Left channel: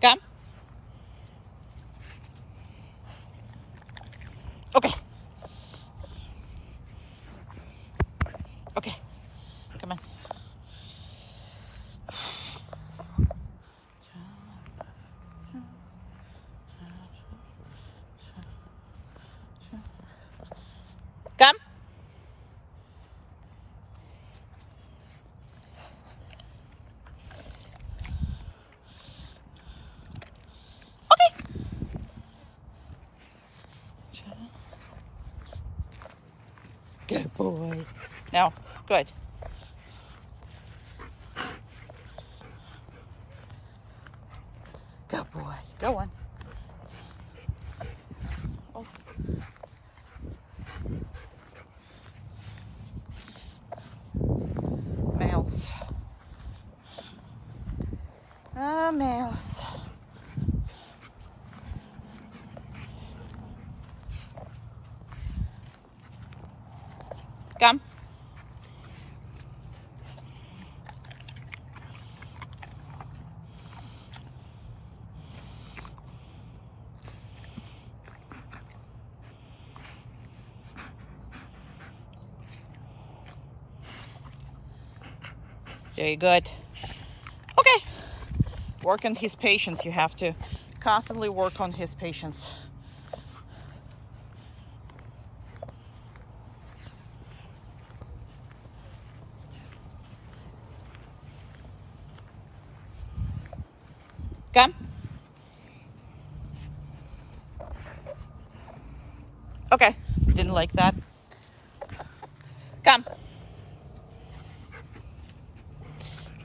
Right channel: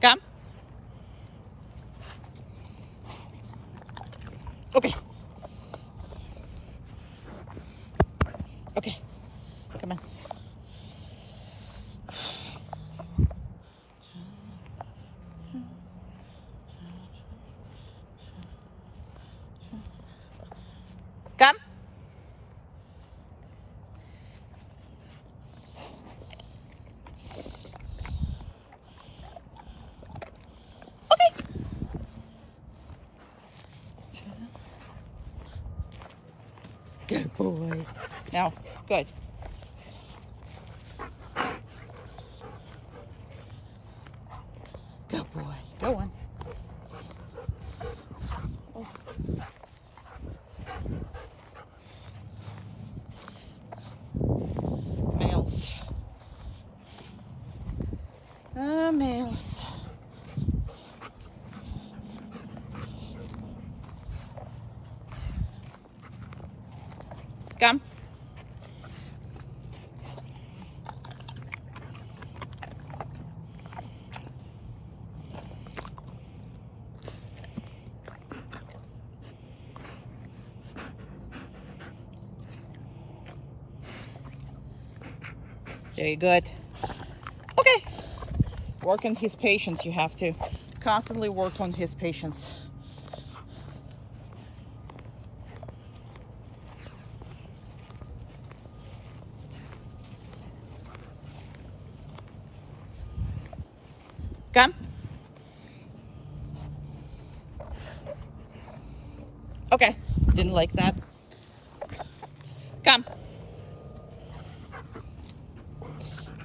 Come. Okay. Okay. Come on. Come. Okay. Good boy. Now, good. Good boy. Go on. Oh. Males. Males. Come. Very good. Okay. Work on his patience. You have to constantly work on his patience. Come. Okay. Didn't like that. Come.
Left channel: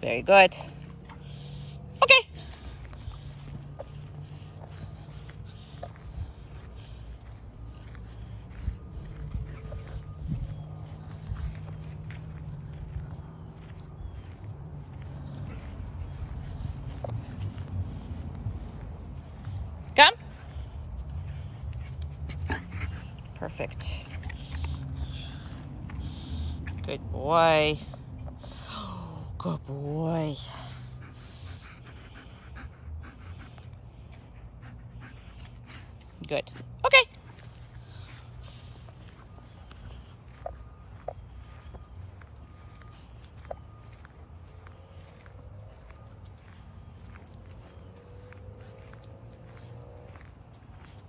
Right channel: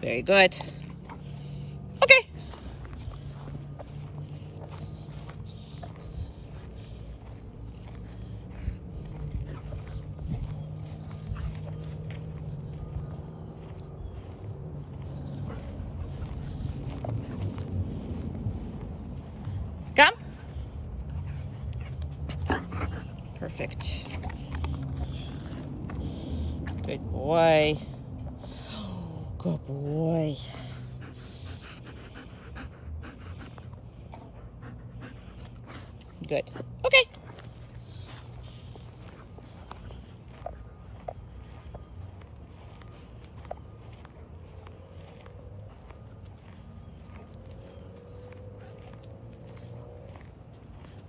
Very good. Okay. Come. Perfect. Good boy. Good boy. Good. Okay.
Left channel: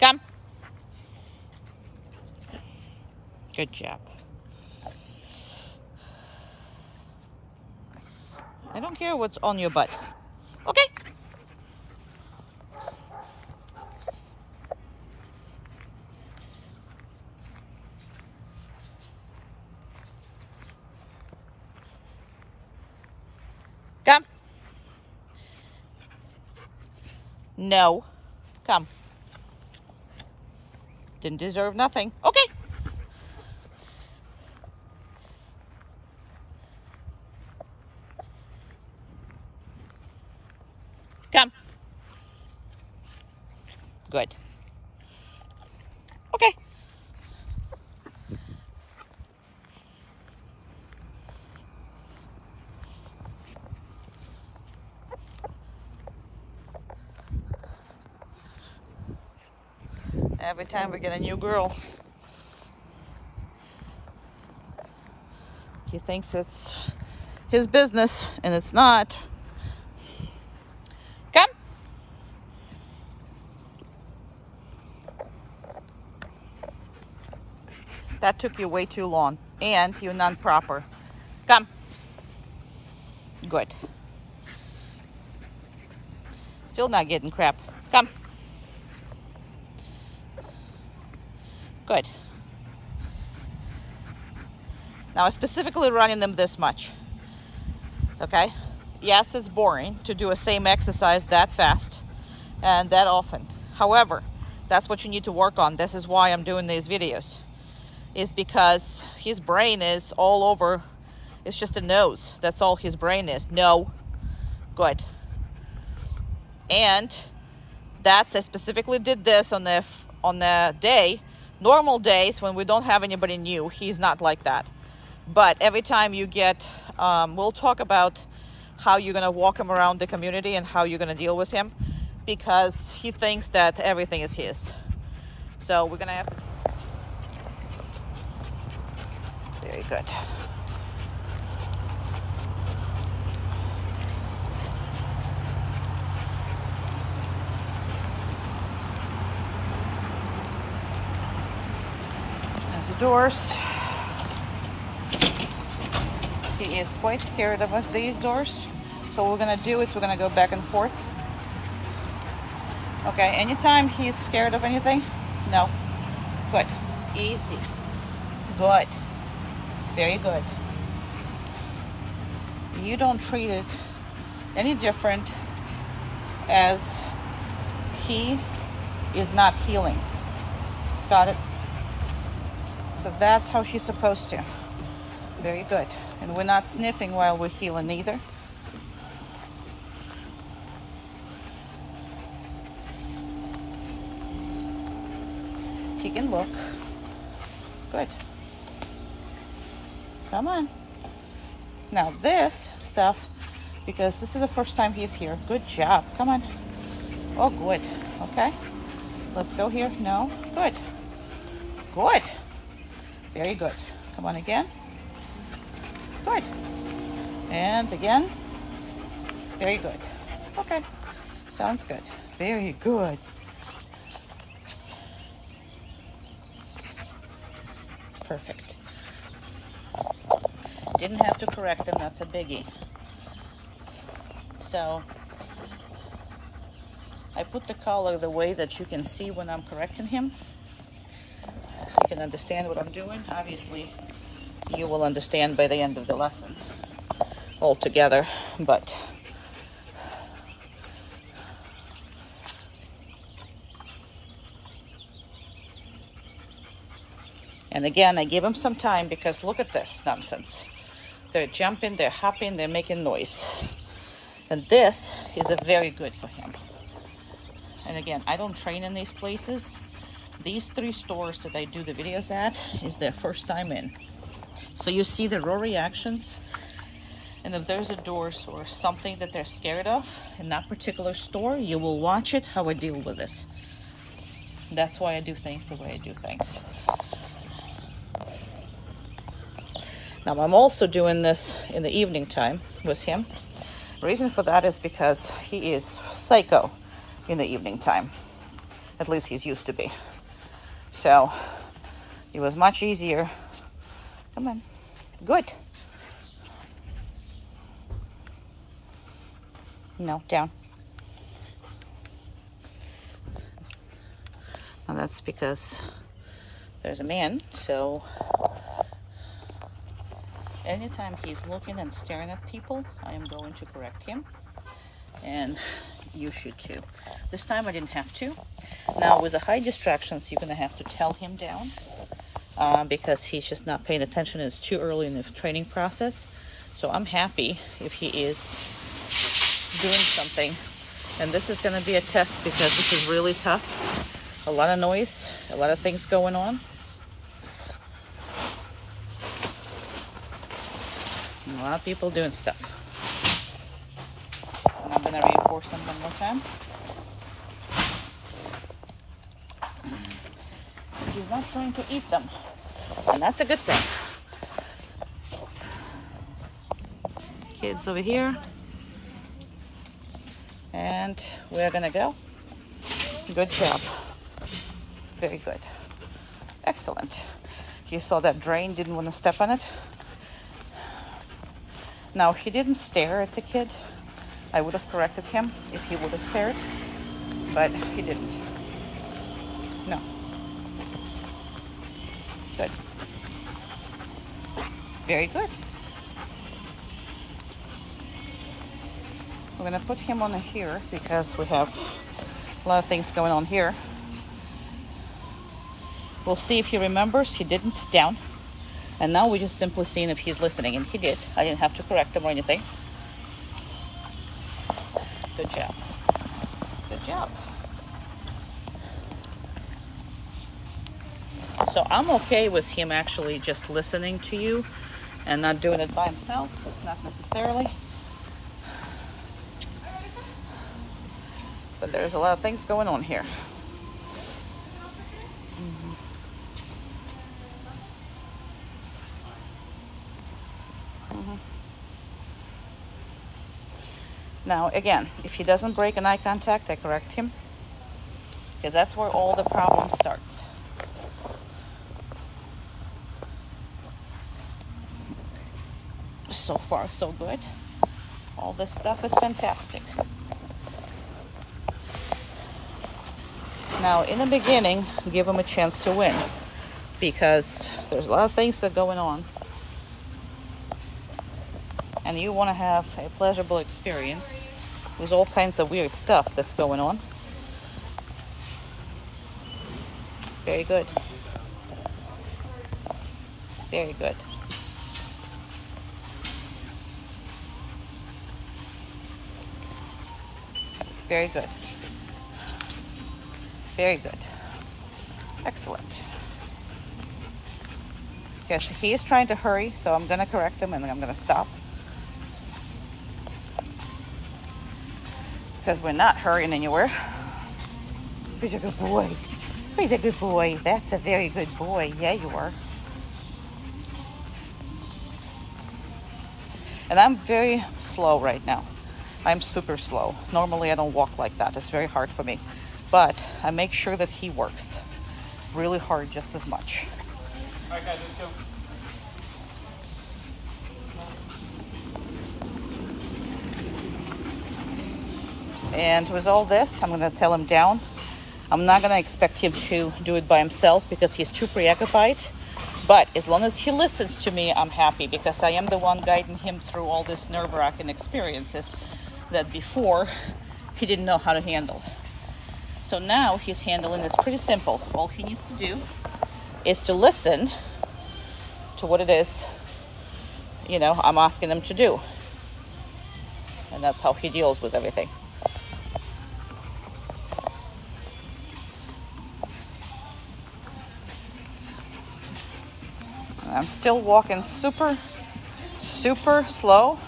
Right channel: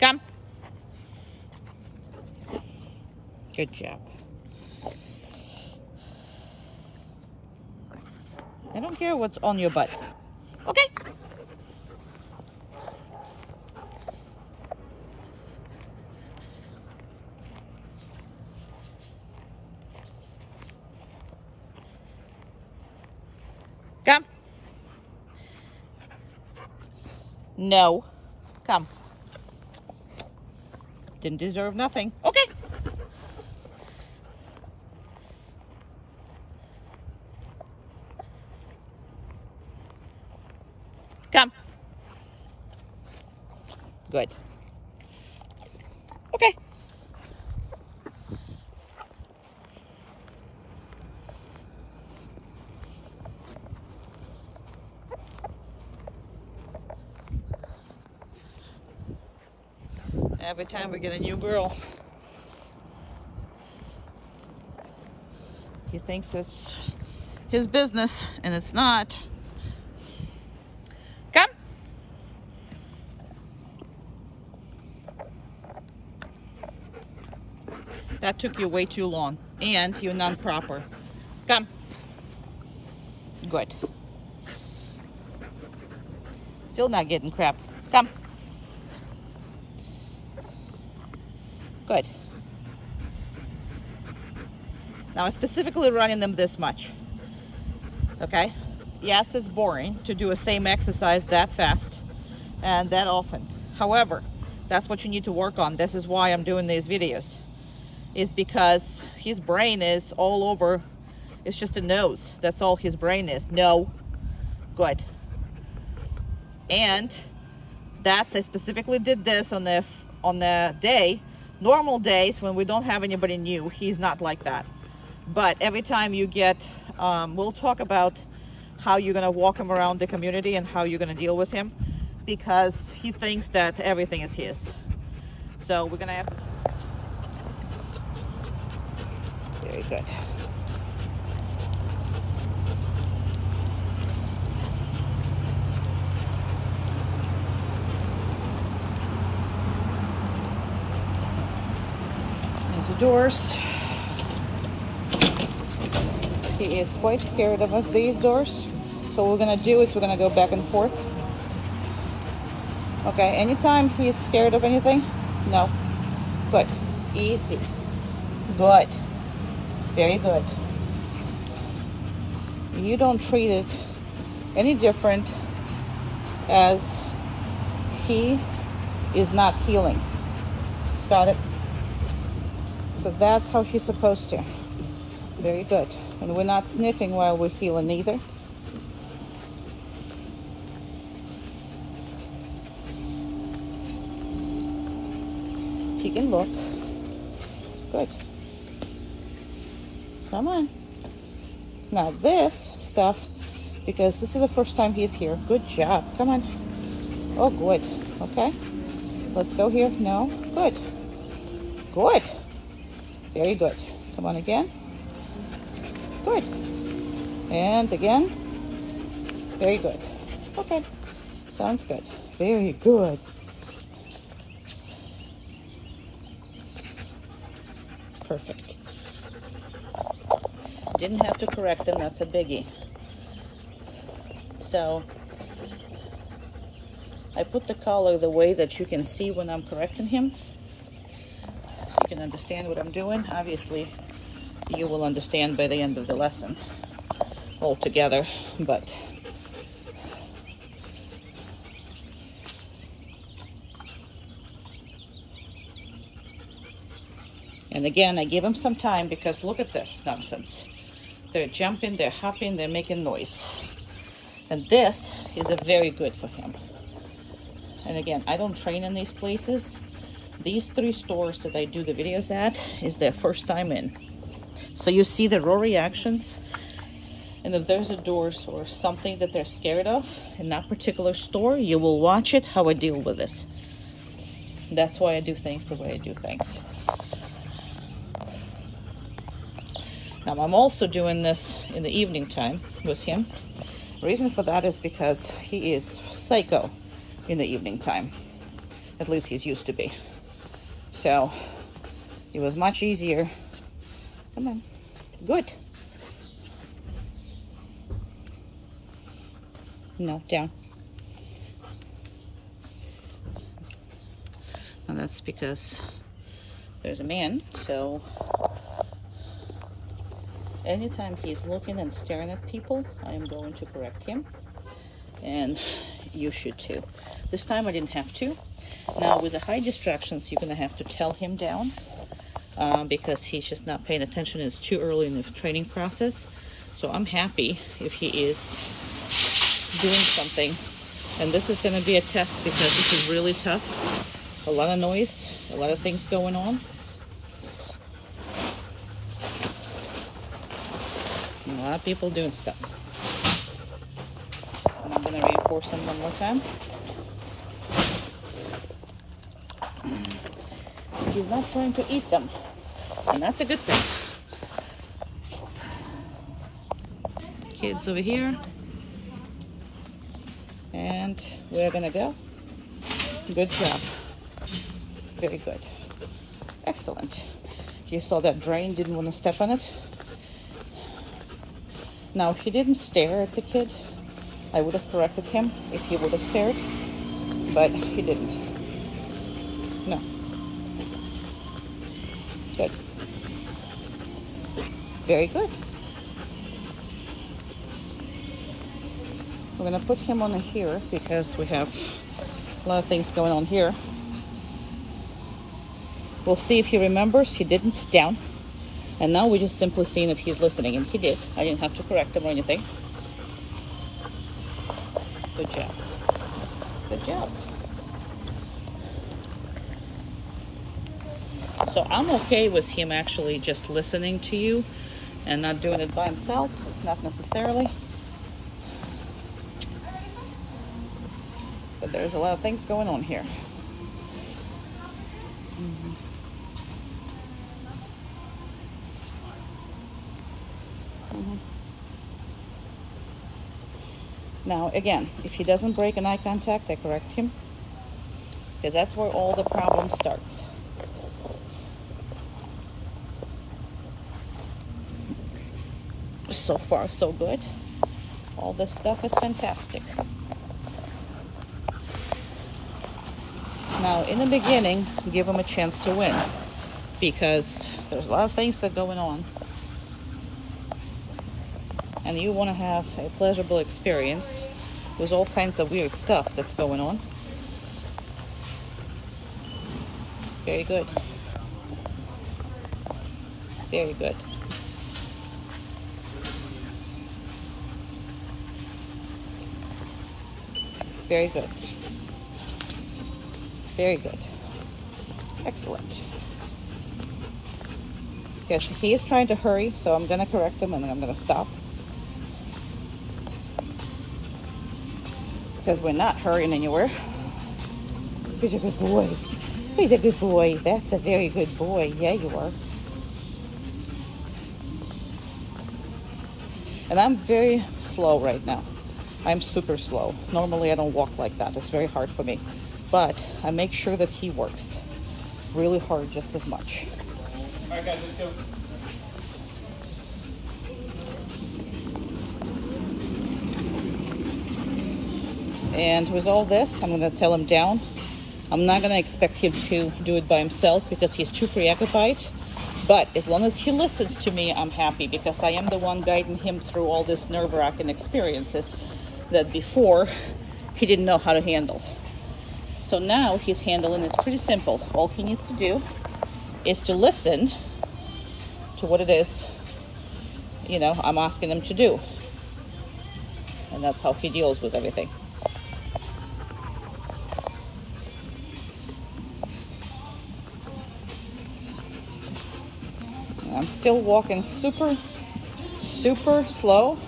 Come. Good job. I don't care what's on your butt. Okay. Come. No. Come. Didn't deserve nothing. Okay. Come. Good. Okay. Every time we get a new girl, he thinks it's his business, and it's not. Come. That took you way too long, and you're not proper. Come. Good. Still not getting crap. Come. Good. Now I'm specifically running them this much. Okay? Yes, it's boring to do a same exercise that fast and that often. However, that's what you need to work on. This is why I'm doing these videos. Is because his brain is all over. It's just a nose. That's all his brain is. No. Good. And I specifically did this on the day. Normal days when we don't have anybody new, he's not like that. But every time you get, we'll talk about how you're gonna walk him around the community and how you're gonna deal with him. because he thinks that everything is his. So we're gonna have to. Very good. There's the doors. He is quite scared of these doors. So what we're gonna do is we're gonna go back and forth. Okay, anytime he's scared of anything, no. Good. Easy. Good. Very good. You don't treat it any different as he is not healing. Got it? So that's how he's supposed to. Very good. And we're not sniffing while we're healing either. He can look. Good. Come on. Now this stuff, because this is the first time he's here. Good job. Come on. Oh, good. Okay. Let's go here. No. Good. Good. Very good. Come on again. Good. And again. Very good. Okay. Sounds good. Very good. Perfect. Didn't have to correct him, that's a biggie. So I put the collar the way that you can see when I'm correcting him, so you can understand what I'm doing. Obviously you will understand by the end of the lesson altogether, but and again, I give him some time because look at this nonsense. They're jumping, they're hopping, they're making noise. And this is a very good for him. And again, I don't train in these places. These 3 stores that I do the videos at is their first time in. So you see the raw reactions. And if there's a door or something that they're scared of in that particular store, you will watch it, how I deal with this. That's why I do things the way I do things. Now I'm also doing this in the evening time with him. The reason for that is because he is psycho in the evening time. At least he's used to be. So it was much easier. Come on. Good. No, down. Now that's because there's a man, so anytime he's looking and staring at people, I am going to correct him. And you should too. This time I didn't have to. Now with the high distractions, you're gonna have to tell him down because he's just not paying attention. It's too early in the training process. So I'm happy if he is doing something. And this is gonna be a test because this is really tough. A lot of noise, a lot of things going on. A lot of people doing stuff. And I'm gonna reinforce them one more time. He's not trying to eat them, and that's a good thing. Kids over here, and we're gonna go. Good job. Very good. Excellent. You saw that drain, didn't want to step on it. Now, he didn't stare at the kid. I would have corrected him if he would have stared, but he didn't. No. Good. Very good. We're gonna put him on here because we have a lot of things going on here. We'll see if he remembers. He didn't. Down. And now we're just simply seeing if he's listening, and he did. I didn't have to correct him or anything. Good job. Good job. So I'm okay with him actually just listening to you and not doing it by himself, not necessarily. But there's a lot of things going on here. Now again, if he doesn't break an eye contact, I correct him, because that's where all the problem starts. So far so good. All this stuff is fantastic. Now in the beginning, give him a chance to win, because there's a lot of things that are going on, and you want to have a pleasurable experience with all kinds of weird stuff that's going on. Very good. Very good. Very good. Very good. Excellent. Okay, so he is trying to hurry, so I'm going to correct him and then I'm going to stop. Because we're not hurrying anywhere. He's a good boy. He's a good boy. That's a very good boy. Yeah, you are. And I'm very slow right now. I'm super slow. Normally I don't walk like that. It's very hard for me. But I make sure that he works really hard just as much. I got this too. And with all this, I'm going to tell him down. I'm not going to expect him to do it by himself because he's too preoccupied. But as long as he listens to me, I'm happy, because I am the one guiding him through all these nerve-wracking experiences that before he didn't know how to handle. So now his handling is pretty simple. All he needs to do is to listen to what it is, you know, I'm asking him to do. And that's how he deals with everything. I'm still walking super, super slow,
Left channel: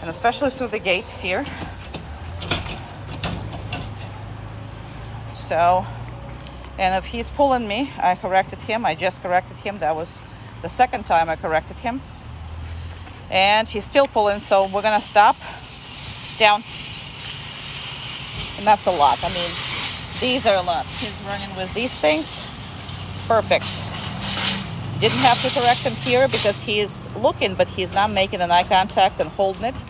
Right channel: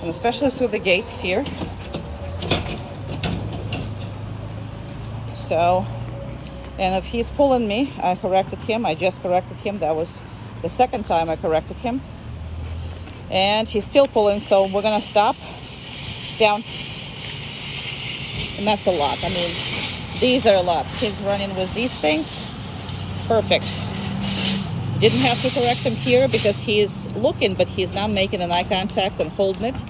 and especially through the gates here. So, and if he's pulling me, I corrected him. I just corrected him. That was the second time I corrected him. And he's still pulling, so we're gonna stop. Down. And that's a lot. I mean, these are a lot. He's running with these things. Perfect. Didn't have to correct him here because he is looking, but he's not making an eye contact and holding it.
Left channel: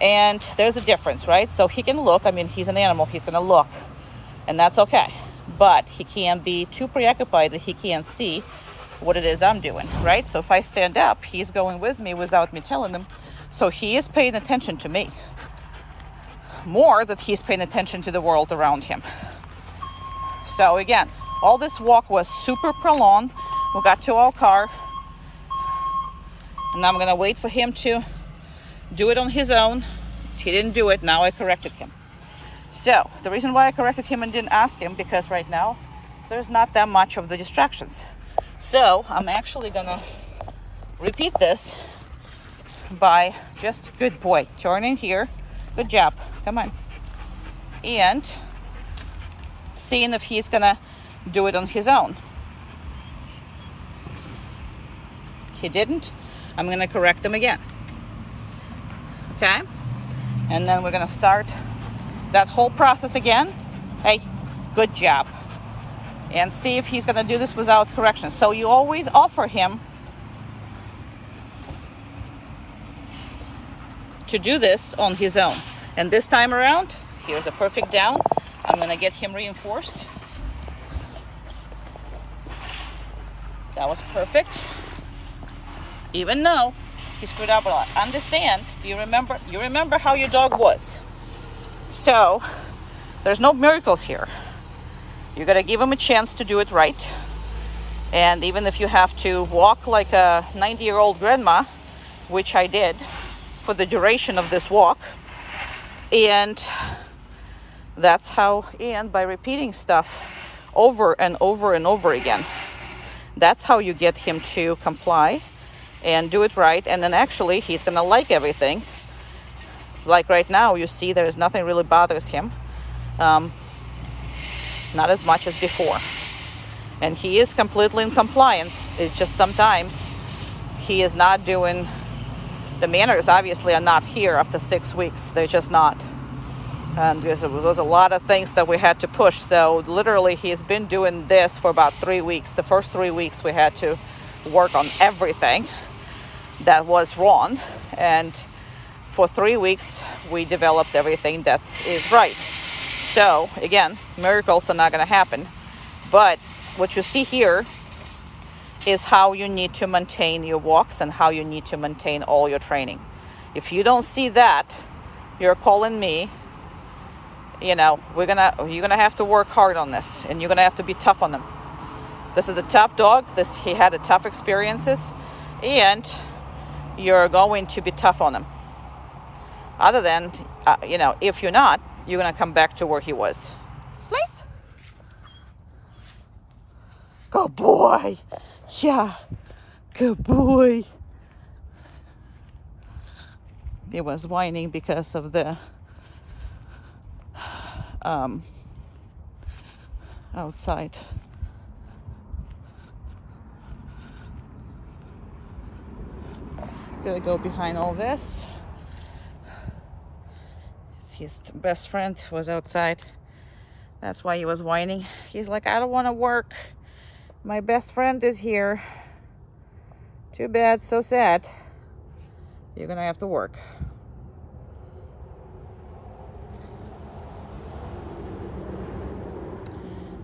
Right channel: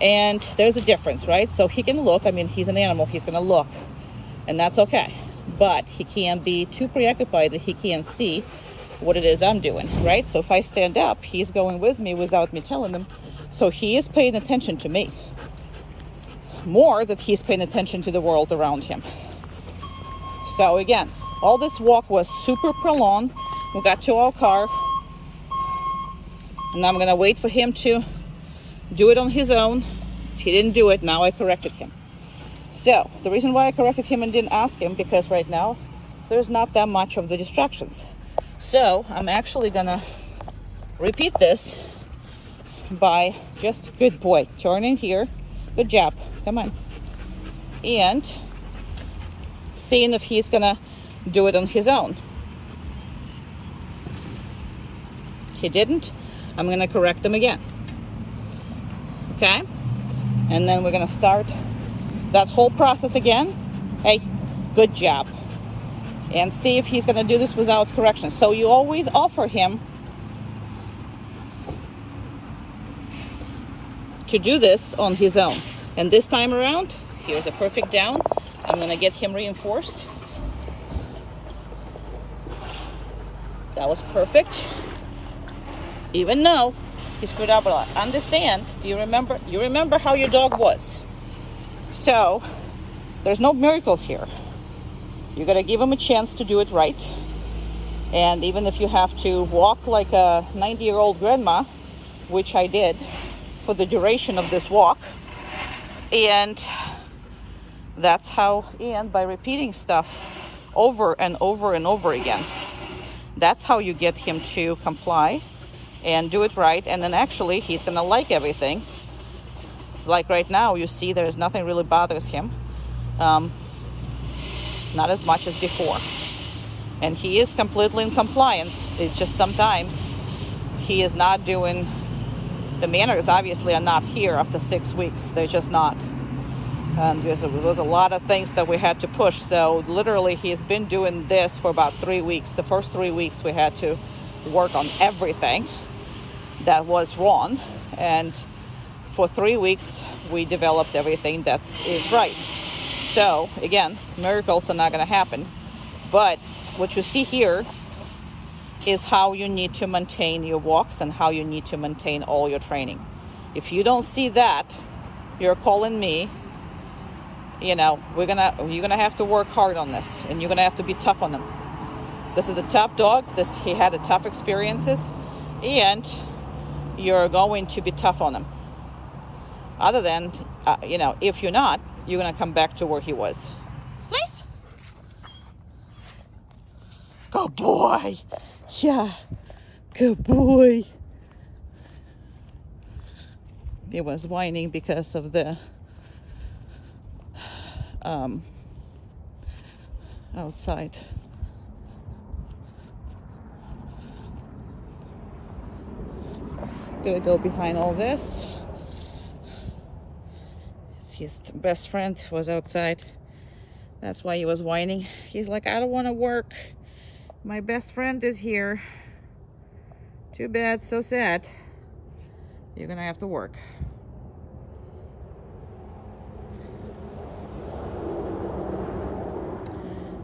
And there's a difference, right? So he can look. I mean, he's an animal. He's going to look. And that's okay. But he can't be too preoccupied that he can't see what it is I'm doing, right? So if I stand up, he's going with me without me telling him. So he is paying attention to me. More that he's paying attention to the world around him. So again, all this walk was super prolonged. We got to our car, and I'm gonna wait for him to do it on his own. He didn't do it, now I corrected him. So the reason why I corrected him and didn't ask him, because right now there's not that much of the distractions. So I'm actually gonna repeat this by just, good boy, turning here, good job, come on, and seeing if he's gonna do it on his own. He didn't, I'm gonna correct him again. Okay, and then we're gonna start that whole process again. Hey, good job. And see if he's gonna do this without correction. So you always offer him to do this on his own. And this time around, here's a perfect down. I'm gonna get him reinforced. That was perfect. Even though he screwed up a lot. Understand, do you remember? You remember how your dog was. So, there's no miracles here. You gotta give him a chance to do it right. And even if you have to walk like a 90-year-old grandma, which I did for the duration of this walk, and that's how, and by repeating stuff over and over and over again, that's how you get him to comply and do it right. And then actually he's gonna like everything. Like right now, you see there's nothing really bothers him. Not as much as before. And he is completely in compliance. It's just sometimes he is not doing, the manners obviously are not here after 6 weeks. They're just not. There was a lot of things that we had to push. So literally he's been doing this for about 3 weeks. The first 3 weeks we had to work on everything that was wrong. And for 3 weeks we developed everything that is right. So again, miracles are not going to happen. But what you see here is how you need to maintain your walks and how you need to maintain all your training. If you don't see that, you're calling me. You know, you're gonna have to work hard on this, and you're gonna have to be tough on him. This is a tough dog. He had a tough experiences, and you're going to be tough on him. Other than, you know, if you're not, you're gonna come back to where he was. Please. Good boy. Yeah. Good boy. He was whining because of the outside. Gonna go behind all this. His best friend was outside. That's why he was whining. He's like, I don't want to work. My best friend is here. Too bad, so sad. You're gonna have to work.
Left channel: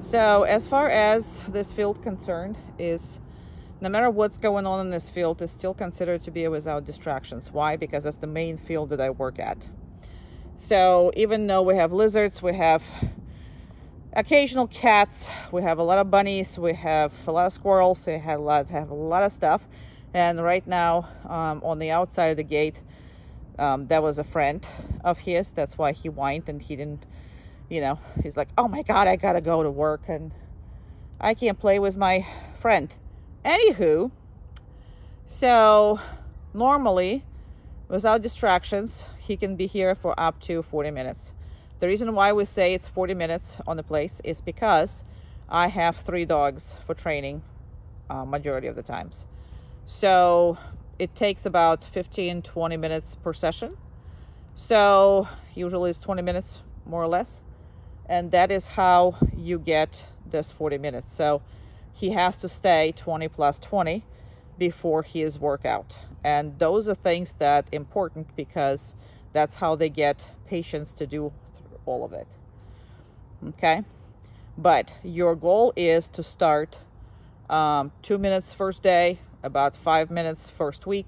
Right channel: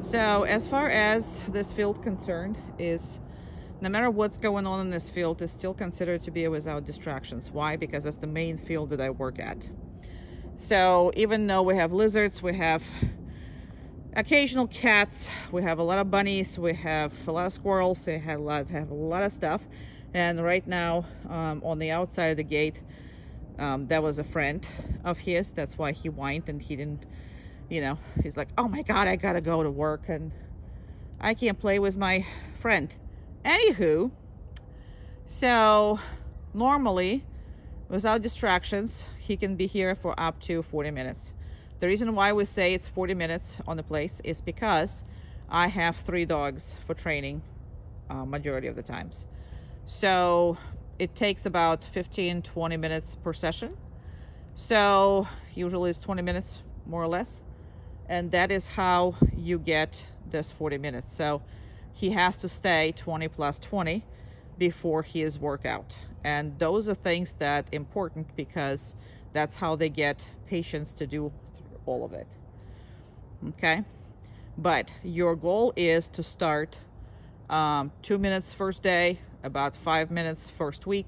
So as far as this field concerned is, no matter what's going on in this field, is still considered to be without distractions. Why? Because that's the main field that I work at. So even though we have lizards, we have occasional cats, we have a lot of bunnies, we have a lot of squirrels, we have a lot of stuff. And right now, on the outside of the gate, that was a friend of his. That's why he whined, and he didn't, you know, he's like, oh my God, I gotta go to work and I can't play with my friend. Anywho, so normally, without distractions, he can be here for up to 40 minutes. The reason why we say it's 40 minutes on the place is because I have 3 dogs for training majority of the times. So it takes about 15-20 minutes per session. So usually it's 20 minutes more or less. And that is how you get this 40 minutes. So he has to stay 20 plus 20 before his workout. And those are things that are important because that's how they get patients to do all of it. Okay? But your goal is to start 2 minutes first day, about 5 minutes first week,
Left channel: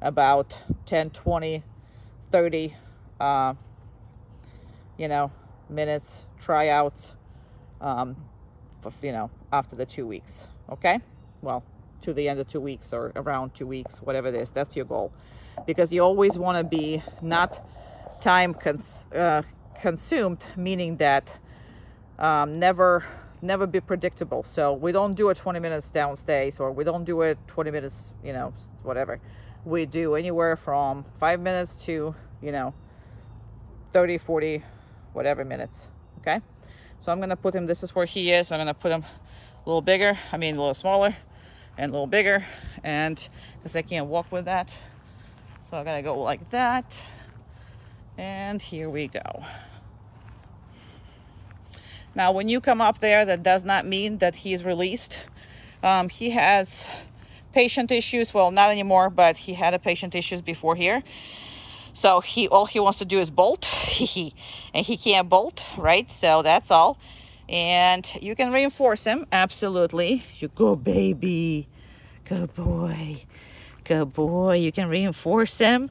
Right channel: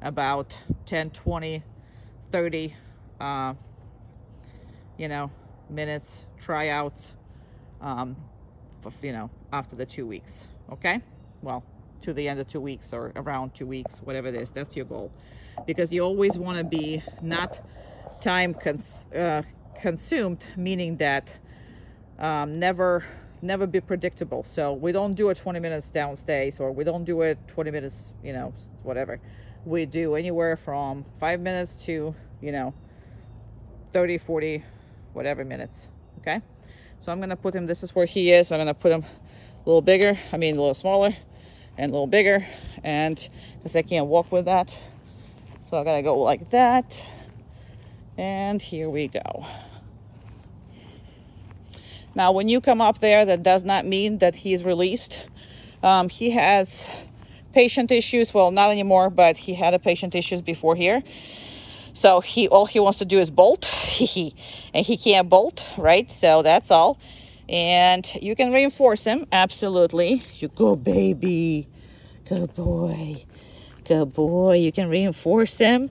about 10, 20, 30, you know, minutes, tryouts, you know, after the 2 weeks. Okay? Well, to the end of 2 weeks or around 2 weeks, whatever it is, that's your goal. Because you always want to be not time consumed, meaning that never be predictable. So we don't do it 20 minutes downstairs, or we don't do it 20 minutes, you know, whatever. We do anywhere from 5 minutes to, you know, 30, 40, whatever minutes. Okay? So I'm going to put him, this is where he is. I'm going to put him a little bigger, a little smaller and a little bigger, and because I can't walk with that. So I'm going to go like that. And here we go. Now, when you come up there, that does not mean that he is released. He has patient issues. Well, not anymore, but he had a patient issues before here. So all he wants to do is bolt. And he can't bolt, right? So that's all. And you can reinforce him, absolutely. You go, baby. Good boy. Good boy. You can reinforce him.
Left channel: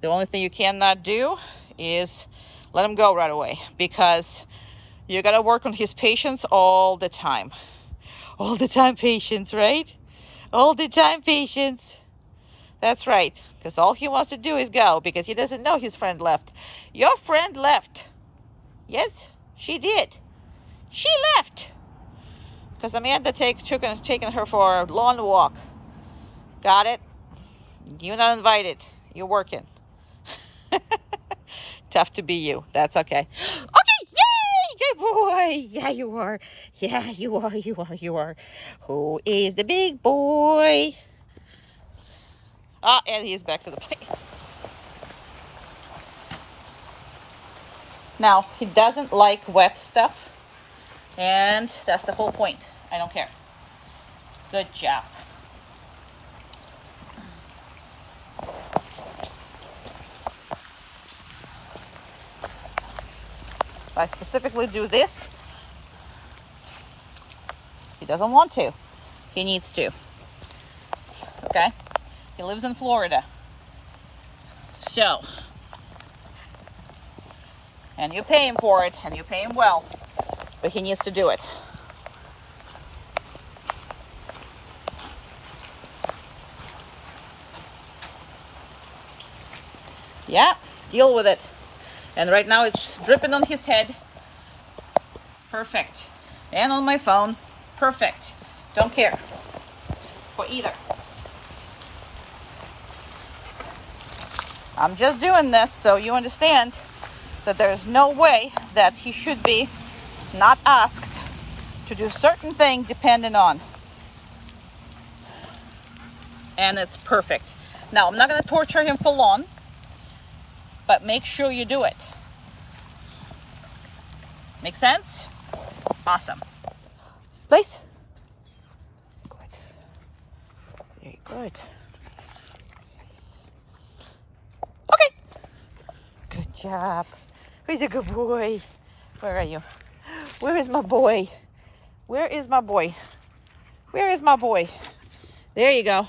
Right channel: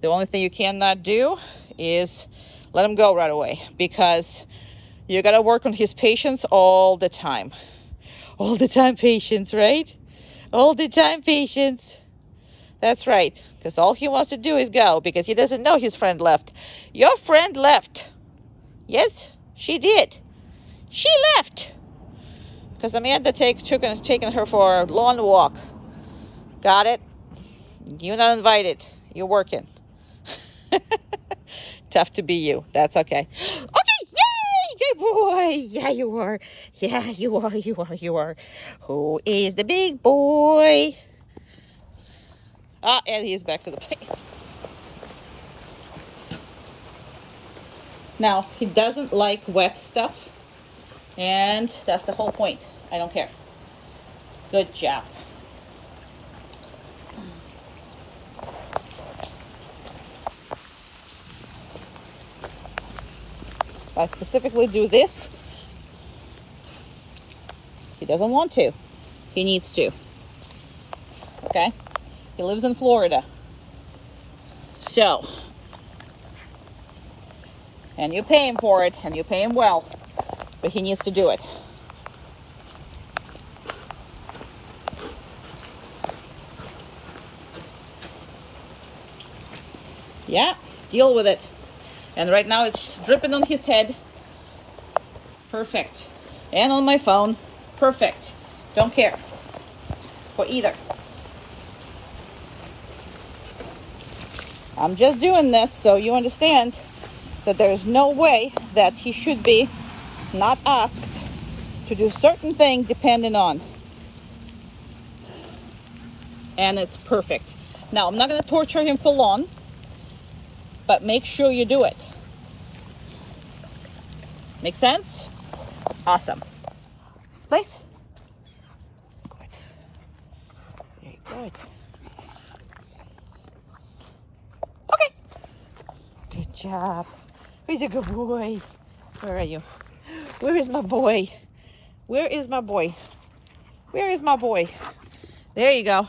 The only thing you cannot do is let him go right away, because you got to work on his patience all the time. All the time patience, right? All the time patience. That's right, because all he wants to do is go, because he doesn't know his friend left. Your friend left. Yes, she did. She left. Because Amanda taken her for a long walk. Got it? You're not invited. You're working. Tough to be you. That's okay. Okay, yay! boy. Yeah, you are. Yeah, you are. You are. You are. Who is the big boy? Ah, and he's back to the place. Now, he doesn't like wet stuff, and that's the whole point. I don't care. Good job. If I specifically do this, he doesn't want to. He needs to. Okay? He lives in Florida. So, and you pay him for it, and you pay him well, but he needs to do it. Yeah, deal with it. And right now it's dripping on his head. Perfect. And on my phone. Perfect. Don't care for either. I'm just doing this so you understand that there's no way that he should be not asked to do certain things depending on. And it's perfect. Now, I'm not going to torture him for long, but make sure you do it. Make sense? Awesome. Please. Very good. Okay. Good job. He's a good boy. Where are you? Where is my boy? Where is my boy? Where is my boy? There you go.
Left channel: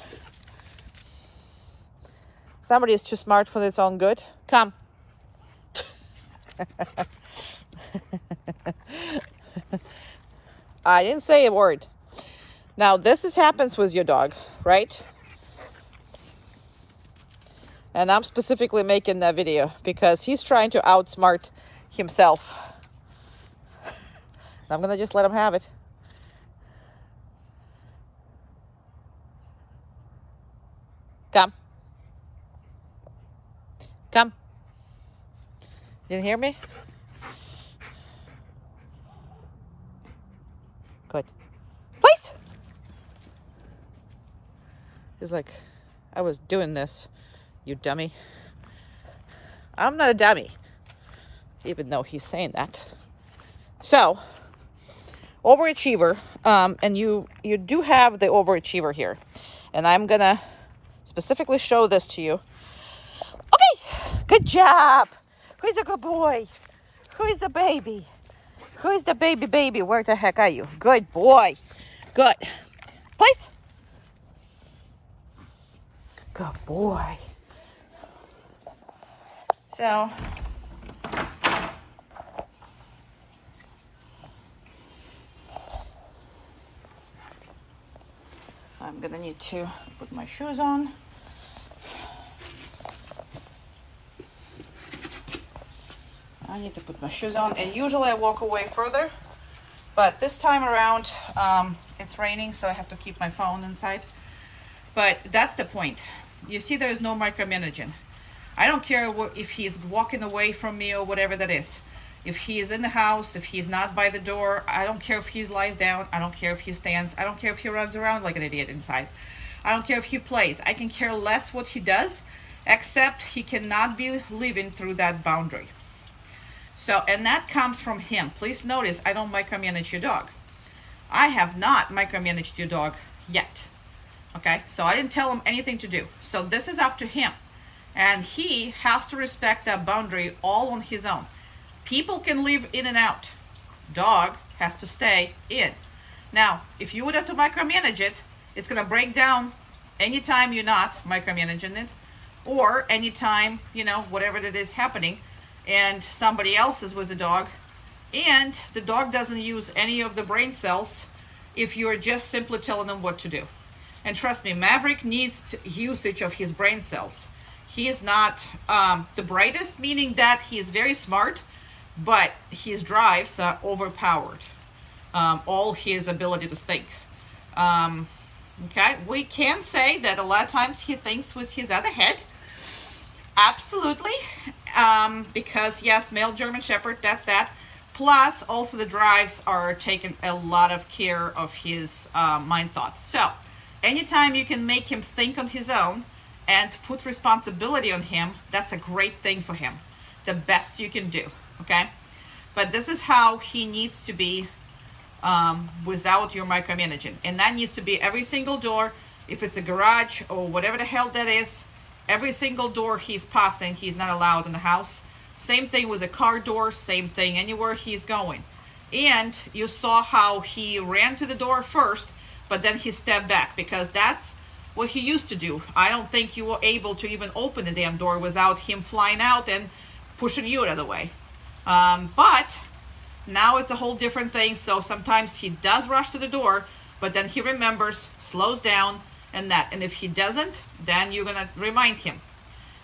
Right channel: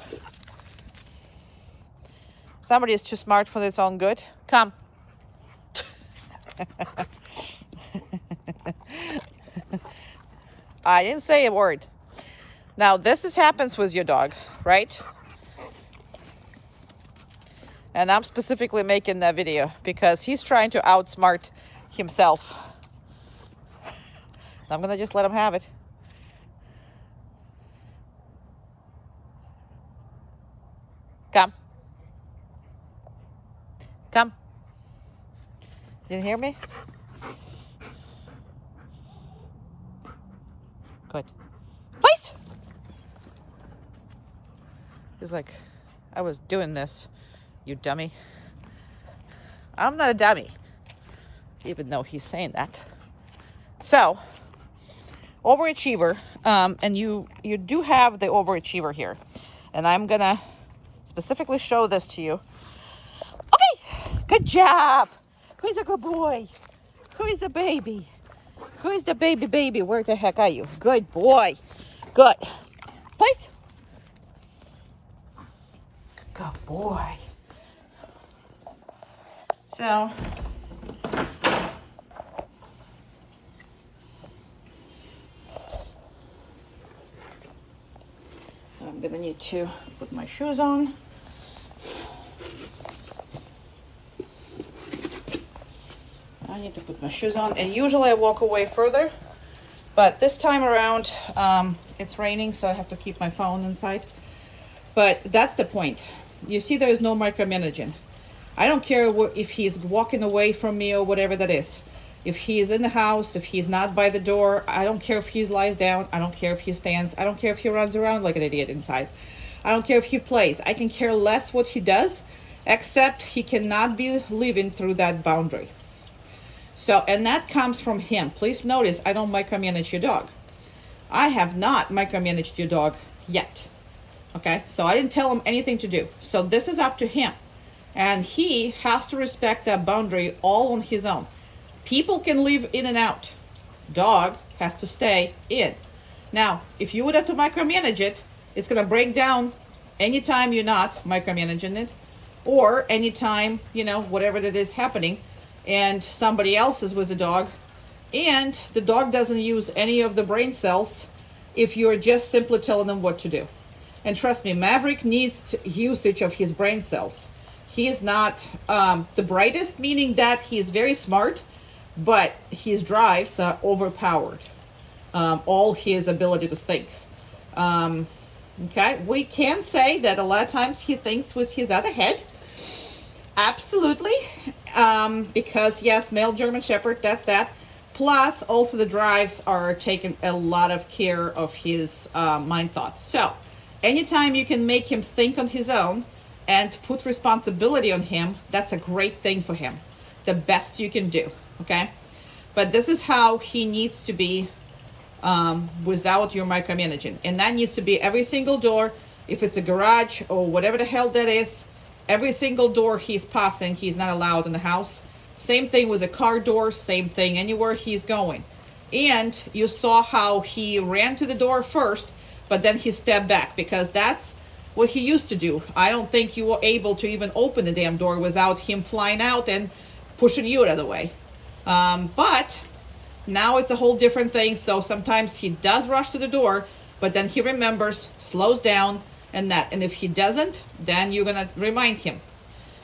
Somebody is too smart for its own good. Come. I didn't say a word. Now, this happens with your dog, right? And I'm specifically making that video because he's trying to outsmart himself. I'm gonna just let him have it. Come. Come. Didn't hear me? Good. Please. He's like, I was doing this, you dummy. I'm not a dummy, even though he's saying that. So, overachiever, and you do have the overachiever here, and I'm gonna specifically show this to you. Okay, good job. Who's a good boy? Who is the baby? Who is the baby? Where the heck are you? Good boy. Good. Please. Good boy. So, I'm gonna need to put my shoes on. I need to put my shoes on, and usually I walk away further, but this time around it's raining, so I have to keep my phone inside. But that's the point. You see, there is no micromanaging. I don't care if he's walking away from me or whatever that is. If he is in the house, if he's not by the door, I don't care if he lies down, I don't care if he stands, I don't care if he runs around like an idiot inside. I don't care if he plays. I can care less what he does, except he cannot be living through that boundary. So, and that comes from him. Please notice, I don't micromanage your dog. I have not micromanaged your dog yet. Okay, so I didn't tell him anything to do. So this is up to him. And he has to respect that boundary all on his own. People can live in and out. Dog has to stay in. Now, if you would have to micromanage it, it's gonna break down anytime you're not micromanaging it, or anytime, you know, whatever that is happening, and somebody else is with the dog, and the dog doesn't use any of the brain cells if you're just simply telling them what to do. And trust me, Maverick needs usage of his brain cells. He is not the brightest, meaning that he's very smart, but his drives are overpowered. All his ability to think. Okay, we can say that a lot of times he thinks with his other head. Absolutely. Because yes, male German Shepherd, that's that. Plus, also the drives are taking a lot of care of his mind thoughts. So, anytime you can make him think on his own and put responsibility on him, that's a great thing for him. The best you can do, okay? But this is how he needs to be without your micromanaging. And that needs to be every single door. If it's a garage or whatever the hell that is, every single door he's passing, he's not allowed in the house. Same thing with a car door, same thing anywhere he's going. And you saw how he ran to the door first, but then he stepped back, because that's what he used to do. I don't think you were able to even open the damn door without him flying out and pushing you out of the way. But now it's a whole different thing. So sometimes he does rush to the door, but then he remembers, slows down, and that. And if he doesn't, then you're gonna remind him.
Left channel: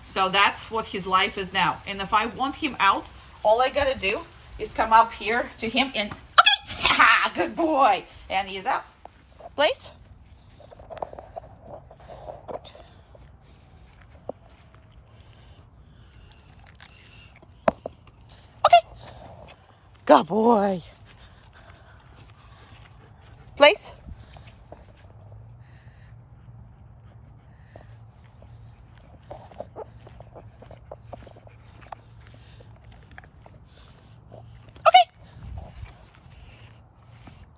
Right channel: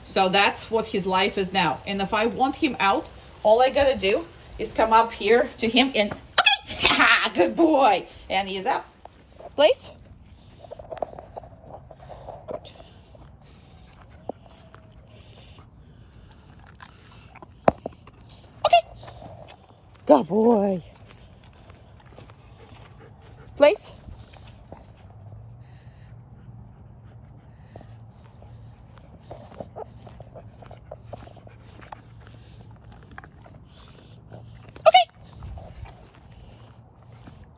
So that's what his life is now. And if I want him out, all I gotta do is come up here to him and, okay, good boy. And he's out. Place. Good. Okay. Good boy. Place.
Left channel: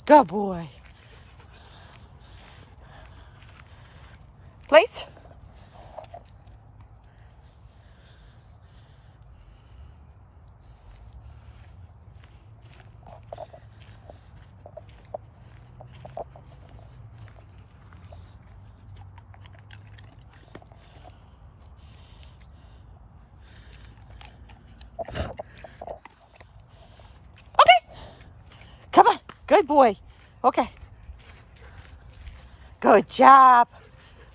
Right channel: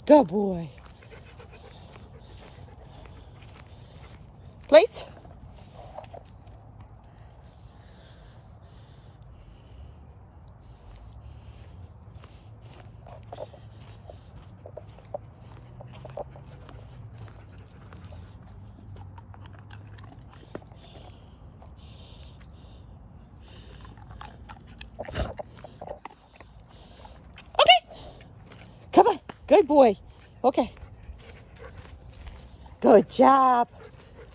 Good boy. Place. Come on, good boy. Okay. Good job.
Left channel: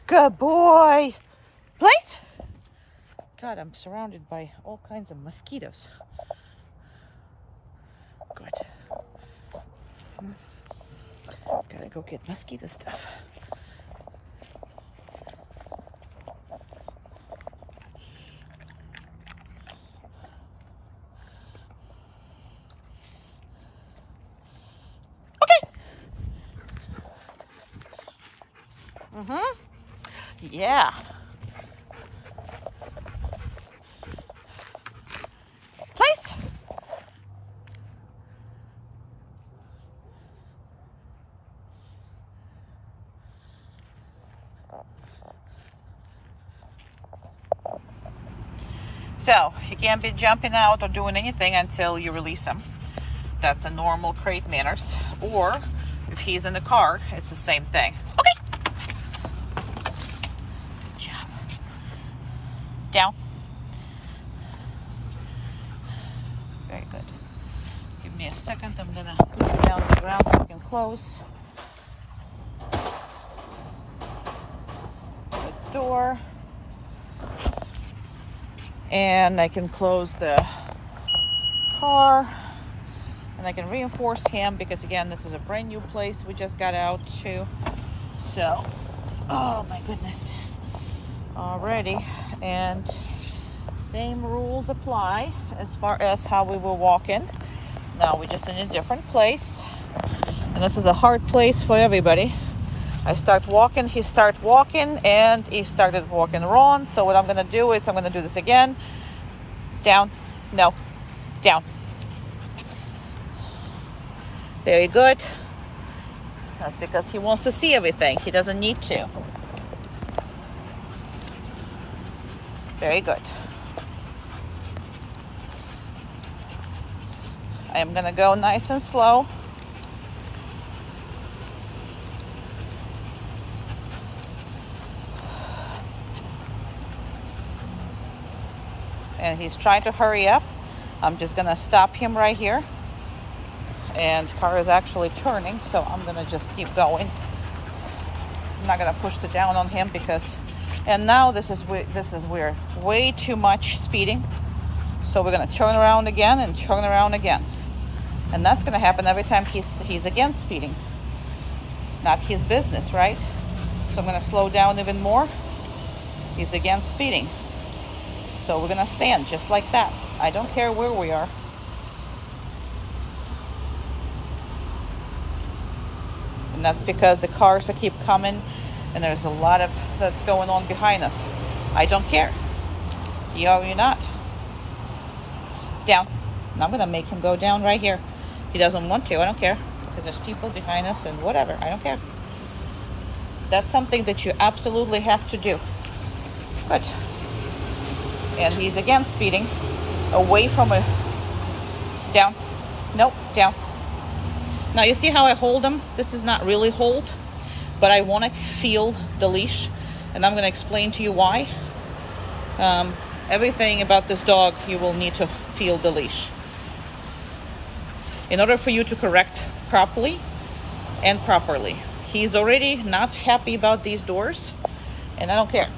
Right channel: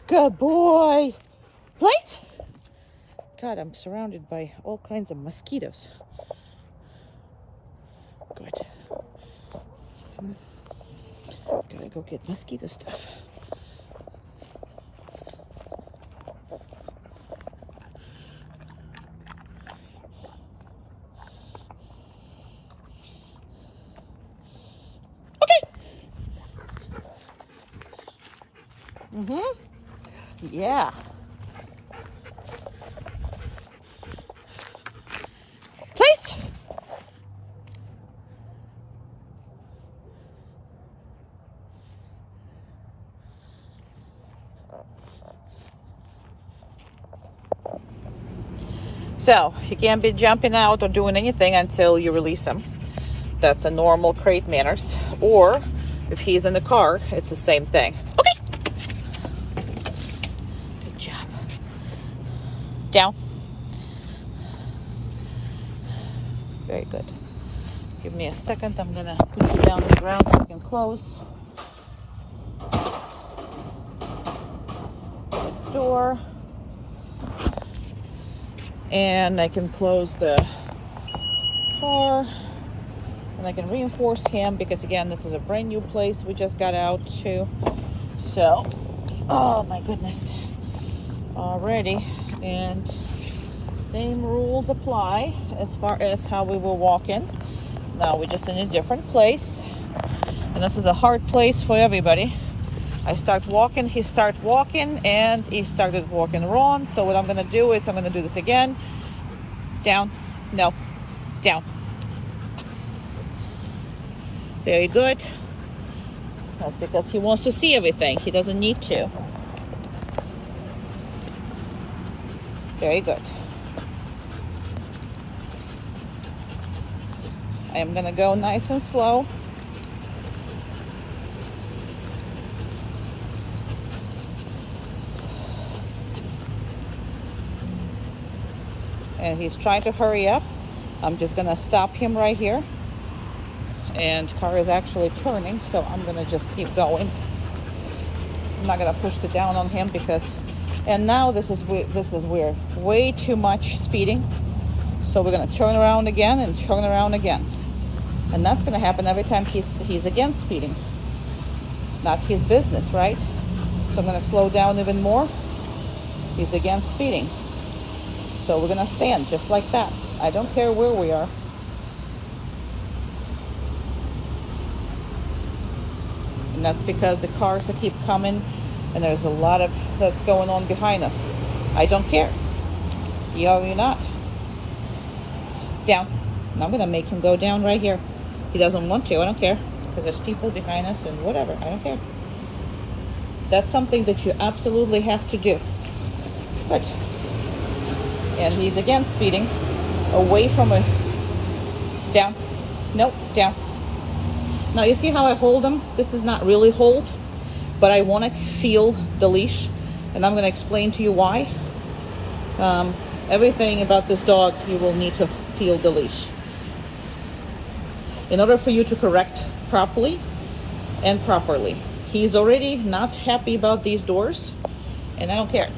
Good boy. Place. God, I'm surrounded by all kinds of mosquitoes. Good. Gotta go get mosquito stuff. Yeah. Place. So you can't be jumping out or doing anything until you release him. That's a normal crate manners. Or if he's in the car, it's the same thing. Okay. Down. Very good. Give me a second. I'm gonna put you down on the ground so you can close the door. And I can close the car. And I can reinforce him because, again, this is a brand new place we just got out to. So, oh my goodness. Alrighty. And same rules apply as far as how we will walk in. Now we're just in a different place, and this is a hard place for everybody. I start walking, he start walking, and he started walking wrong. So what I'm gonna do is I'm gonna do this again. Down, no, down. Very good. That's because he wants to see everything. He doesn't need to. Very good. I am gonna go nice and slow. And he's trying to hurry up. I'm just gonna stop him right here. And car is actually turning, so I'm gonna just keep going. I'm not gonna push it down on him because, and now this is weird. Way too much speeding. So we're gonna turn around again and turn around again. And that's gonna happen every time he's against speeding. It's not his business, right? So I'm gonna slow down even more. He's against speeding. So we're gonna stand just like that. I don't care where we are. And that's because the cars that keep coming and there's a lot of that's going on behind us. I don't care. You are, you're not. Down. And I'm gonna make him go down right here. He doesn't want to, I don't care. Because there's people behind us and whatever, I don't care. That's something that you absolutely have to do. Good. And he's again speeding away from a, down. Nope, down. Now you see how I hold him? This is not really hold, but I want to feel the leash, and I'm going to explain to you why. Everything about this dog, you will need to feel the leash in order for you to correct properly and properly. He's already not happy about these doors, and I don't care.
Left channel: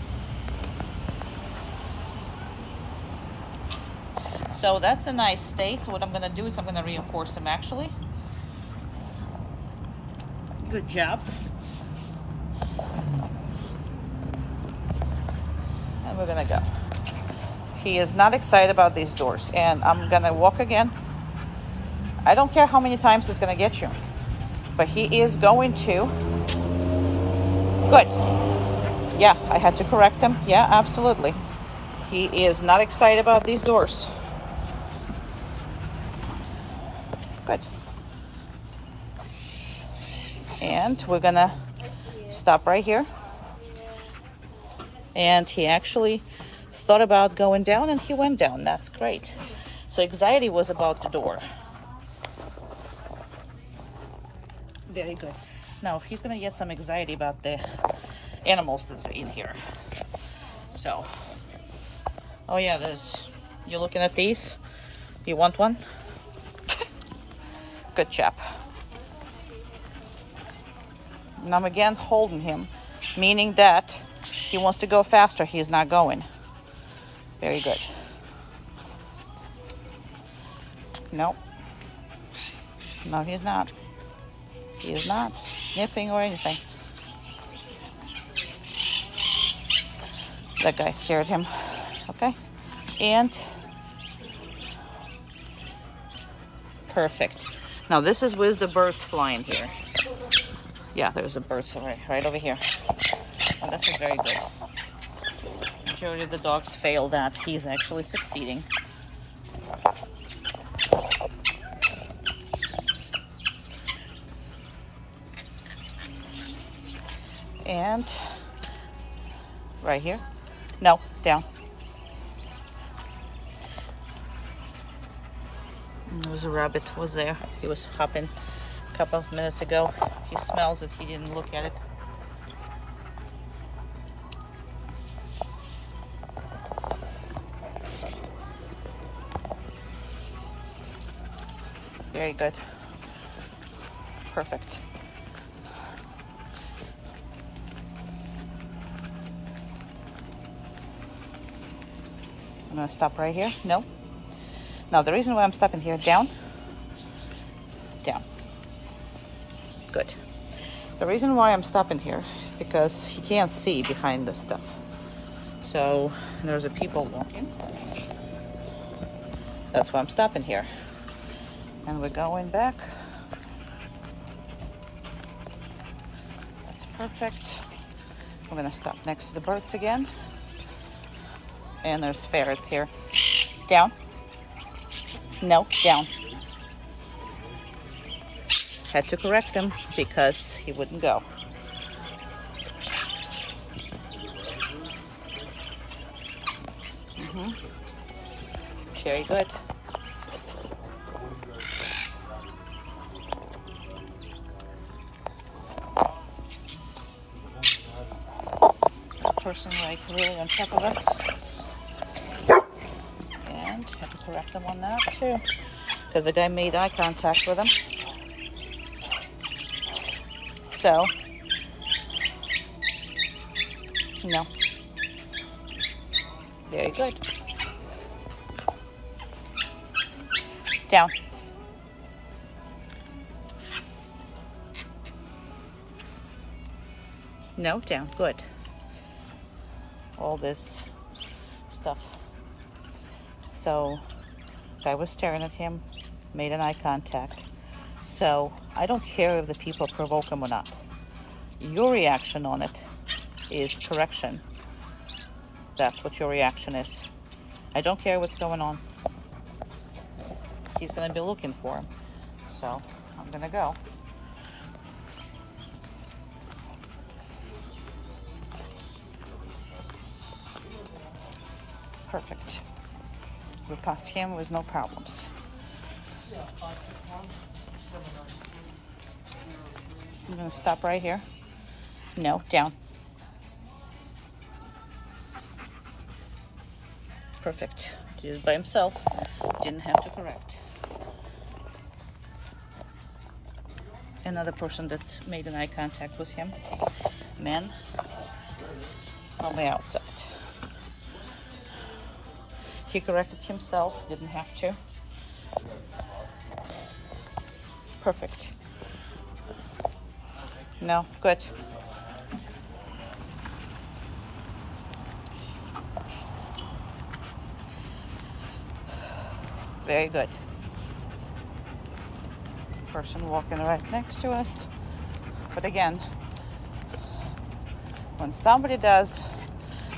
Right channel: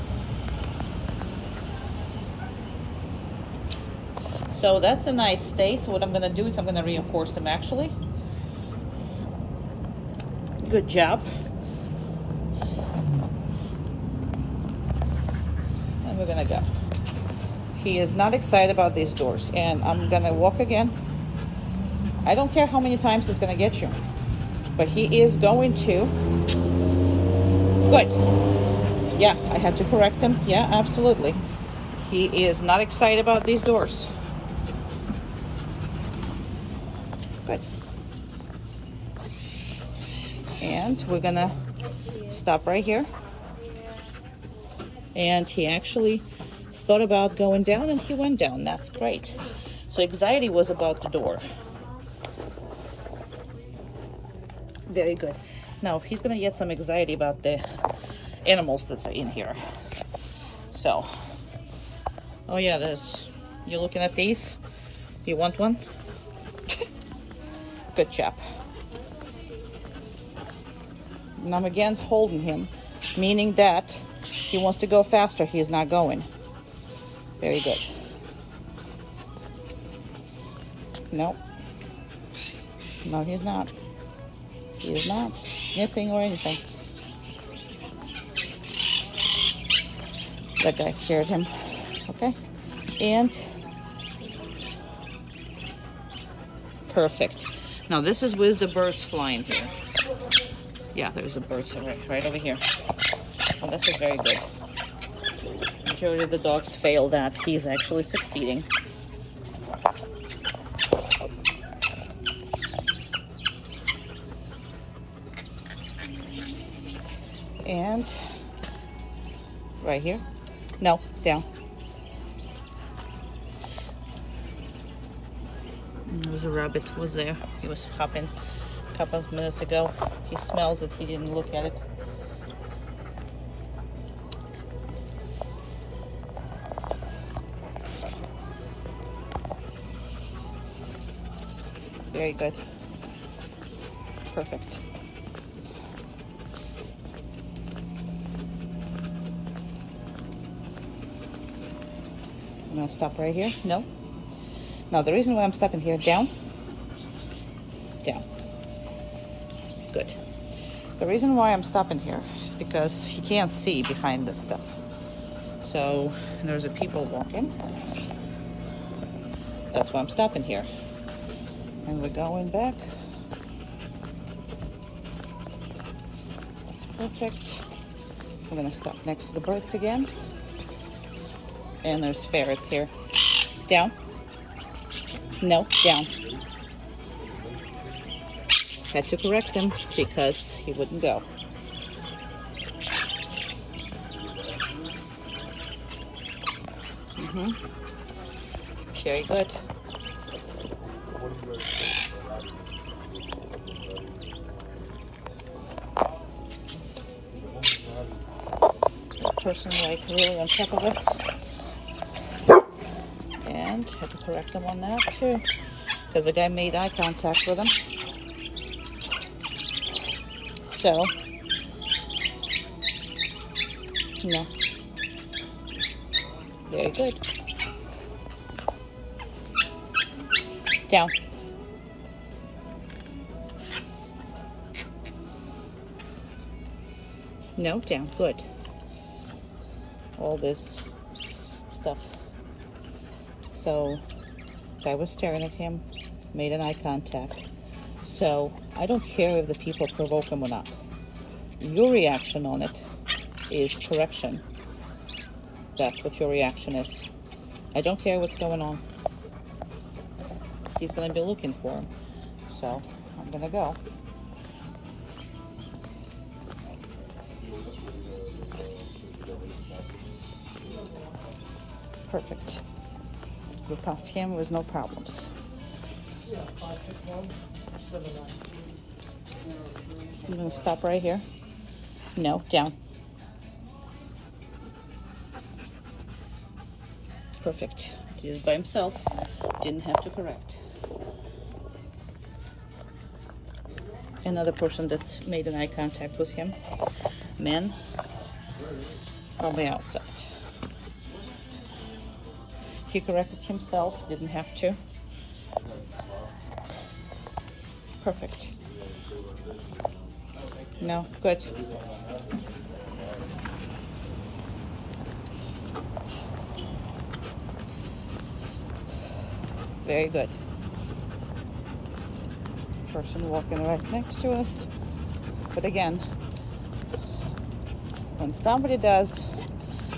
So that's a nice stay. So what I'm going to do is I'm going to reinforce him actually. Good job. And we're gonna go. He is not excited about these doors, and I'm gonna walk again. I don't care how many times he's gonna get you, but he is going to. Good. Yeah, I had to correct him. Yeah, absolutely. He is not excited about these doors. Good. And we're gonna stop right here. And he actually thought about going down, and he went down. That's great. So anxiety was about the door. Very good. Now he's gonna get some anxiety about the animals that's in here. So, oh yeah, there's, you're looking at these? You want one? Good chap. And I'm again holding him, meaning that he wants to go faster. He's not going. Very good. Nope. No, he's not. He is not sniffing or anything. That guy scared him. Okay. And perfect. Now this is with the birds flying here. Yeah, there's a bird right over here. Oh, this is very good. Majority of the dogs fail that. He's actually succeeding. And right here. No, down. There was a rabbit was there. He was hopping a couple of minutes ago. He smells it. He didn't look at it. Very good. Perfect. I'm gonna stop right here. No. Now the reason why I'm stopping here, down. Down. Good. The reason why I'm stopping here is because he can't see behind this stuff. So there's a people walking. That's why I'm stopping here. And we're going back. That's perfect. I'm gonna stop next to the birds again. And there's ferrets here. Down. No, down. Had to correct him because he wouldn't go. Very good. That person like really on top of us. And had to correct him on that too, because the guy made eye contact with him. So, no. Very good. Down. No, down. Good. All this stuff. So, guy was staring at him, made an eye contact. So I don't care if the people provoke him or not. Your reaction on it is correction. That's what your reaction is. I don't care what's going on. He's gonna be looking for him. So I'm gonna go. Perfect. We pass him with no problems. I'm gonna stop right here. No, down. Perfect. Did it by himself. Didn't have to correct. Another person that made an eye contact with him. Man. From the outside. He corrected himself. Didn't have to. Perfect. No, good. Very good. Person walking right next to us. But again, when somebody does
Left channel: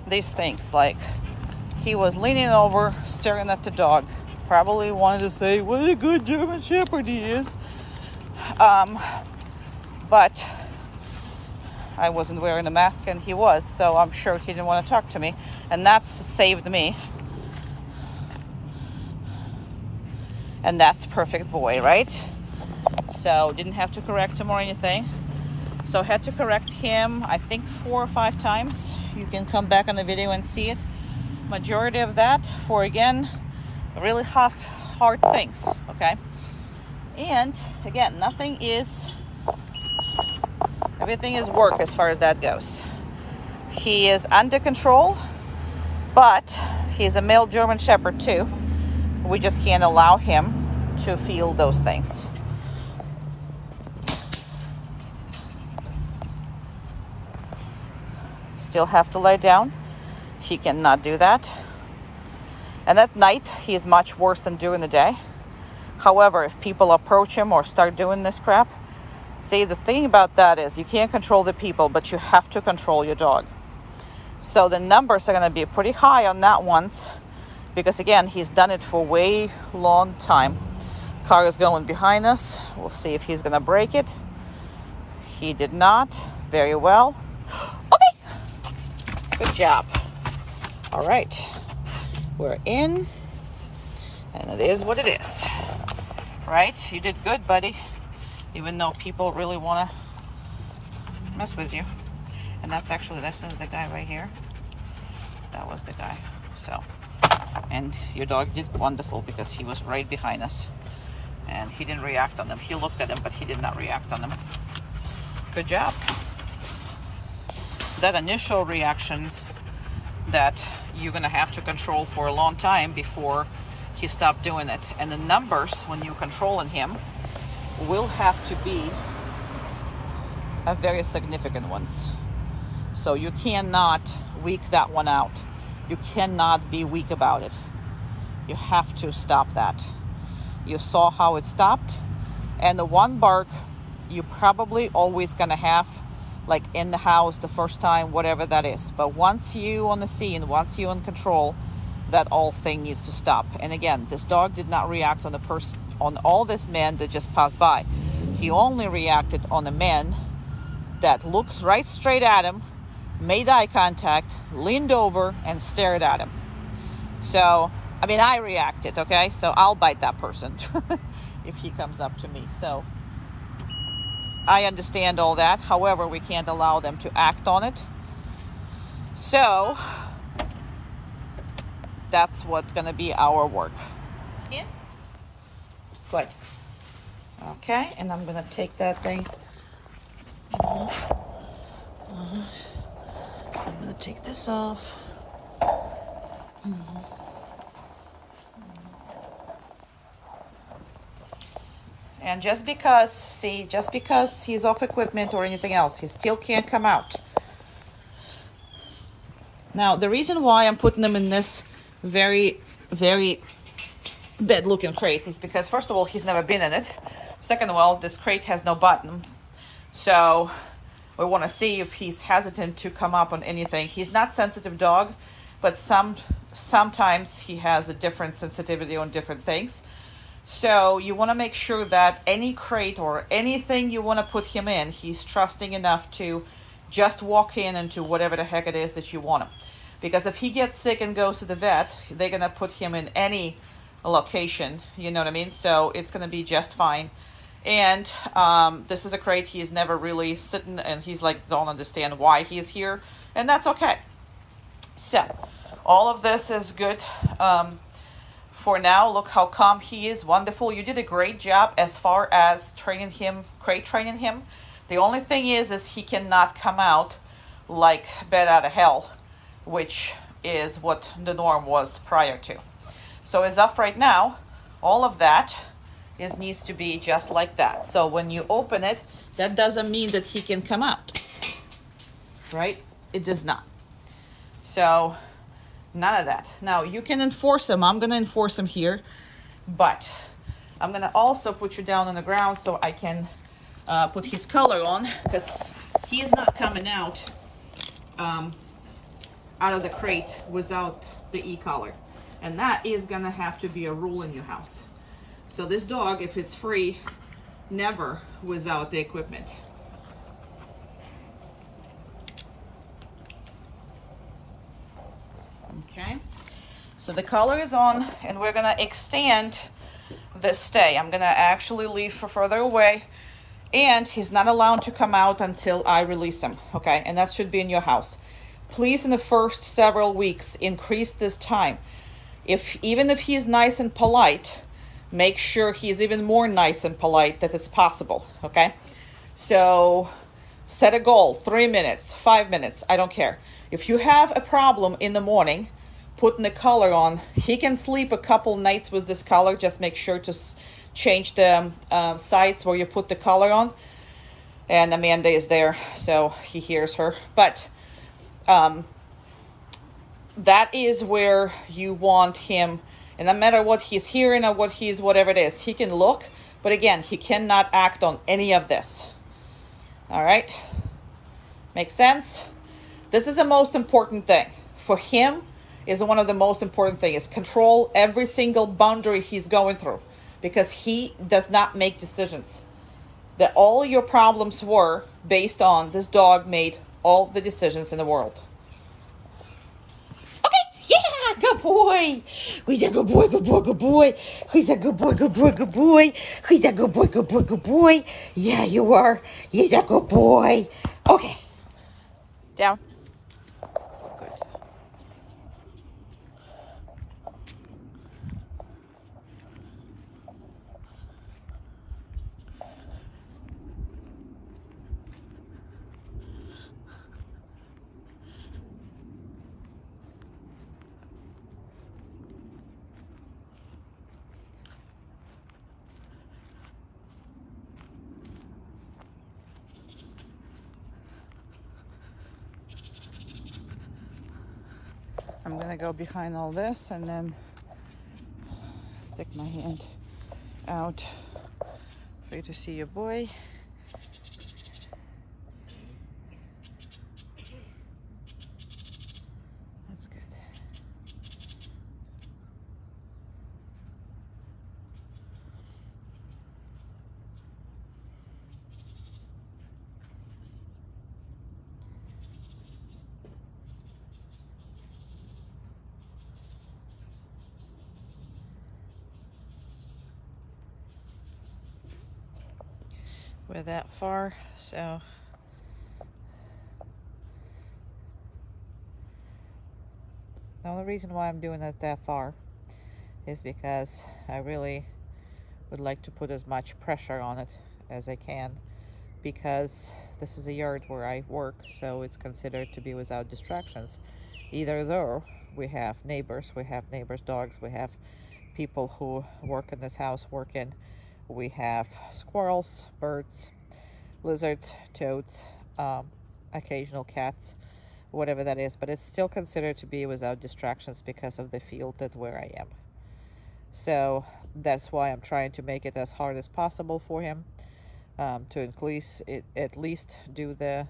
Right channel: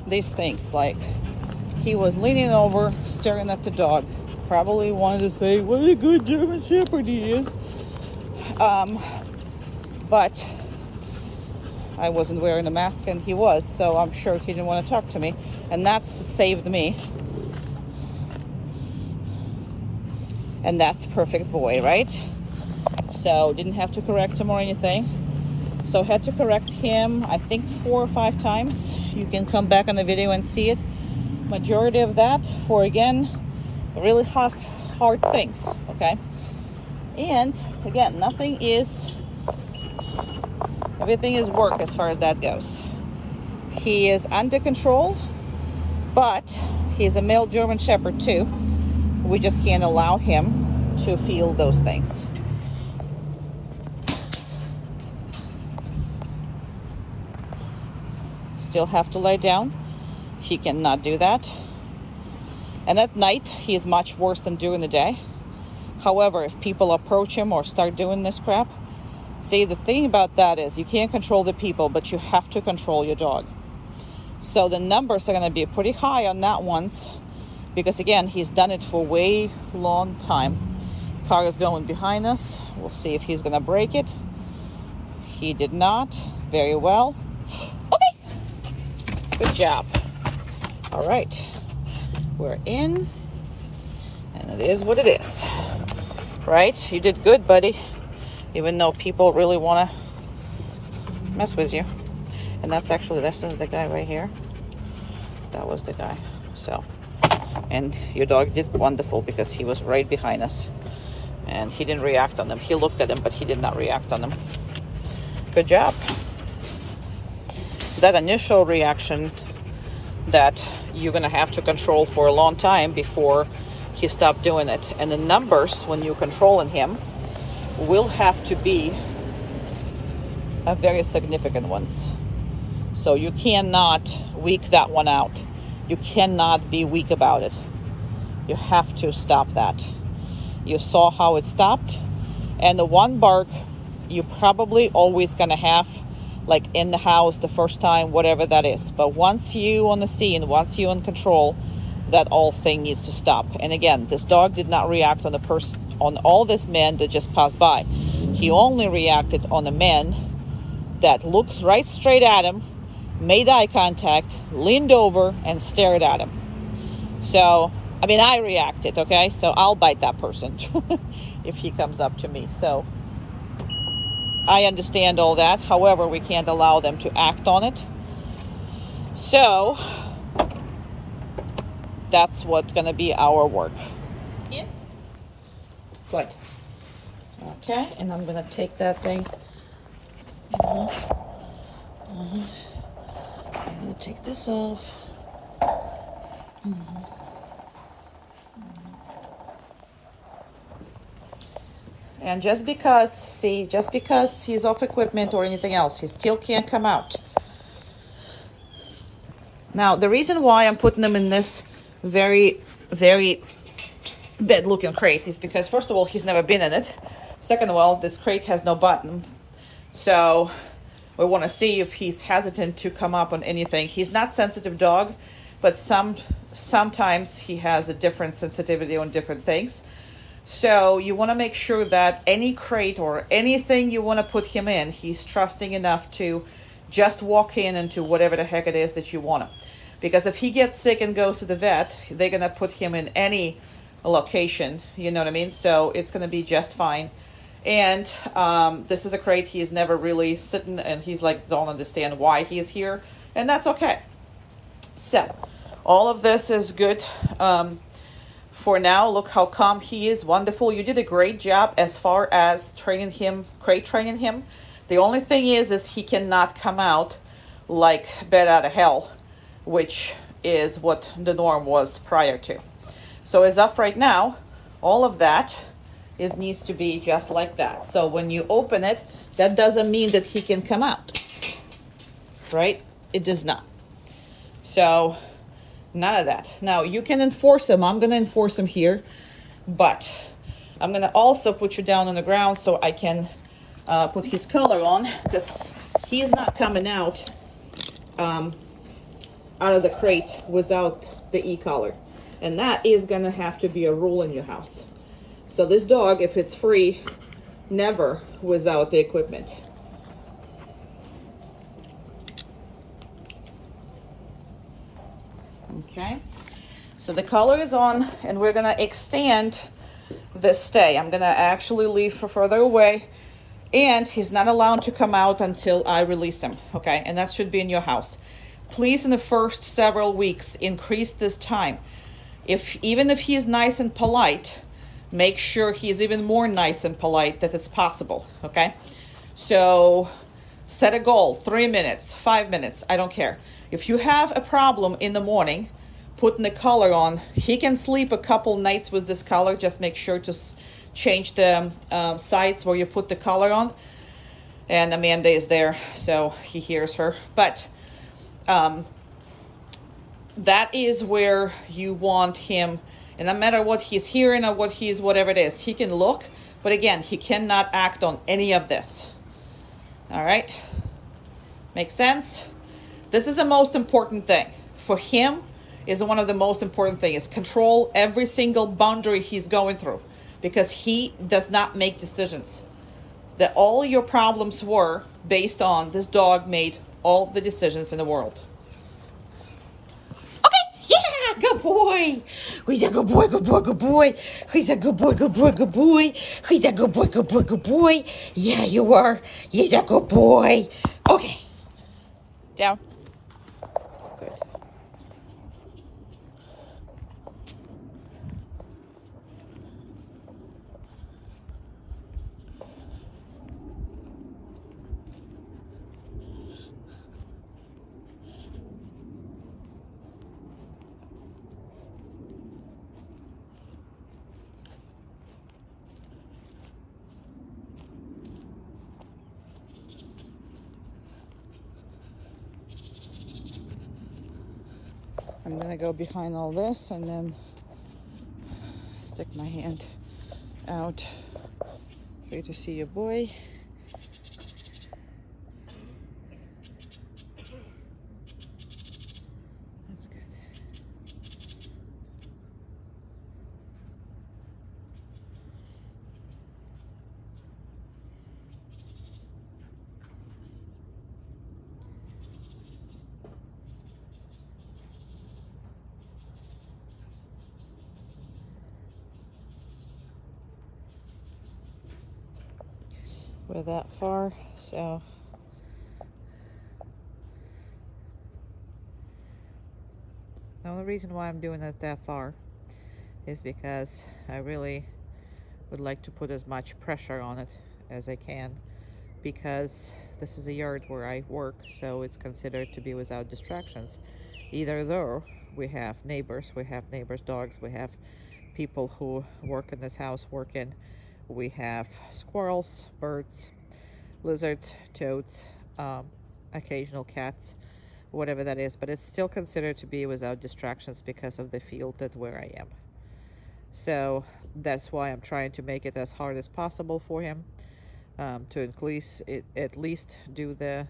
these things, like he was leaning over, staring at the dog, probably wanted to say, what a good German Shepherd he is. But I wasn't wearing a mask and he was, so I'm sure he didn't want to talk to me. And that's saved me. And that's perfect boy, right? So didn't have to correct him or anything. So had to correct him, I think 4 or 5 times. You can come back on the video and see it. Majority of that for, again, really hard things, okay? And again, everything is work as far as that goes. He is under control, but he's a male German Shepherd too. We just can't allow him to feel those things. Still have to lie down. He cannot do that. And at night, he is much worse than during the day. However, if people approach him or start doing this crap, see, the thing about that is you can't control the people, but you have to control your dog. So the numbers are going to be pretty high on that ones, because again, he's done it for way long time. Car is going behind us. We'll see if he's going to break it. He did not. Very well. Okay. Good job. All right. We're in. And it is what it is. Right? You did good, buddy. Even though people really want to mess with you. And that's actually, this is the guy right here. That was the guy. So, and your dog did wonderful because he was right behind us. And he didn't react on them. He looked at him, but he did not react on them. Good job. That initial reaction that you're going to have to control for a long time before he stopped doing it. And the numbers, when you're controlling him, will have to be a very significant ones. So you cannot weak that one out. You cannot be weak about it. You have to stop that. You saw how it stopped. And the one bark, you're probably always going to have, like in the house the first time, whatever that is. But once you on the scene, once you in control, that whole thing needs to stop. And again, this dog did not react on the person, on all this men that just passed by. He only reacted on the men that looked right straight at him, made eye contact, leaned over, and stared at him. So, I mean, I reacted, okay? So I'll bite that person if he comes up to me. So I understand all that. However, we can't allow them to act on it. So that's what's going to be our work. Yeah. Good. Okay, and I'm going to take that thing. I'm going to take this off. And just because, see, just because he's off equipment or anything else, he still can't come out. Now, the reason why I'm putting them in this very, very bad looking crate is because, first of all, he's never been in it. Second of all, this crate has no button, so we want to see if he's hesitant to come up on anything. He's not sensitive dog, but sometimes he has a different sensitivity on different things. So you want to make sure that any crate or anything you want to put him in, he's trusting enough to just walk in into whatever the heck it is that you want him. Because if he gets sick and goes to the vet, they're going to put him in any location, you know what I mean? So it's going to be just fine. And this is a crate he's never really sitting, and he's like, don't understand why he is here, and that's okay. So all of this is good for now. Look how calm he is. Wonderful. You did a great job as far as training him, crate training him. The only thing is he cannot come out like bat out of hell, which is what the norm was prior to. So as of right now, all of that needs to be just like that. So when you open it, that doesn't mean that he can come out, right? It does not. So none of that. Now you can enforce him. I'm going to enforce him here, but I'm going to also put you down on the ground so I can put his collar on, because he's not coming out of the crate without the e-collar. And that is going to have to be a rule in your house. So this dog, if it's free, never without the equipment. Okay, so the collar is on, and we're gonna extend this stay. I'm gonna actually leave for further away, and he's not allowed to come out until I release him, okay? And that should be in your house. Please, in the first several weeks, increase this time. Even if he's nice and polite, make sure he's even more nice and polite that it's possible, okay? So set a goal, 3 minutes, 5 minutes, I don't care. If you have a problem in the morning putting the collar on, he can sleep a couple nights with this collar. Just make sure to change the sides where you put the collar on. And Amanda is there, so he hears her. But that is where you want him. And no matter what he's hearing or whatever it is, he can look. But again, he cannot act on any of this. All right? Makes sense? This is the most important thing. For him, is one of the most important things. Control every single boundary he's going through. Because he does not make decisions. That all your problems were based on this dog made all the decisions in the world. Yeah, good boy. He's a good boy, good boy, good boy. He's a good boy, good boy, good boy. He's a good boy, good boy, good boy. Yeah, you are. He's a good boy. Okay. Down. Good. I'm gonna go behind all this and then stick my hand out for you to see your boy. That's good. We're that far, so the only reason why I'm doing it that far is because I really would like to put as much pressure on it as I can, because this is a yard where I work, so it's considered to be without distractions. Either though we have neighbors dogs, we have people who work in this house we have squirrels, birds, lizards, toads, occasional cats, whatever that is, but it's still considered to be without distractions because of the field that where I am. So that's why I'm trying to make it as hard as possible for him, to at least do the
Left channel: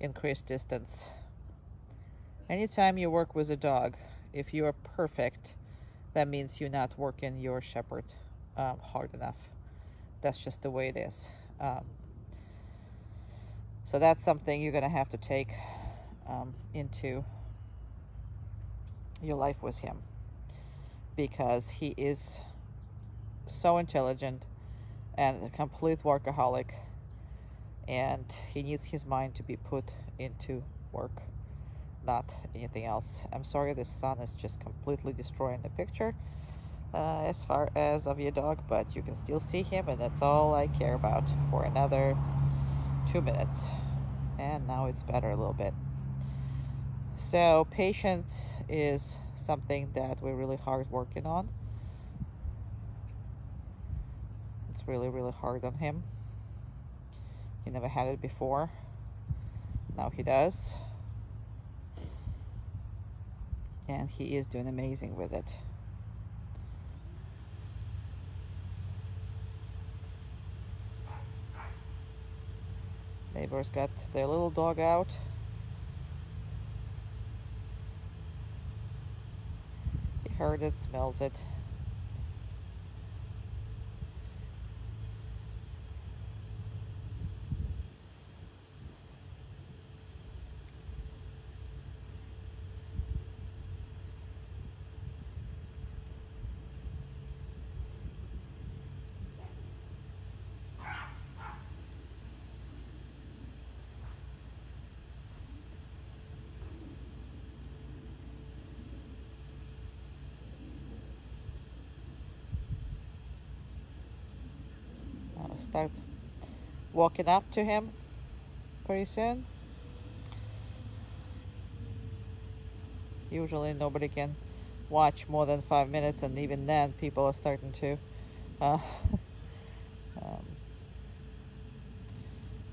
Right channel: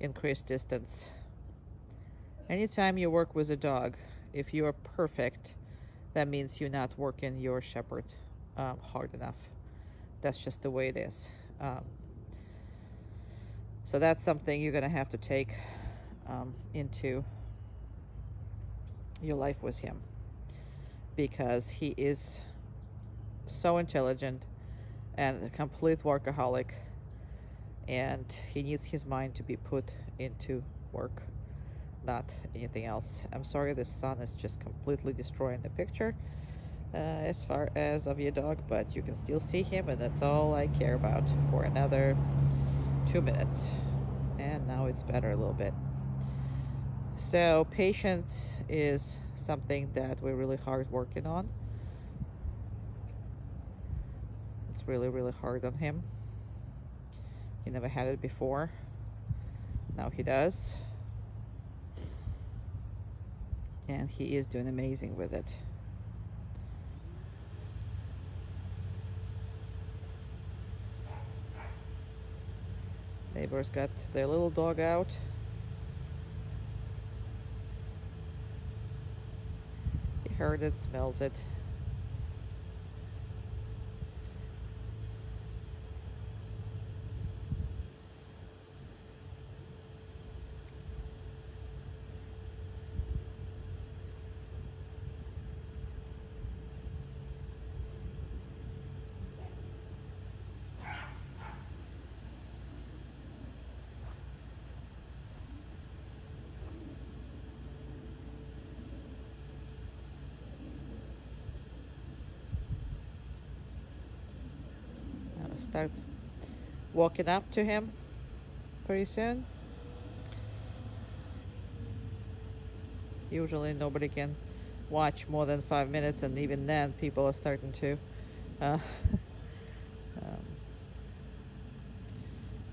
increased distance. Anytime you work with a dog, if you're perfect, that means you're not working your shepherd hard enough. That's just the way it is. So that's something you're gonna have to take into your life with him, because he is so intelligent and a complete workaholic, and he needs his mind to be put into work, not anything else. I'm sorry the sun is just completely destroying the picture as far as of your dog, but you can still see him, and that's all I care about for another 2 minutes. And now it's better a little bit. So patience is something that we're really hard working on. It's really, really hard on him. He never had it before. Now he does. And he is doing amazing with it. Neighbors got their little dog out. He heard it, smells it. Start walking up to him pretty soon. Usually nobody can watch more than 5 minutes, and even then people are starting to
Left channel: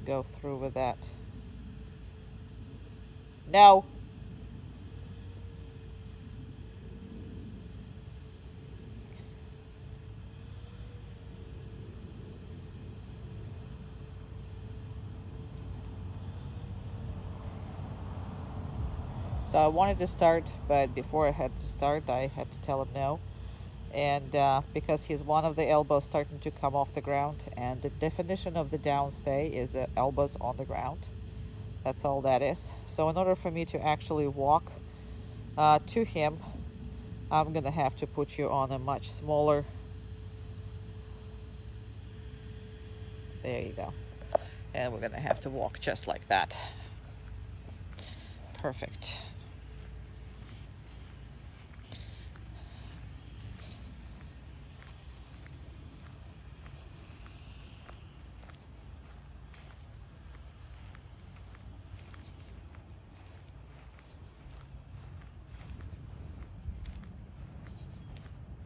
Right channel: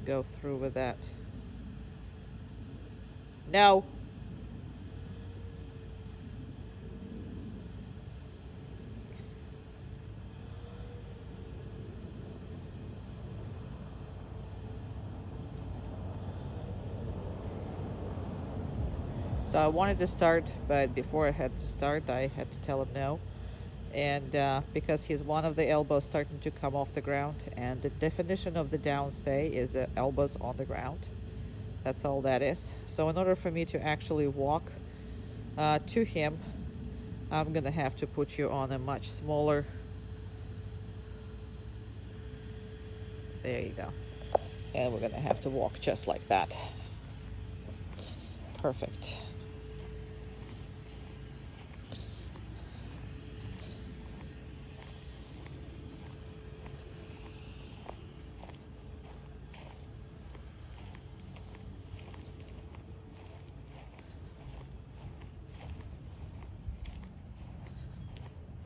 go through with that. No. So I wanted to start, but before I had to start, I had to tell him no. And because his one of the elbows starting to come off the ground, and the definition of the downstay is elbows on the ground. That's all that is. So in order for me to actually walk to him, I'm gonna have to put you on a much smaller. There you go. And we're gonna have to walk just like that. Perfect.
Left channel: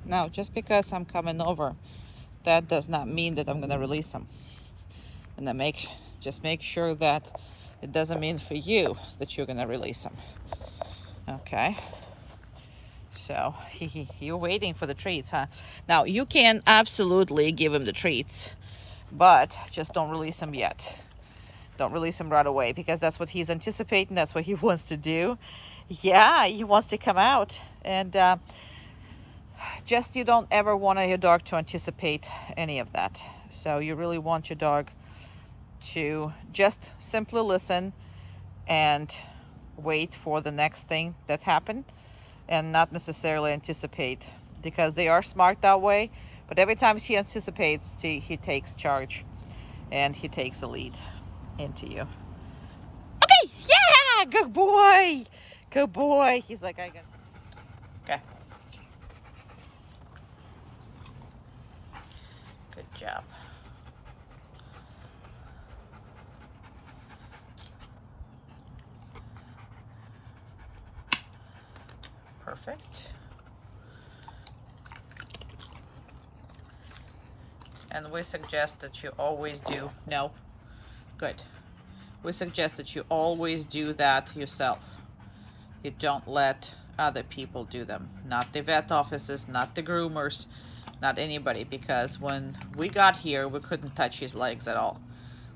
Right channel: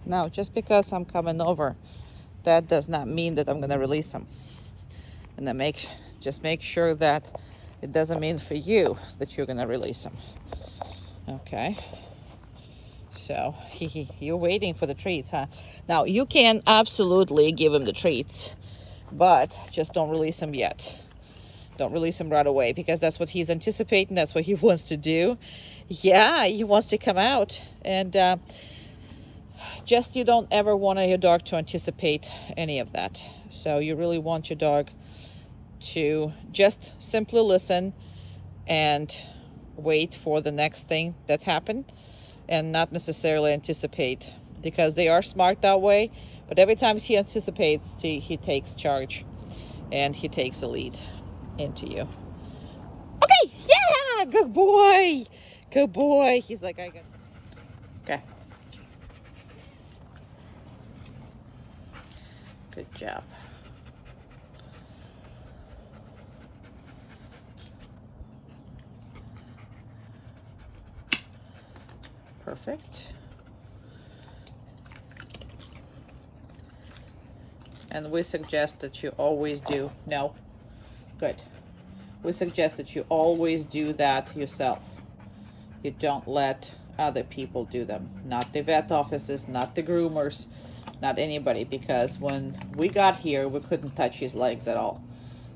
Now, just because I'm coming over, that does not mean that I'm going to release him. And then just make sure that it doesn't mean for you that you're going to release him. Okay. So, you're waiting for the treats, huh? Now, you can absolutely give him the treats, but just don't release him yet. Don't release him right away, because that's what he's anticipating. That's what he wants to do. Yeah, he wants to come out. And just, you don't ever want your dog to anticipate any of that. So you really want your dog to just simply listen and wait for the next thing that happened, and not necessarily anticipate, because they are smart that way. But every time he anticipates, he takes charge and he takes a lead into you. Okay, yeah, good boy, good boy. He's like, I got. Okay. Good job. Perfect. And we suggest that you always do, no, good. We suggest that you always do that yourself. You don't let other people do them, not the vet offices, not the groomers, not anybody, because when we got here, we couldn't touch his legs at all.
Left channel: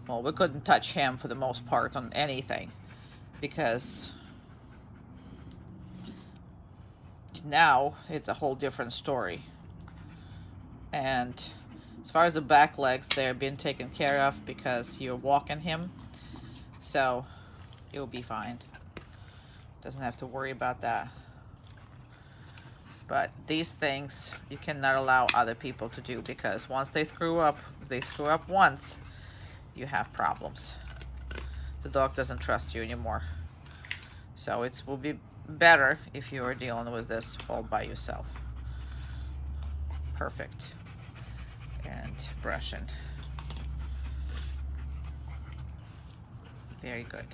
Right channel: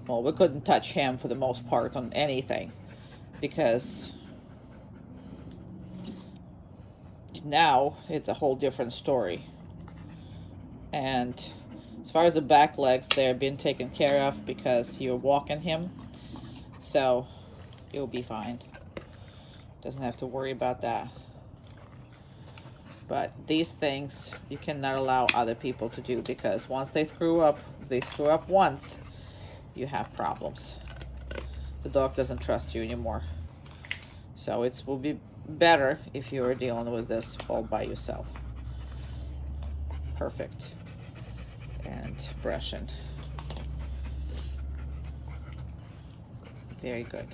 Well, we couldn't touch him for the most part on anything, because now it's a whole different story. And as far as the back legs, they're being taken care of because you're walking him, so you'll be fine. Doesn't have to worry about that. But these things you cannot allow other people to do, because once they screw up, once, you have problems. The dog doesn't trust you anymore. So it will be better if you are dealing with this all by yourself. Perfect. And brushing. Very good.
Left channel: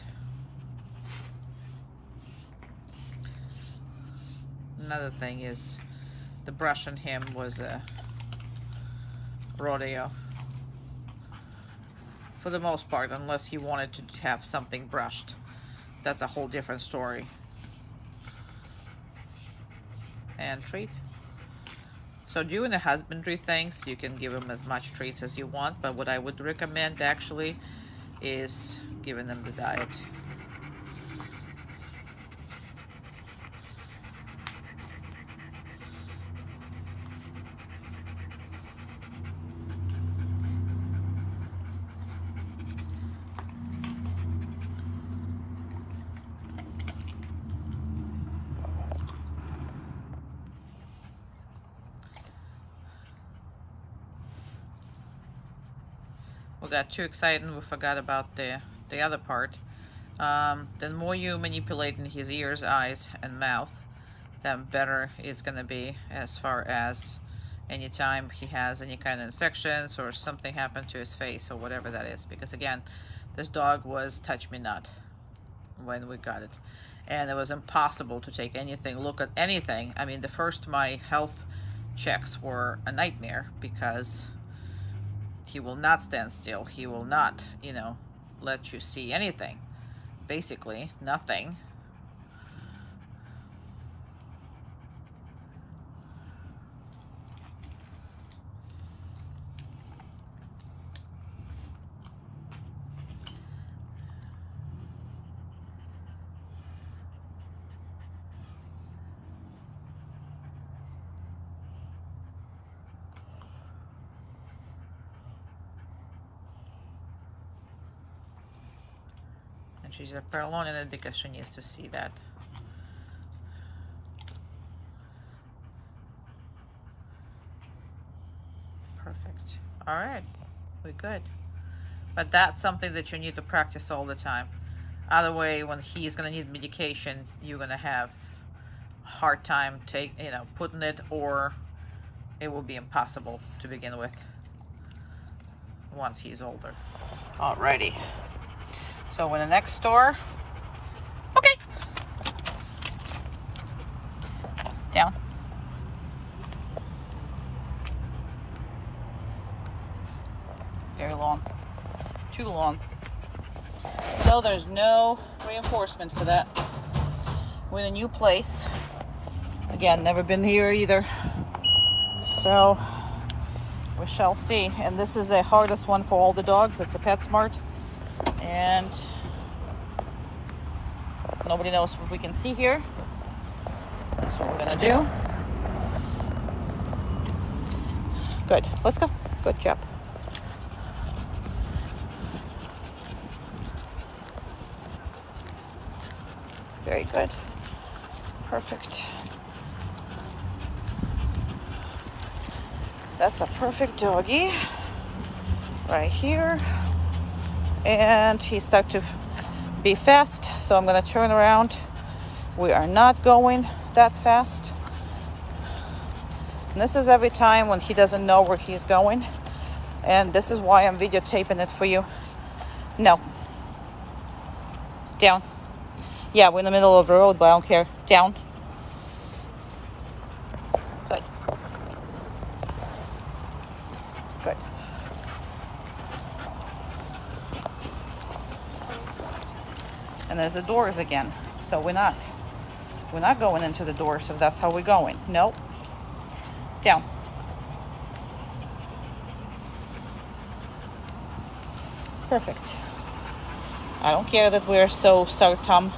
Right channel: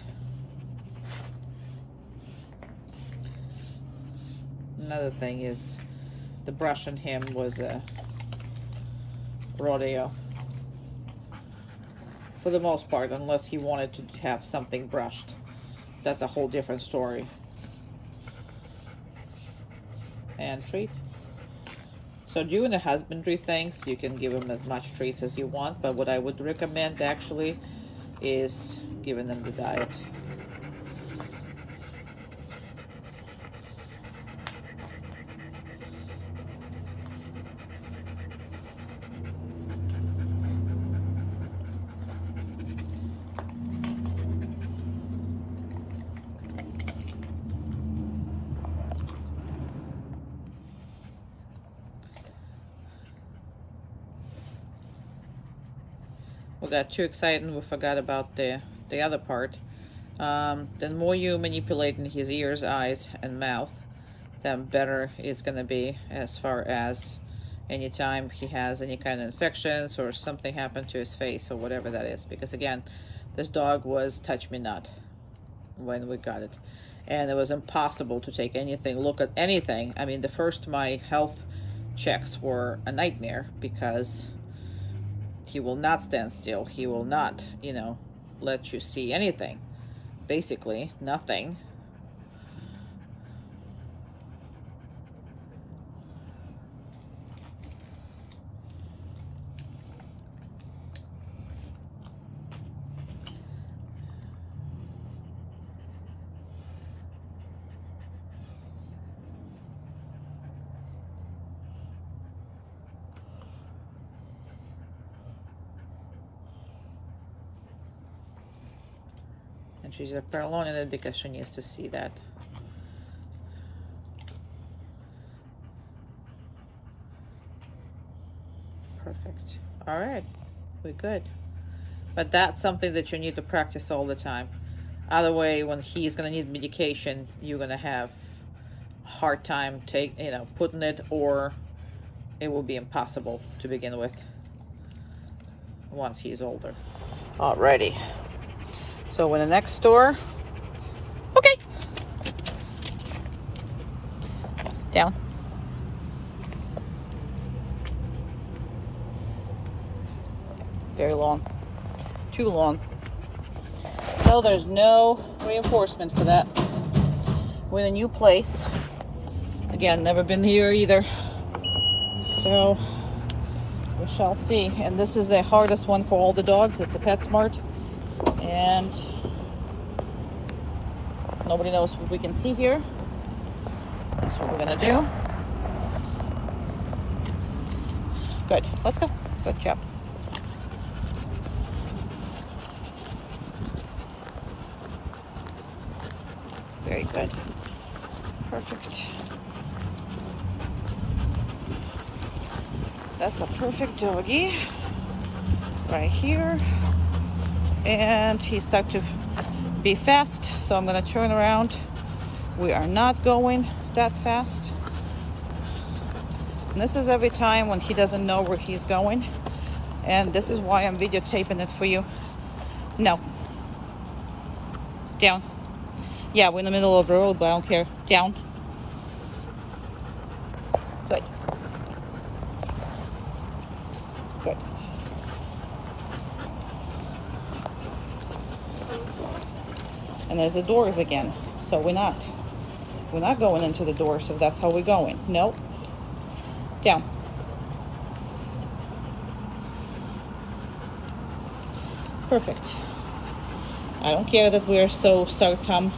Another thing is the brushing him was a rodeo for the most part, unless he wanted to have something brushed. That's a whole different story. And treat. So doing the husbandry things, you can give him as much treats as you want, but what I would recommend actually is giving them the diet. We got too excited and we forgot about the other part. The more you manipulating his ears, eyes, and mouth, then better it's gonna be as far as anytime he has any kind of infections or something happened to his face or whatever that is. Because again, this dog was touch me not when we got it. And it was impossible to take anything, look at anything. I mean, my health checks were a nightmare, because he will not stand still. He will not, you know, let you see anything. Basically, nothing. She's prolonging it because she needs to see that. Perfect. All right, we're good. But that's something that you need to practice all the time. Other way, when he's gonna need medication, you're gonna have a hard time putting it, or it will be impossible to begin with once he's older. Alrighty. So in the next store, okay, down. Very long, too long. So there's no reinforcement for that. We're in a new place. Again, never been here either. So we shall see. And this is the hardest one for all the dogs. It's a PetSmart. And nobody knows what we can see here. That's what we're gonna do. Good, let's go. Good job. Very good. Perfect. That's a perfect doggy right here. And he's stuck to be fast, so I'm going to turn around. We are not going that fast. And this is every time when he doesn't know where he's going, and this is why I'm videotaping it for you. No. Down. Yeah, we're in the middle of the road, but I don't care. Down. Good. Good. And there's the doors again, so we're not We're not going into the doors if that's how we're going. Nope. Down. Perfect. I don't care that we're so certain,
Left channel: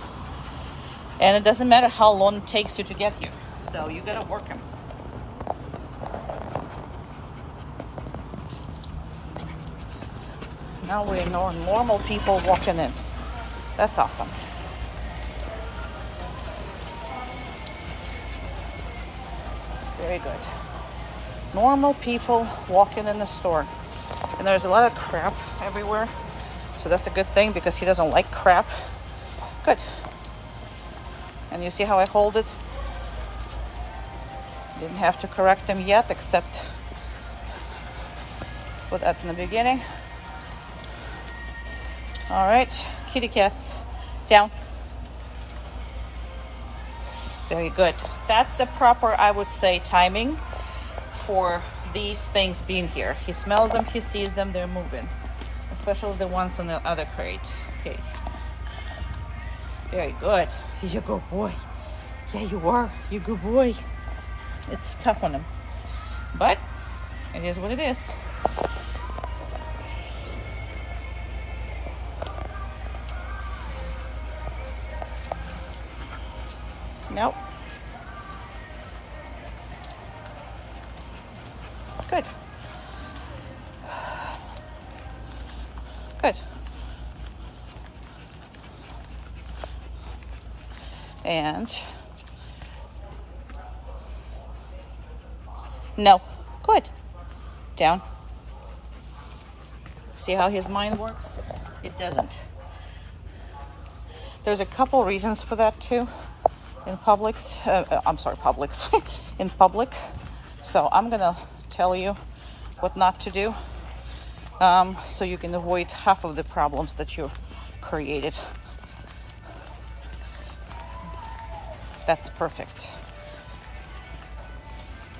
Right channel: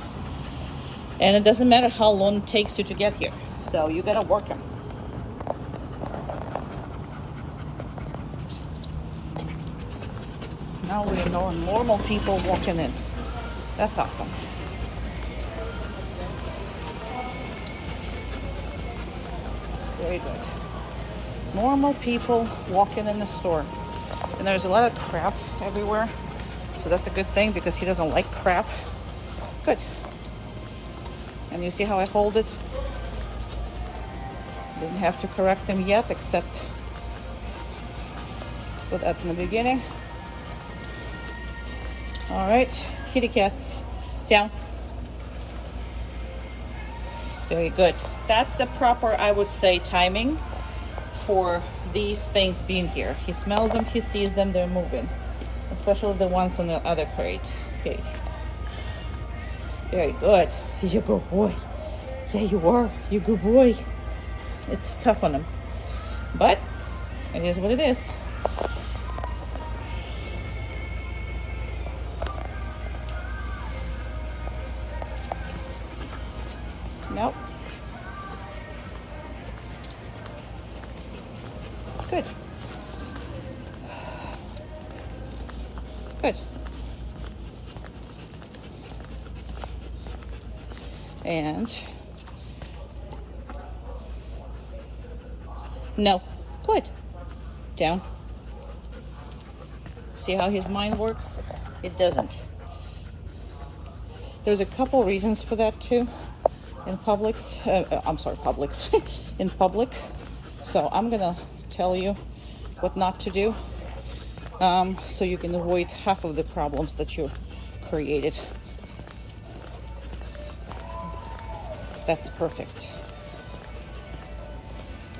and it doesn't matter how long it takes you to get here. So you gotta work him. Now we're normal people walking in. That's awesome. Very good. Normal people walking in the store. And there's a lot of crap everywhere. So that's a good thing because he doesn't like crap. Good. And you see how I hold it? Didn't have to correct him yet, except put that in the beginning. All right, kitty cats, down. Very good. That's a proper, I would say, timing for these things being here. He smells them, he sees them, they're moving. Especially the ones on the other cage. Very good. You're a good boy. Yeah, you are. You're a good boy. It's tough on him, but it is what it is. Nope. Good. Good. And no. Good. Down. See how his mind works? It doesn't. There's a couple reasons for that too. In Publix, I'm sorry, Publix, in public. So I'm gonna tell you what not to do, so you can avoid half of the problems that you created. That's perfect.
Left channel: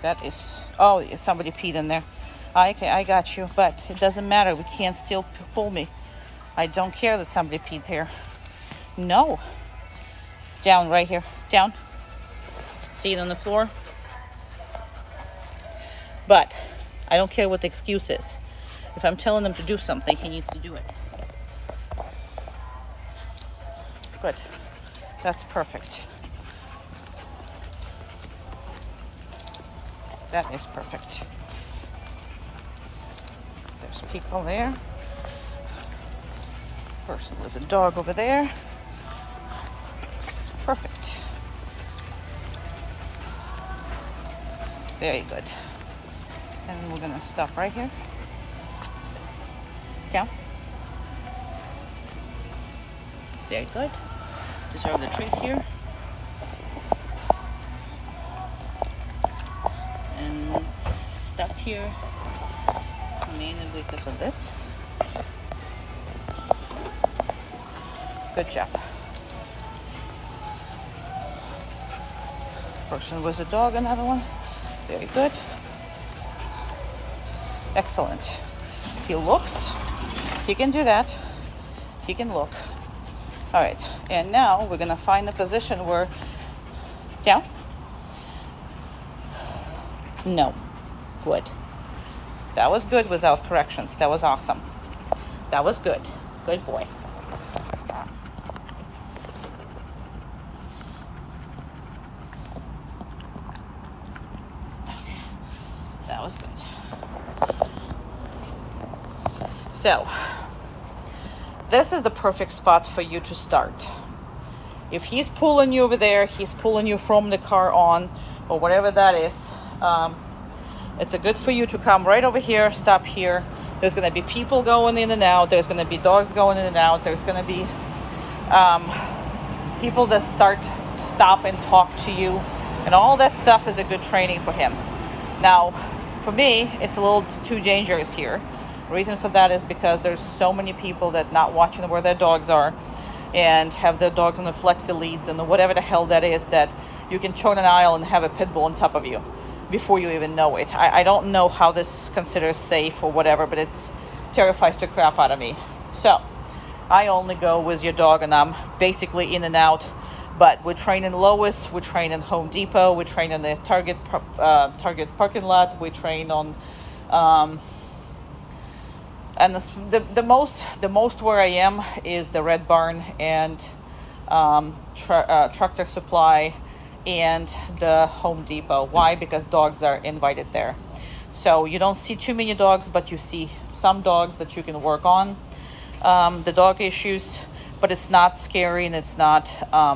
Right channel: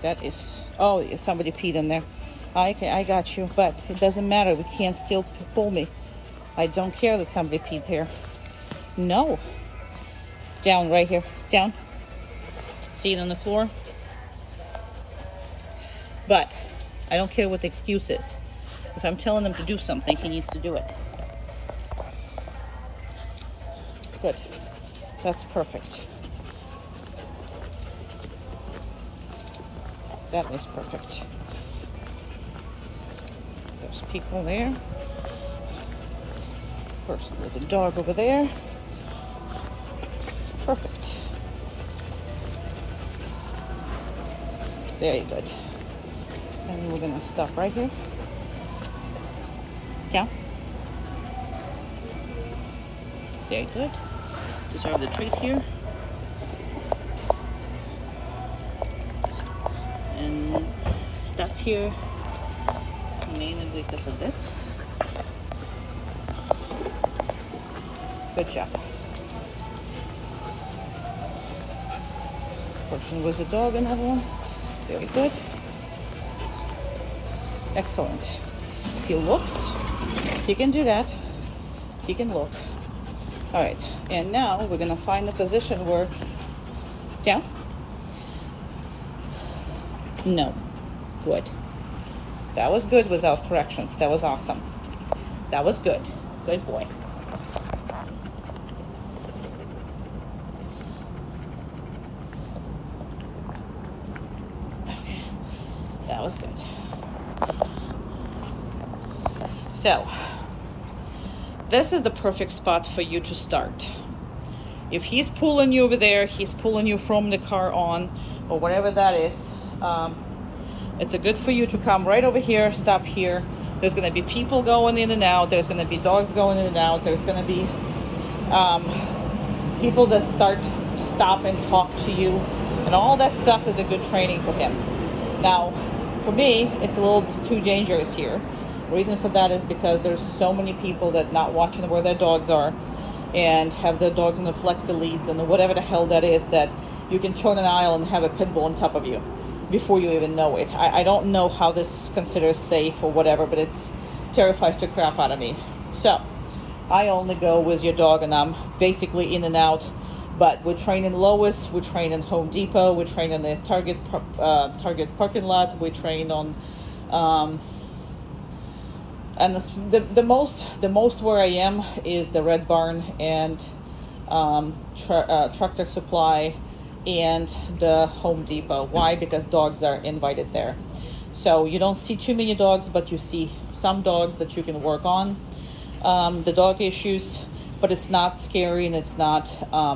That is, oh, somebody peed in there. I got you, but it doesn't matter. We can't still pull me. I don't care that somebody peed here. No. Down right here. Down. See it on the floor? But I don't care what the excuse is. If I'm telling him to do something, he needs to do it. Good. That's perfect. That is perfect. There's people there. Person with a dog over there. Perfect. Very good. And we're gonna stop right here. Down. Very good. Deserve the treat here. And stopped here mainly because of this. Good job. Person with a dog, another one. Very good. Excellent. He looks. He can do that. He can look. All right. And now we're gonna find a position where down. No. Good. That was good without corrections. That was awesome. That was good. Good boy. Okay. That was good. So, this is the perfect spot for you to start. If he's pulling you over there, he's pulling you from the car on, or whatever that is, it's a good for you to come right over here, stop here. There's going to be people going in and out. There's going to be dogs going in and out. There's going to be people that stop and talk to you, and all that stuff is a good training for him. Now, for me, it's a little too dangerous here. The reason for that is because there's so many people that not watching where their dogs are and have their dogs on the flexi leads and whatever the hell that is, that you can turn an aisle and have a pit bull on top of you before you even know it. I don't know how this is considered safe or whatever, but it's terrifies the crap out of me. So I only go with your dog, and I'm basically in and out But we train in Lowe's, we train in Home Depot, we train in the Target parking lot, we train on, and the most where I am is the Red Barn and Tractor Supply and the Home Depot. Why? Because dogs are invited there. So you don't see too many dogs, but you see some dogs that you can work on the dog issues. But it's not scary, and it's not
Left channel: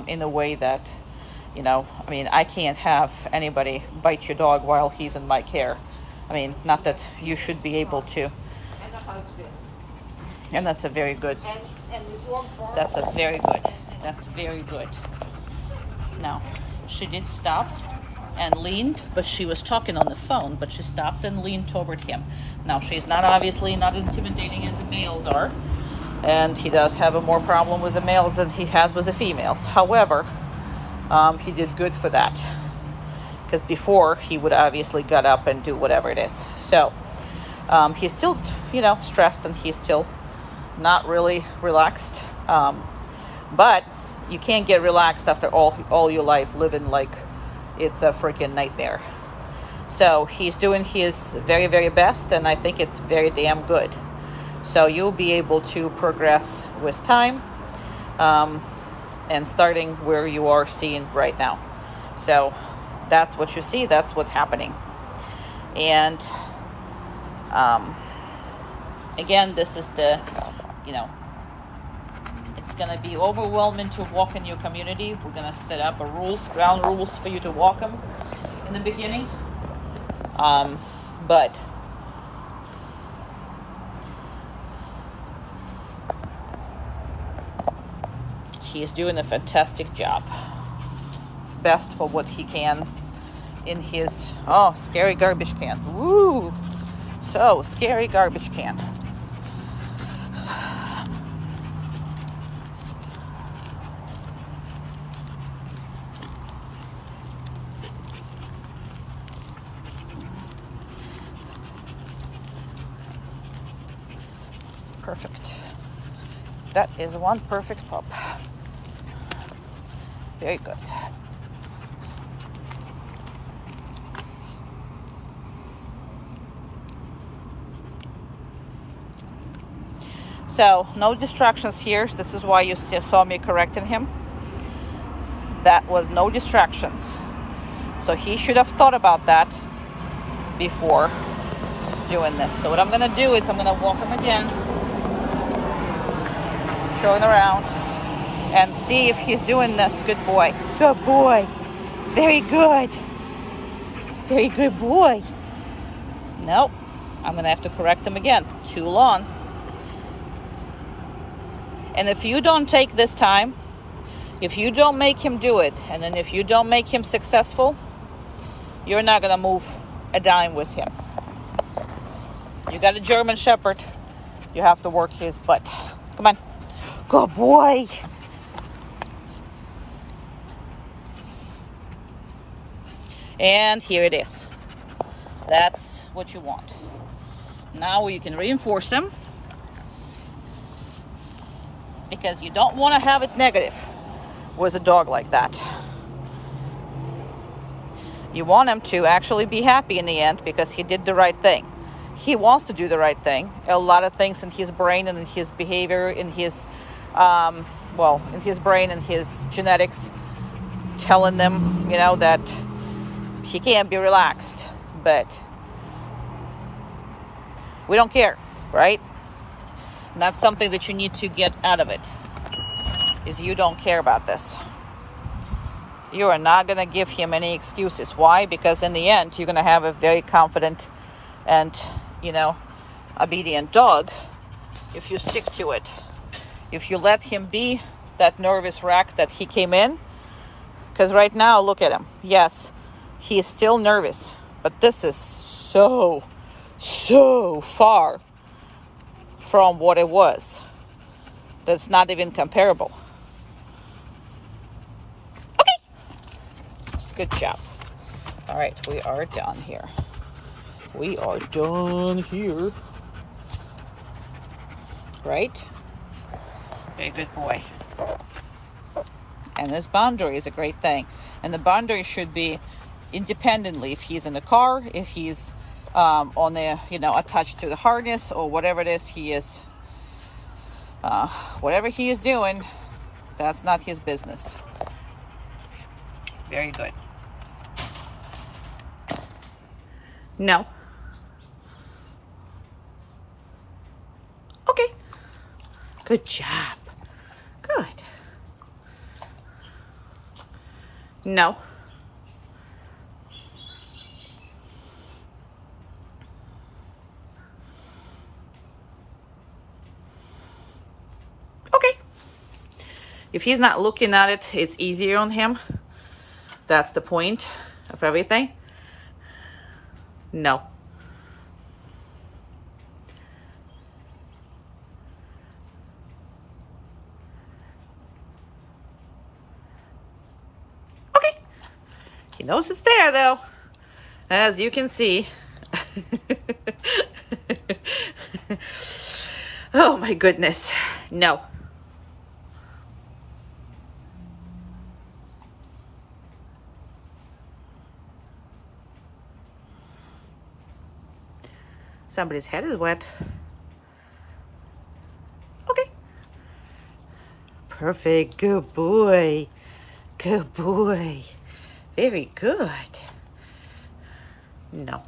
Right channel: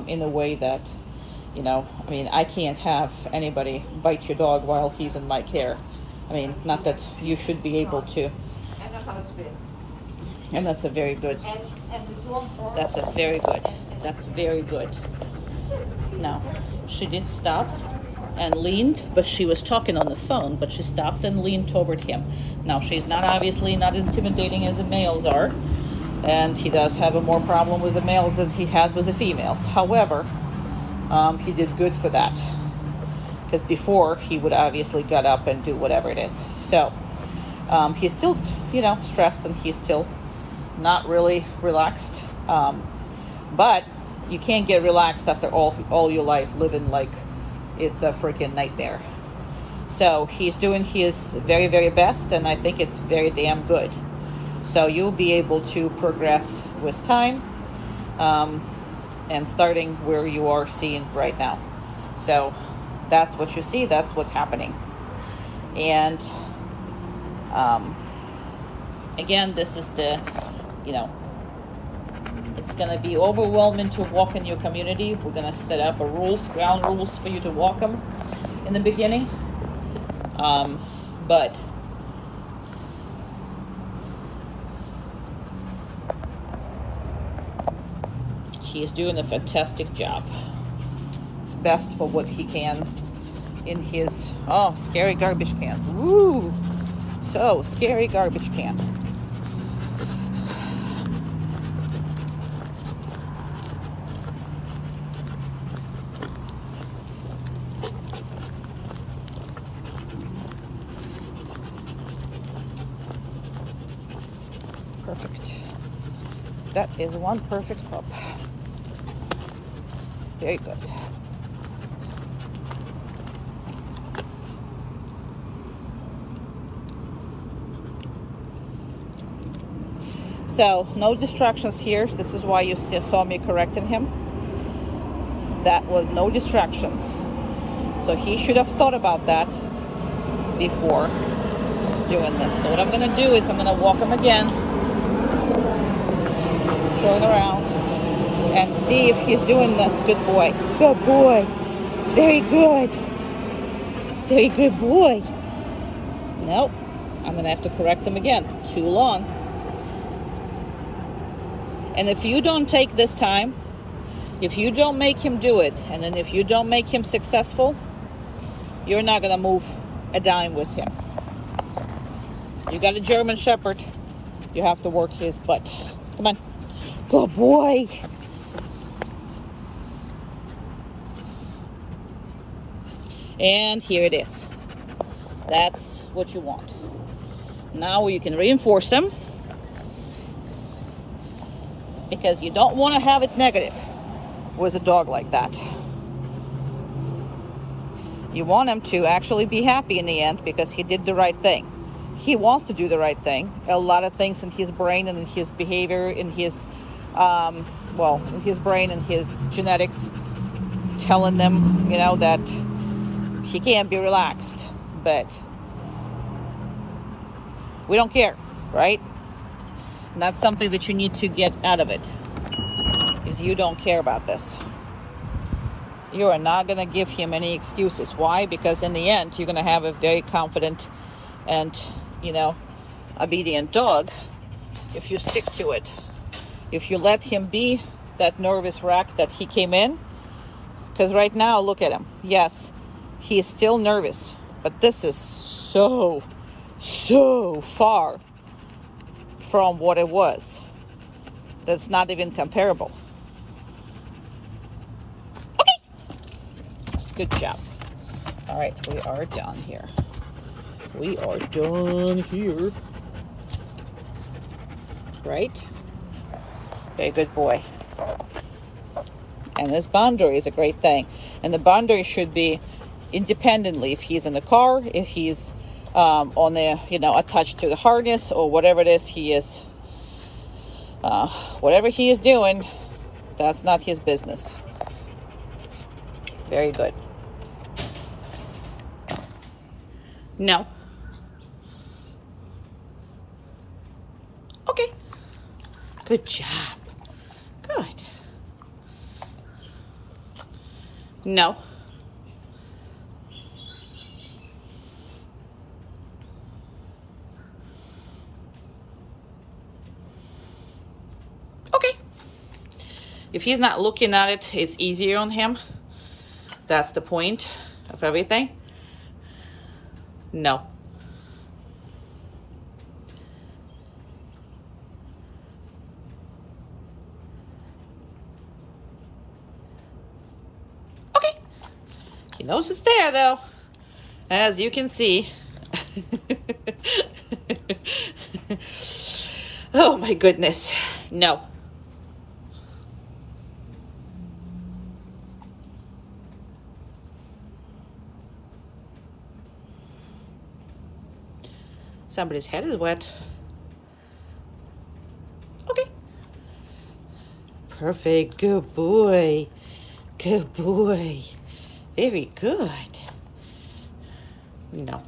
in a way that, you know, I mean, I can't have anybody bite your dog while he's in my care. I mean, not that you should be able to. And that's a very good. That's a very good. That's very good. Now, she did stop and leaned, but she was talking on the phone, but she stopped and leaned toward him. Now, she's not obviously not intimidating as the males are. And he does have a more problem with the males than he has with the females. However, he did good for that, because before he would obviously get up and do whatever it is. So he's still, you know, stressed, and he's still not really relaxed. But you can't get relaxed after all your life living like it's a freaking nightmare. So he's doing his very, very best, and I think it's very damn good. So you'll be able to progress with time, and starting where you are seeing right now. So that's what you see, that's what's happening. And again, this is the, you know, it's gonna be overwhelming to walk in your community. We're gonna set up ground rules for you to walk them in the beginning. But he's doing a fantastic job. Best for what he can in his, oh, scary garbage can. Woo! So, scary garbage can. Perfect. That is one perfect pup. Very good. So, no distractions here. This is why you saw me correcting him. That was no distractions. So he should have thought about that before doing this. So what I'm gonna do is I'm gonna walk him again, turn around, and see if he's doing this. Good boy. Good boy. Very good. Very good boy. Nope. I'm going to have to correct him again. Too long. And if you don't take this time, if you don't make him do it, and then if you don't make him successful, you're not going to move a dime with him. You got a German Shepherd. You have to work his butt. Come on. Good boy. And here it is. That's what you want. Now you can reinforce them, because you don't want to have it negative with a dog like that. You want him to actually be happy in the end because he did the right thing. He wants to do the right thing. A lot of things in his brain and in his behavior, in his, in his brain and his genetics, telling them, you know, that he can't be relaxed. But we don't care, right? And that's something that you need to get out of it, is you don't care about this. You are not going to give him any excuses. Why? Because in the end, you're going to have a very confident and, you know, obedient dog if you stick to it. If you let him be that nervous wreck that he came in. Because right now, look at him. Yes, he is still nervous. But this is so far from what it was. That's not even comparable. Good job. All right, we are done here. We are done here. Right? Very good boy. And this boundary is a great thing. And the boundary should be independently, if he's in the car, if he's on the, you know, attached to the harness or whatever it is he is, whatever he is doing, that's not his business. Very good. No. Okay. Good job. Good. No. Okay. If he's not looking at it, it's easier on him. That's the point of everything. No. Okay. He knows it's there though, as you can see. Oh my goodness. No. Somebody's head is wet. Okay. Perfect. Good boy. Good boy. Very good. No.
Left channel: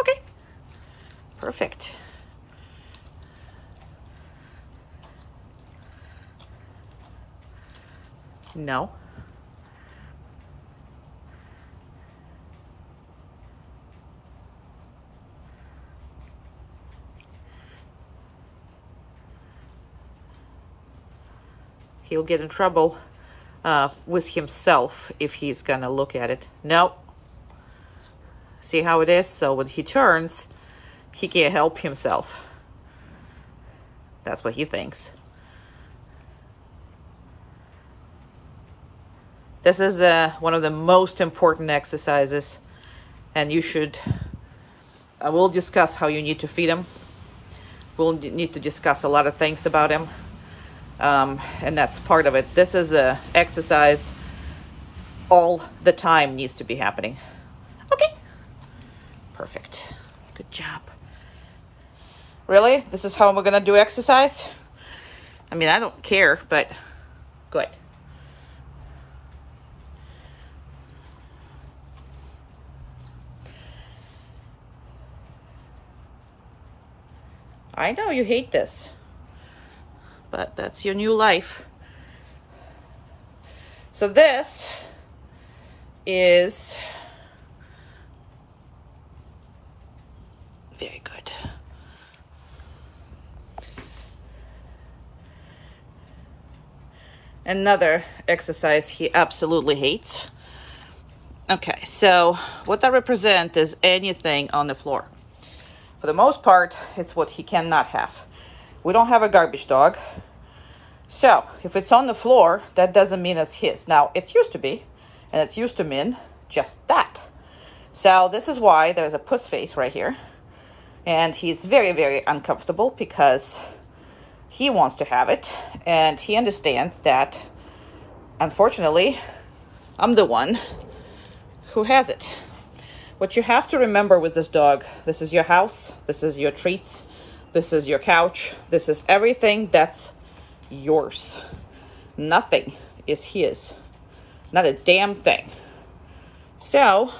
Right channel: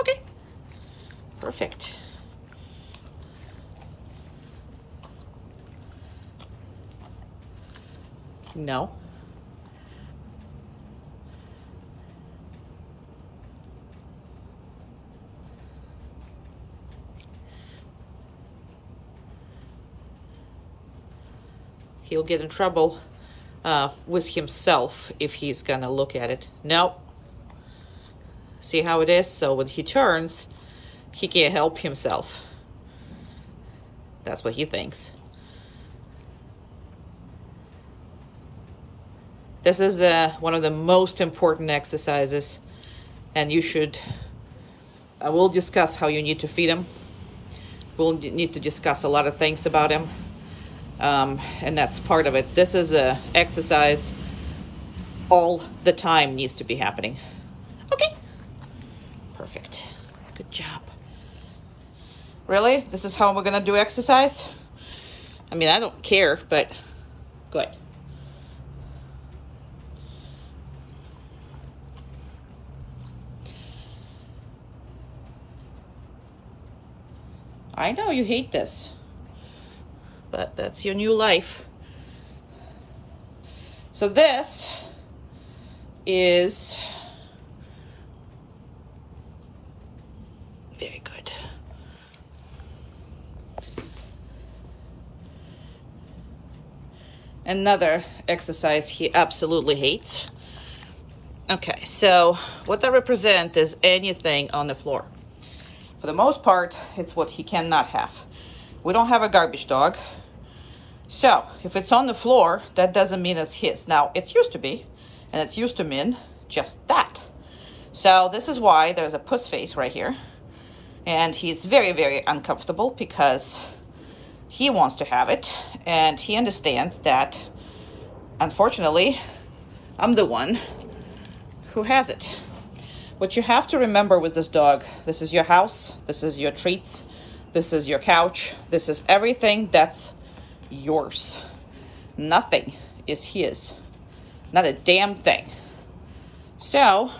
Okay. Perfect. No. He'll get in trouble with himself if he's gonna look at it. No. See how it is? So when he turns, he can't help himself. That's what he thinks. This is one of the most important exercises, and you should, I will discuss how you need to feed him. We'll need to discuss a lot of things about him, and that's part of it. This is a exercise all the time needs to be happening. Okay. Perfect. Good job. Really? This is how we're gonna do exercise? I mean, I don't care, but good. I know you hate this, but that's your new life. So this is very good. Another exercise he absolutely hates. Okay, so what that represents is anything on the floor. For the most part, it's what he cannot have. We don't have a garbage dog. So if it's on the floor, that doesn't mean it's his. Now, it's used to be, and it's used to mean just that. So this is why there's a puss face right here. And he's very, very uncomfortable because he wants to have it. And he understands that, unfortunately, I'm the one who has it. What you have to remember with this dog, this is your house, this is your treats, this is your couch, this is everything that's yours. Nothing is his. Not a damn thing. So,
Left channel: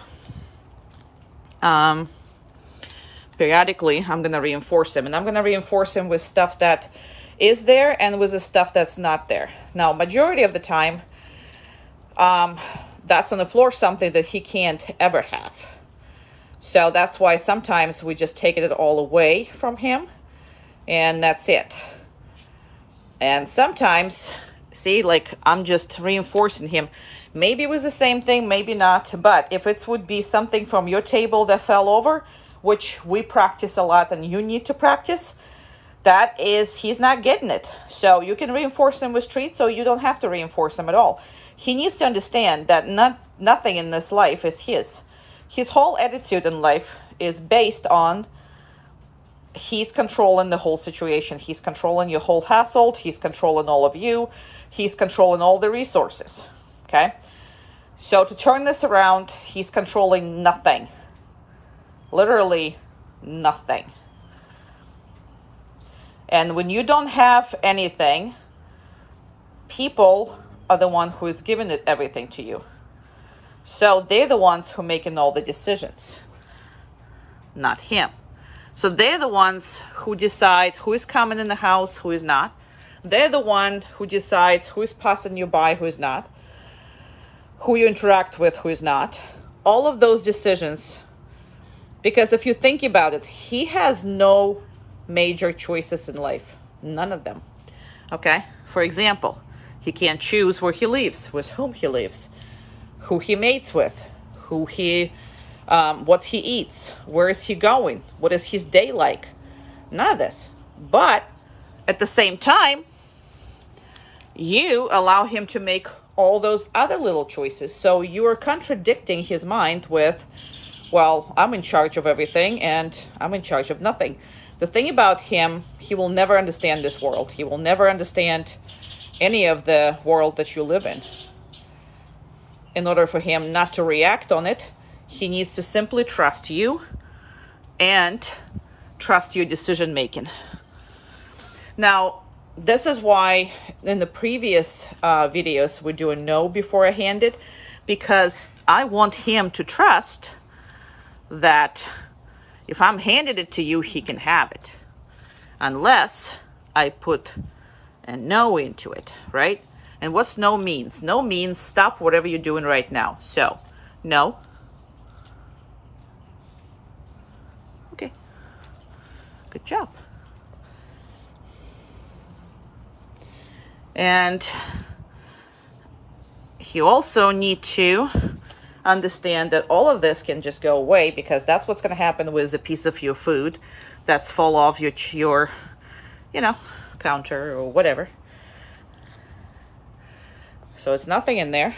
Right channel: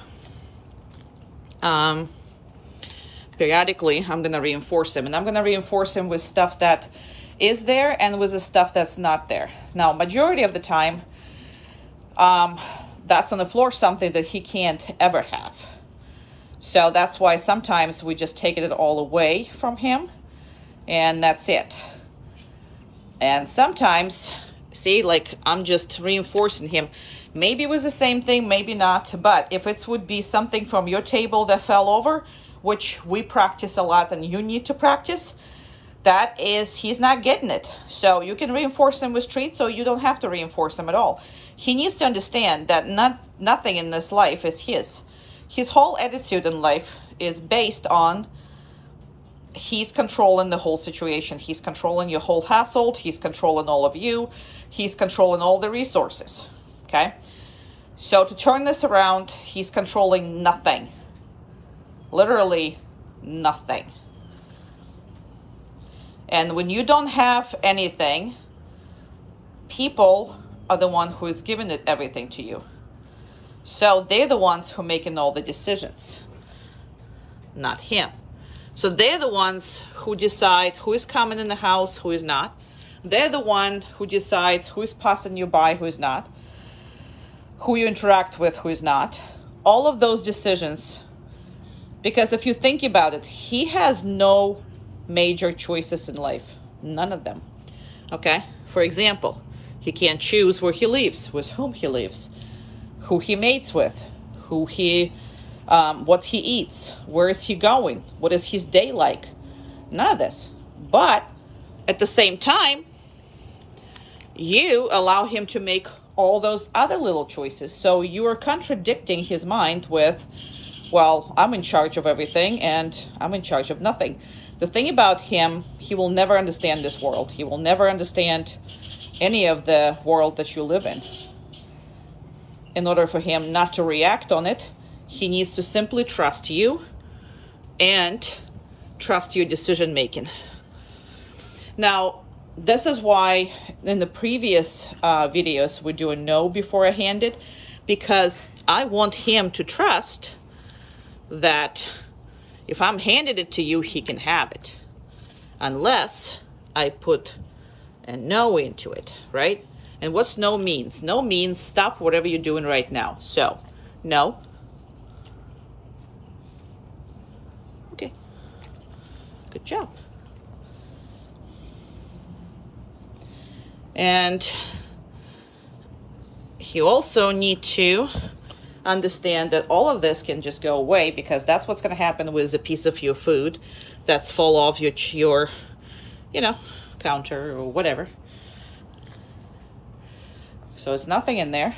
periodically, I'm going to reinforce him. And I'm going to reinforce him with stuff that is there and with the stuff that's not there. Now, majority of the time, that's on the floor something that he can't ever have. So that's why sometimes we just take it all away from him and that's it. And sometimes, see, like I'm just reinforcing him. Maybe it was the same thing, maybe not. But if it would be something from your table that fell over, which we practice a lot and you need to practice, that is, he's not getting it. So you can reinforce him with treats, or you don't have to reinforce him at all. He needs to understand that nothing in this life is his. His whole attitude in life is based on he's controlling the whole situation. He's controlling your whole household. He's controlling all of you. He's controlling all the resources. Okay? So to turn this around, he's controlling nothing. Literally nothing. And when you don't have anything, people are the one who is giving it everything to you. So they're the ones who are making all the decisions, not him. So they're the ones who decide who is coming in the house, who is not. They're the one who decides who is passing you by, who is not, who you interact with, who is not. All of those decisions, because if you think about it, he has no major choices in life. None of them. Okay? For example, he can't choose where he lives, with whom he lives, who he mates with, who he, what he eats, where is he going, what is his day like. None of this. But at the same time, you allow him to make all those other little choices. So you are contradicting his mind with, well, I'm in charge of everything and I'm in charge of nothing. The thing about him, he will never understand this world. He will never understand any of the world that you live in. In order for him not to react on it, he needs to simply trust you and trust your decision making. Now, this is why in the previous videos we're doing no before I hand it, because I want him to trust that if I'm handing it to you, he can have it, unless I put a no into it, right? And what's no means? No means stop whatever you're doing right now. So, no. Okay. Good job. And you also need to understand that all of this can just go away, because that's what's going to happen with a piece of your food that's fall off your you know, counter or whatever. So it's nothing in there.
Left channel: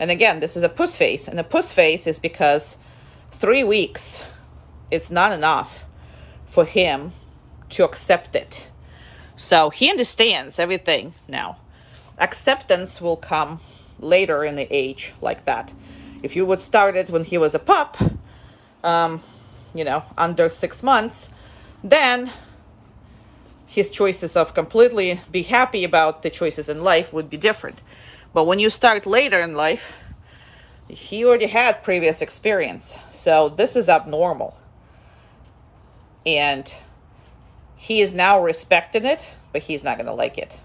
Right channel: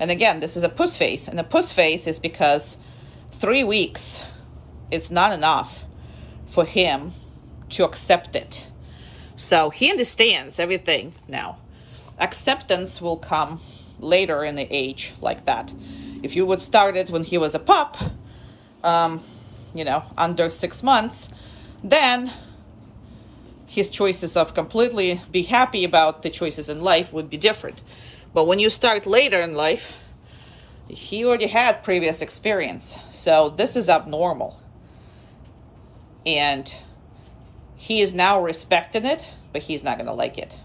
And again, this is a puss face, and the puss face is because 3 weeks, it's not enough for him to accept it. So he understands everything now. Acceptance will come later in the age like that. If you would start it when he was a pup, you know, under 6 months, then his choices of completely be happy about the choices in life would be different. But when you start later in life, he already had previous experience. So this is abnormal. And he is now respecting it, but he's not going to like it.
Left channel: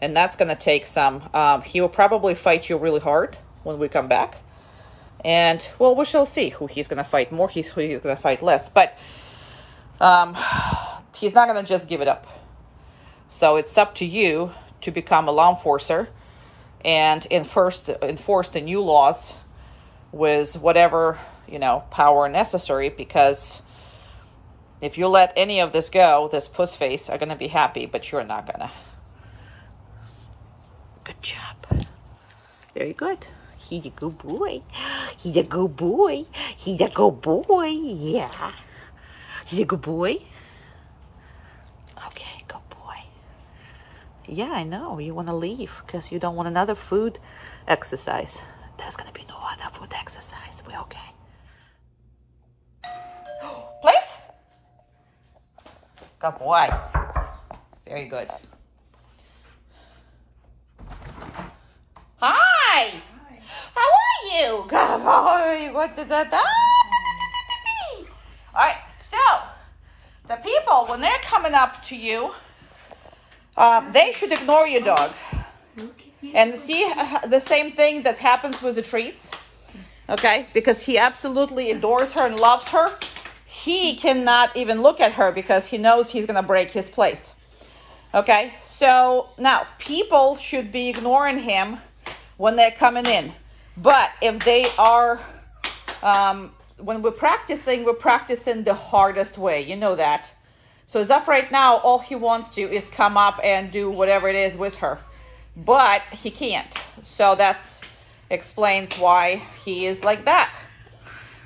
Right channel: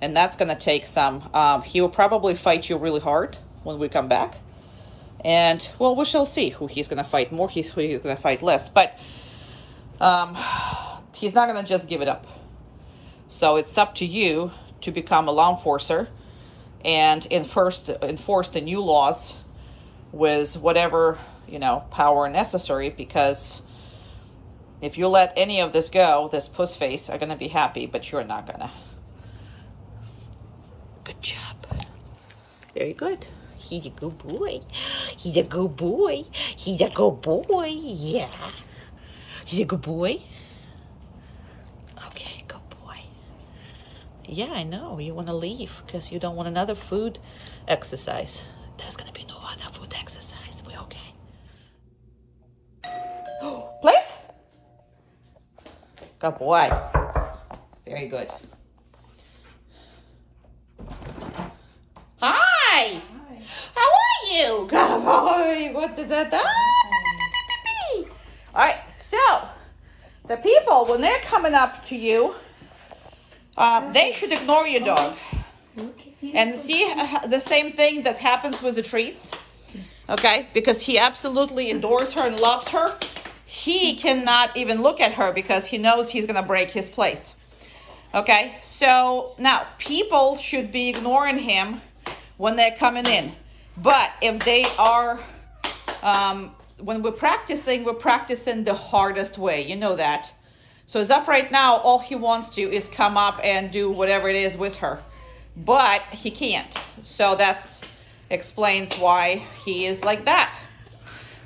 And that's going to take some, he will probably fight you really hard when we come back. And, well, we shall see who he's going to fight more, who he's going to fight less. But he's not going to just give it up. So it's up to you to become a law enforcer and enforce the new laws with whatever, you know, power necessary. Because if you let any of this go, this puss face are going to be happy, but you're not going to. Good job. Very good. He's a good boy. He's a good boy. He's a good boy. Yeah. He's a good boy. Okay, good boy. Yeah, I know. You want to leave because you don't want another food exercise. There's going to be no other food exercise. We're okay. Place. Good boy. Very good. Hi. Hi. How are you? Good boy. What is that? All right. So, the people, when they're coming up to you, they should ignore your dog. And see the same thing that happens with the treats. Okay? Because he absolutely adores her and loves her. He cannot even look at her because he knows he's going to break his place. Okay? So, now, people should be ignoring him when they're coming in. But if they are, when we're practicing the hardest way. You know that. So as of right now, all he wants to is come up and do whatever it is with her, but he can't. So that's explains why he is like that.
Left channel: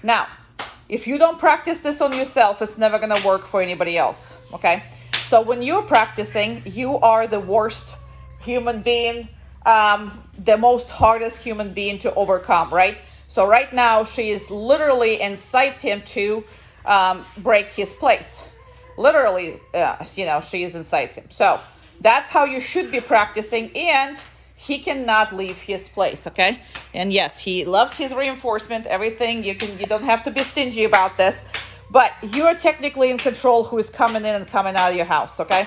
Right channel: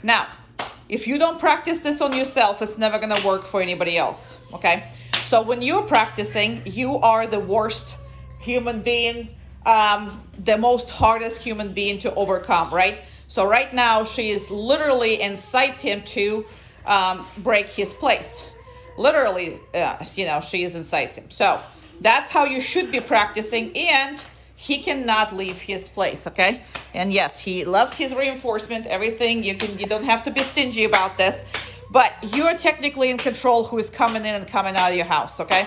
Now, if you don't practice this on yourself, it's never going to work for anybody else, okay? So when you're practicing, you are the worst human being, the most hardest human being to overcome, right? So right now, she is literally incites him to break his place. Literally, you know, she incites him. So that's how you should be practicing, and he cannot leave his place, okay? And yes, he loves his reinforcement, everything. You don't have to be stingy about this, but you are technically in control who is coming in and coming out of your house, okay?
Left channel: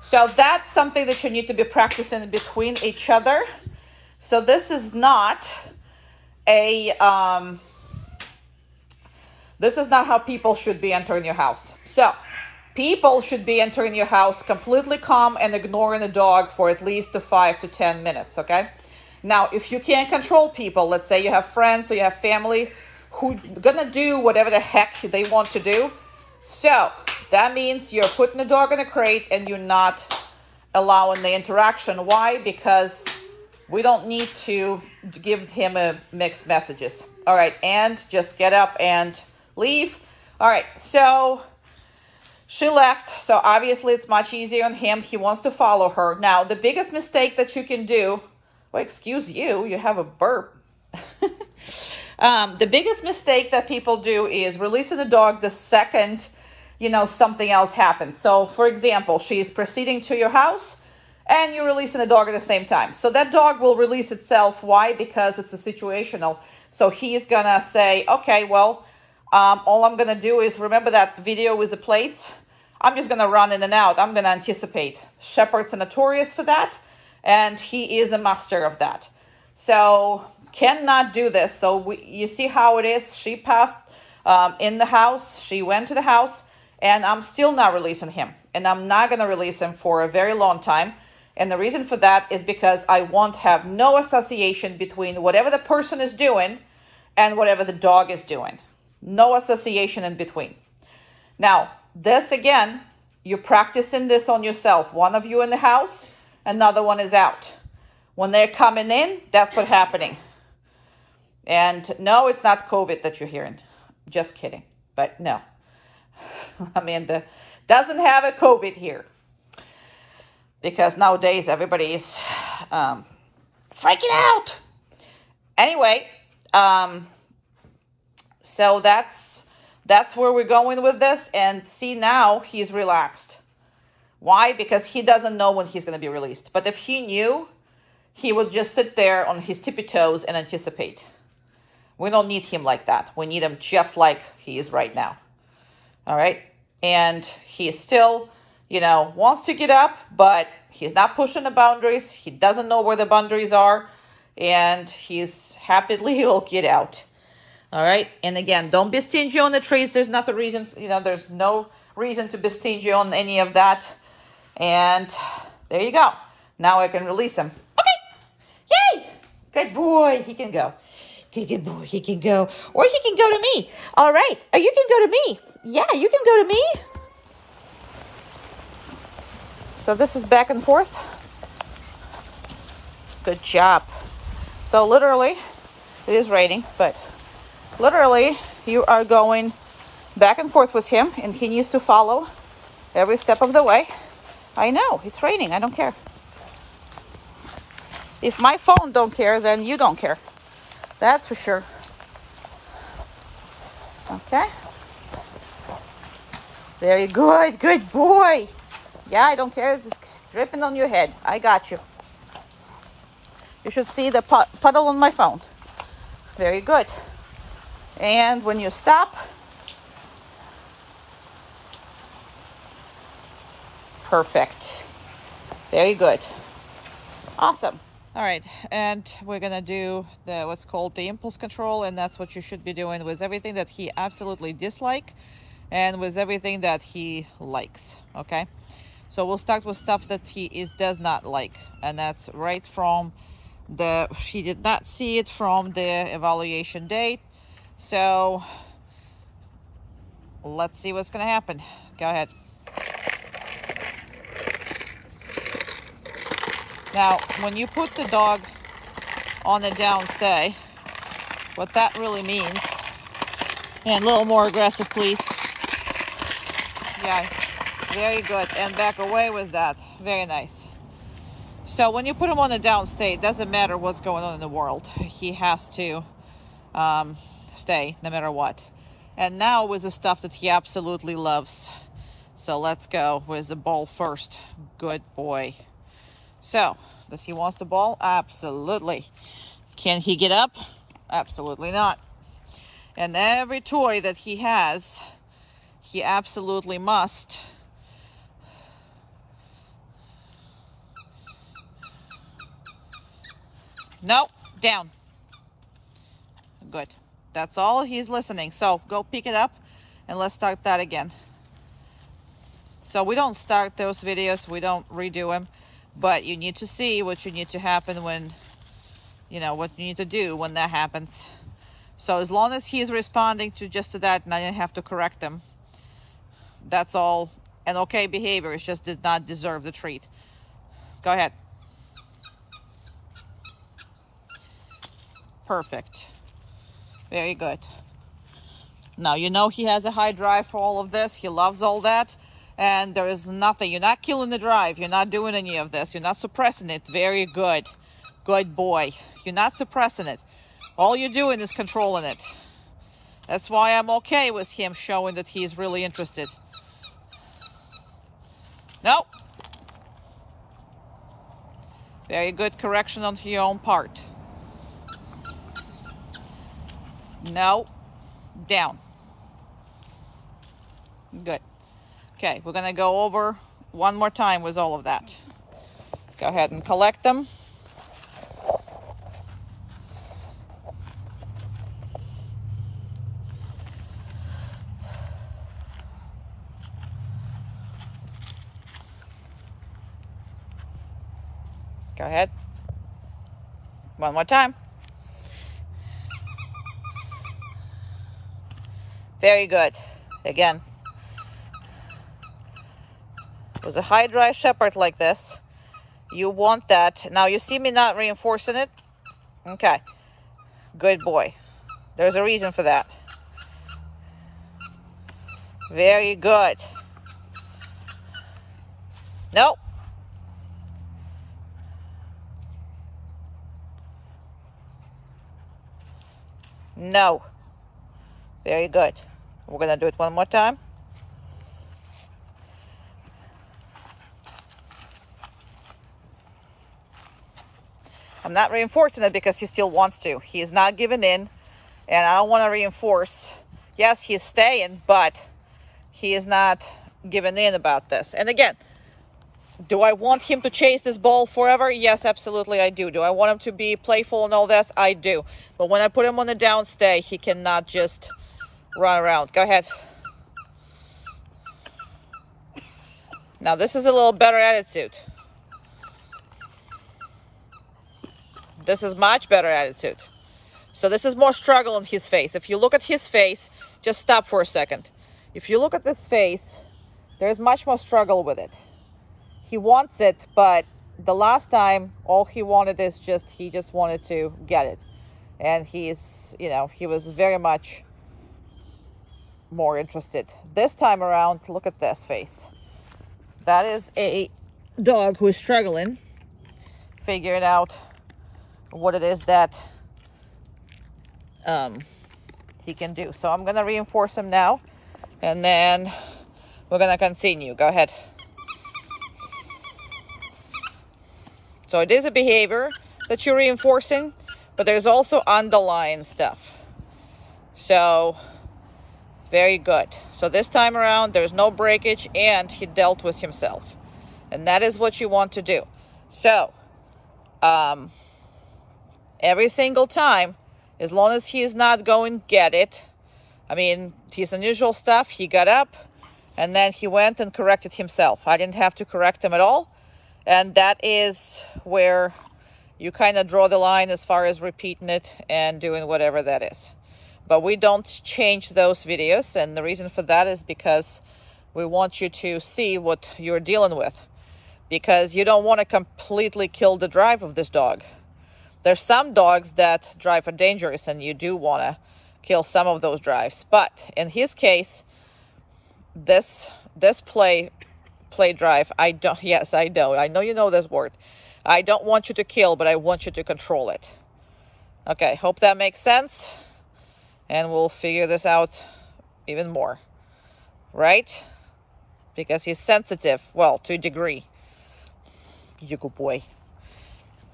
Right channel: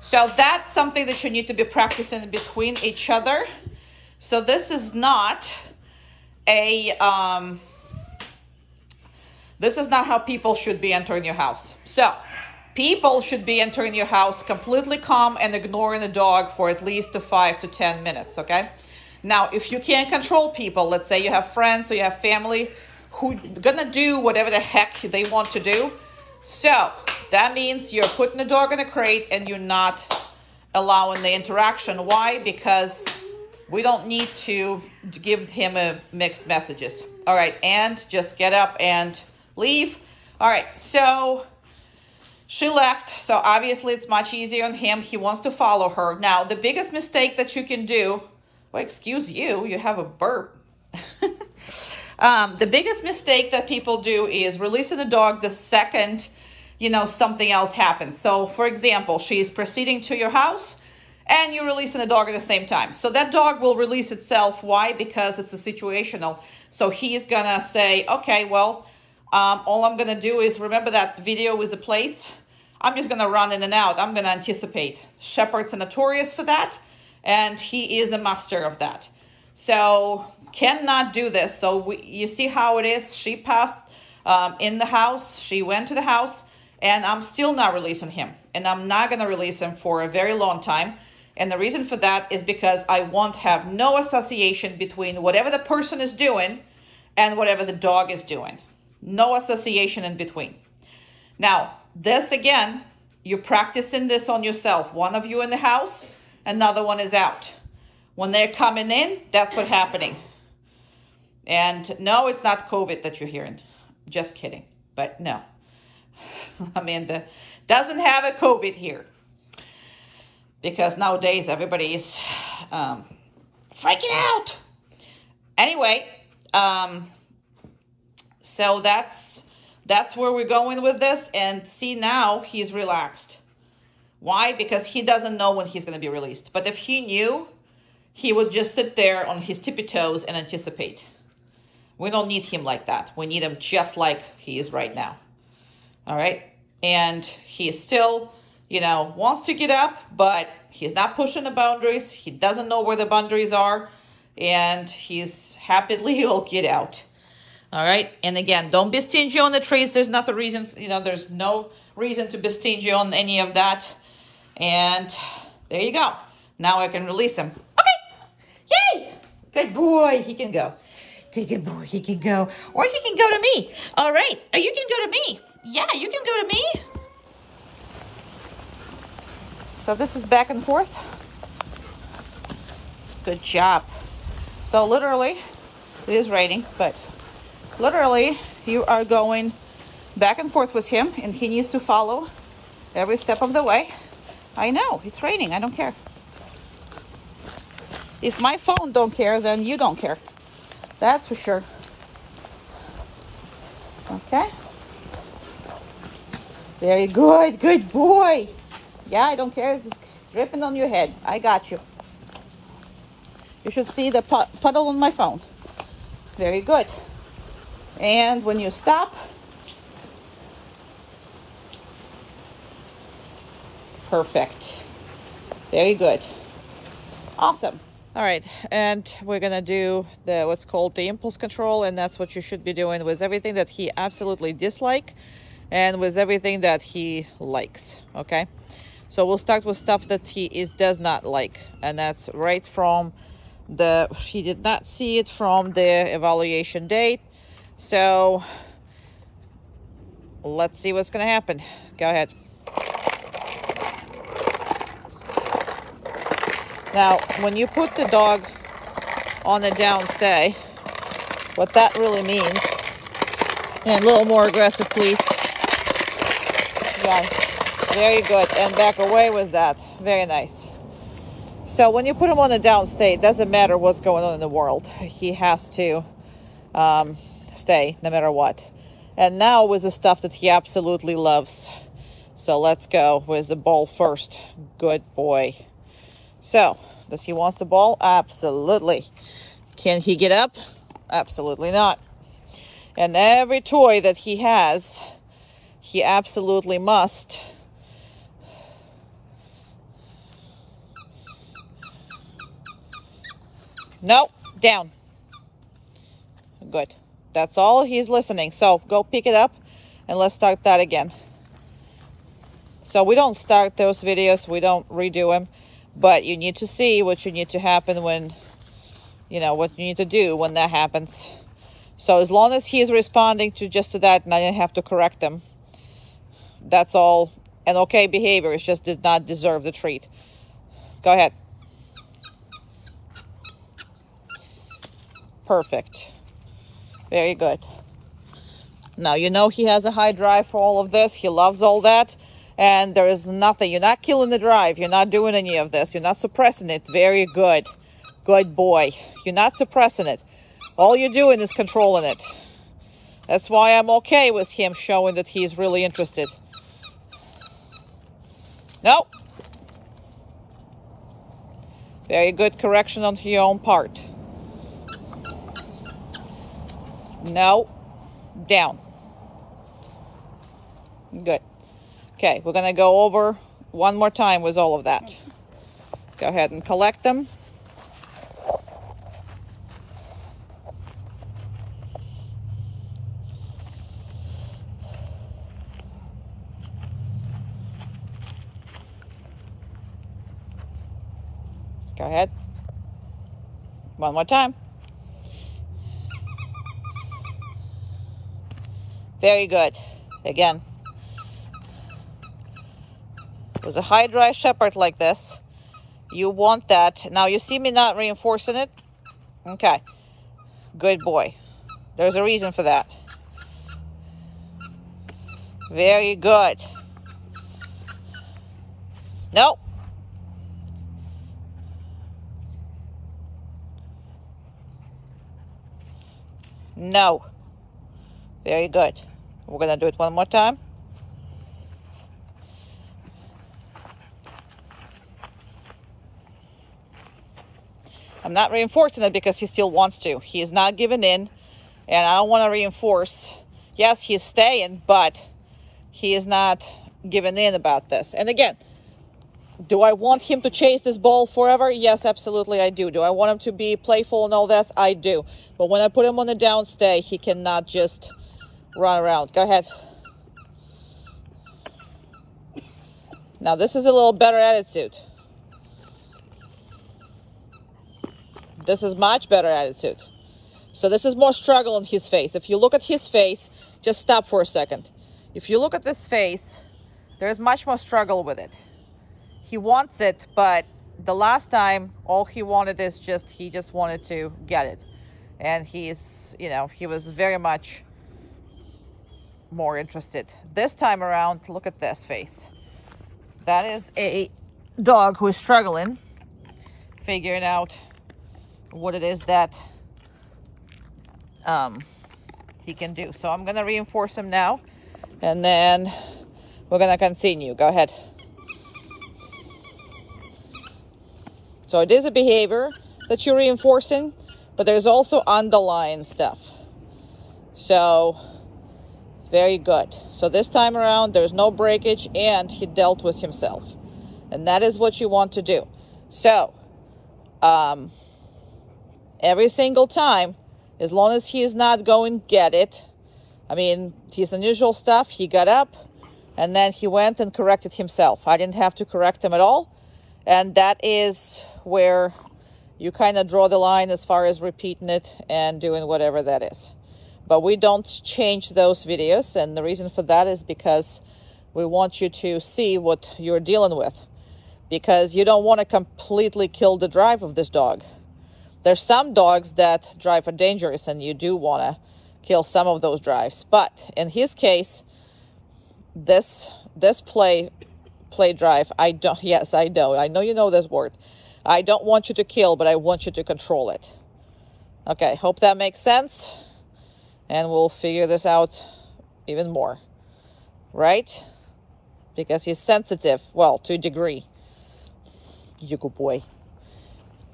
So that's something that you need to be practicing between each other. So this is not a, this is not how people should be entering your house. So people should be entering your house completely calm and ignoring the dog for at least 5 to 10 minutes, okay? Now, if you can't control people, let's say you have friends or you have family who gonna do whatever the heck they want to do. So that means you're putting the dog in a crate and you're not allowing the interaction. Why? Because we don't need to give him mixed messages. All right, and just get up and leave. All right, so she left, so obviously it's much easier on him. He wants to follow her. Now, the biggest mistake that you can do, well, excuse you, you have a burp. The biggest mistake that people do is releasing the dog the second, you know, something else happens. So, for example, she's proceeding to your house and you're releasing the dog at the same time. So that dog will release itself. Why? Because it's a situational. So he's gonna say, okay, well, all I'm gonna do is, remember that video is a place? I'm just gonna run in and out. I'm gonna anticipate. Shepherds are notorious for that, and he is a master of that. So cannot do this. So you see how it is. She passed in the house. She went to the house, and I'm still not releasing him. And I'm not gonna release him for a very long time. And the reason for that is because I want to have no association between whatever the person is doing and whatever the dog is doing. No association in between. Now, this again, you're practicing this on yourself. One of you in the house, another one is out. When they're coming in, that's what's happening. And no, it's not COVID that you're hearing. Just kidding. But no. Amanda doesn't have a COVID here. Because nowadays everybody is freaking out. Anyway, so that's where we're going with this. And see, now he's relaxed. Why? Because he doesn't know when he's going to be released. But if he knew, he would just sit there on his tippy toes and anticipate. We don't need him like that. We need him just like he is right now. All right? And he is still, you know, wants to get up, but he's not pushing the boundaries. He doesn't know where the boundaries are. And he's happily will get out. All right. And again, don't be stingy on the treats. There's not the reason, you know, there's no reason to be stingy on any of that. And there you go. Now I can release him. Okay. Yay. Good boy. He can go. Good boy. He can go. Or he can go to me. All right. You can go to me. Yeah, you can go to me. So this is back and forth. Good job. So literally, it is raining, but literally you are going back and forth with him, and he needs to follow every step of the way. I know, it's raining. I don't care. If my phone don't care, then you don't care. That's for sure. Okay. Very good. Good boy. Yeah, I don't care. It's dripping on your head. I got you. You should see the puddle on my phone. Very good. And when you stop, perfect. Very good. Awesome. All right, and we're gonna do the what's called the impulse control, and that's what you should be doing with everything that he absolutely dislikes and with everything that he likes. Okay, so we'll start with stuff that he does not like, and that's right from he did not see it from the evaluation date. So let's see what's gonna happen. Go ahead. Now, when you put the dog on a down stay, what that really means, and a little more aggressive, please. Yeah, very good. And back away with that. Very nice. So when you put him on a down stay, it doesn't matter what's going on in the world. He has to stay no matter what. And now with the stuff that he absolutely loves. So let's go with the ball first. Good boy. So, does he want the ball? Absolutely. Can he get up? Absolutely not. And every toy that he has, he absolutely must no, down. Good. That's all he's listening. So go pick it up and let's start that again. So we don't start those videos, we don't redo them, but you need to see what you need to happen when, you know, what you need to do when that happens. So as long as he's responding to just to that and I didn't have to correct him, that's all an okay behavior. It just did not deserve the treat. Go ahead. Perfect. Very good. Now, you know he has a high drive for all of this. He loves all that. And there is nothing. You're not killing the drive. You're not doing any of this. You're not suppressing it. Very good. Good boy. You're not suppressing it. All you're doing is controlling it. That's why I'm okay with him showing that he's really interested. No. Very good correction on your own part. No. Down. Good. Okay, we're going to go over one more time with all of that. Go ahead and collect them. Go ahead. One more time. Very good. Again. With a high dry shepherd like this, you want that. Now you see me not reinforcing it? Okay. Good boy. There's a reason for that. Very good. Nope. No. Very good. We're going to do it one more time. I'm not reinforcing it because he still wants to. He is not giving in, and I don't want to reinforce. Yes, he's staying, but he is not giving in about this. And again, do I want him to chase this ball forever? Yes, absolutely I do. Do I want him to be playful and all that? I do. But when I put him on the down stay, he cannot just run around. Go ahead. Now this is a little better attitude. This is much better attitude. So this is more struggle on his face. If you look at his face, just stop for a second. If you look at this face, there's much more struggle with it. He wants it, but the last time, all he wanted is just, he just wanted to get it. And he's, you know, he was very much more interested. This time around, look at this face. That is a dog who is struggling, figuring out what it is that he can do. So I'm going to reinforce him now, and then we're going to continue. Go ahead. So it is a behavior that you're reinforcing, but there's also underlying stuff. So very good. So this time around, there's no breakage, and he dealt with himself. And that is what you want to do. So every single time, as long as he is not going to get it, I mean, his unusual stuff, he got up, and then he went and corrected himself. I didn't have to correct him at all. And that is where you kind of draw the line as far as repeating it and doing whatever that is. But we don't change those videos, and the reason for that is because we want you to see what you're dealing with. because you don't want to completely kill the drive of this dog. There's some dogs that drive are dangerous and you do want to kill some of those drives. But in his case, this play drive, I don't, yes, I know you know this word. I don't want you to kill, but I want you to control it. Okay, hope that makes sense. And we'll figure this out even more, right? Because he's sensitive, well, to a degree. You good boy.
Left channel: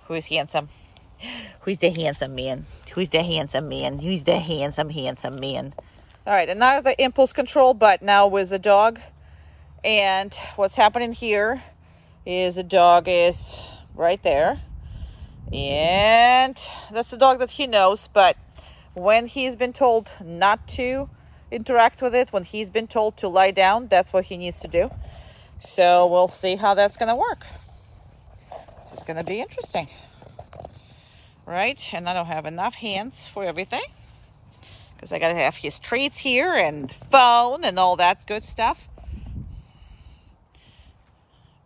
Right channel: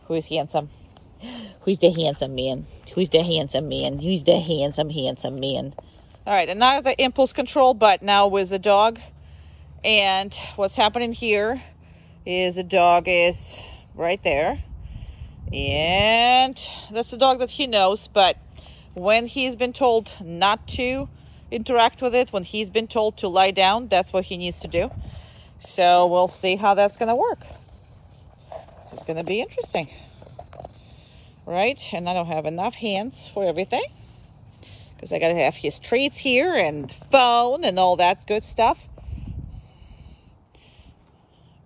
Who's handsome? Who's the handsome man? Who's the handsome man? Who's the handsome man? All right, and now the impulse control, but now with the dog. And what's happening here is the dog is right there. And that's the dog that he knows, but when he's been told not to interact with it, when he's been told to lie down, that's what he needs to do. So we'll see how that's going to work. This is going to be interesting. Right? And I don't have enough hands for everything, because I got to have his treats here and phone and all that good stuff.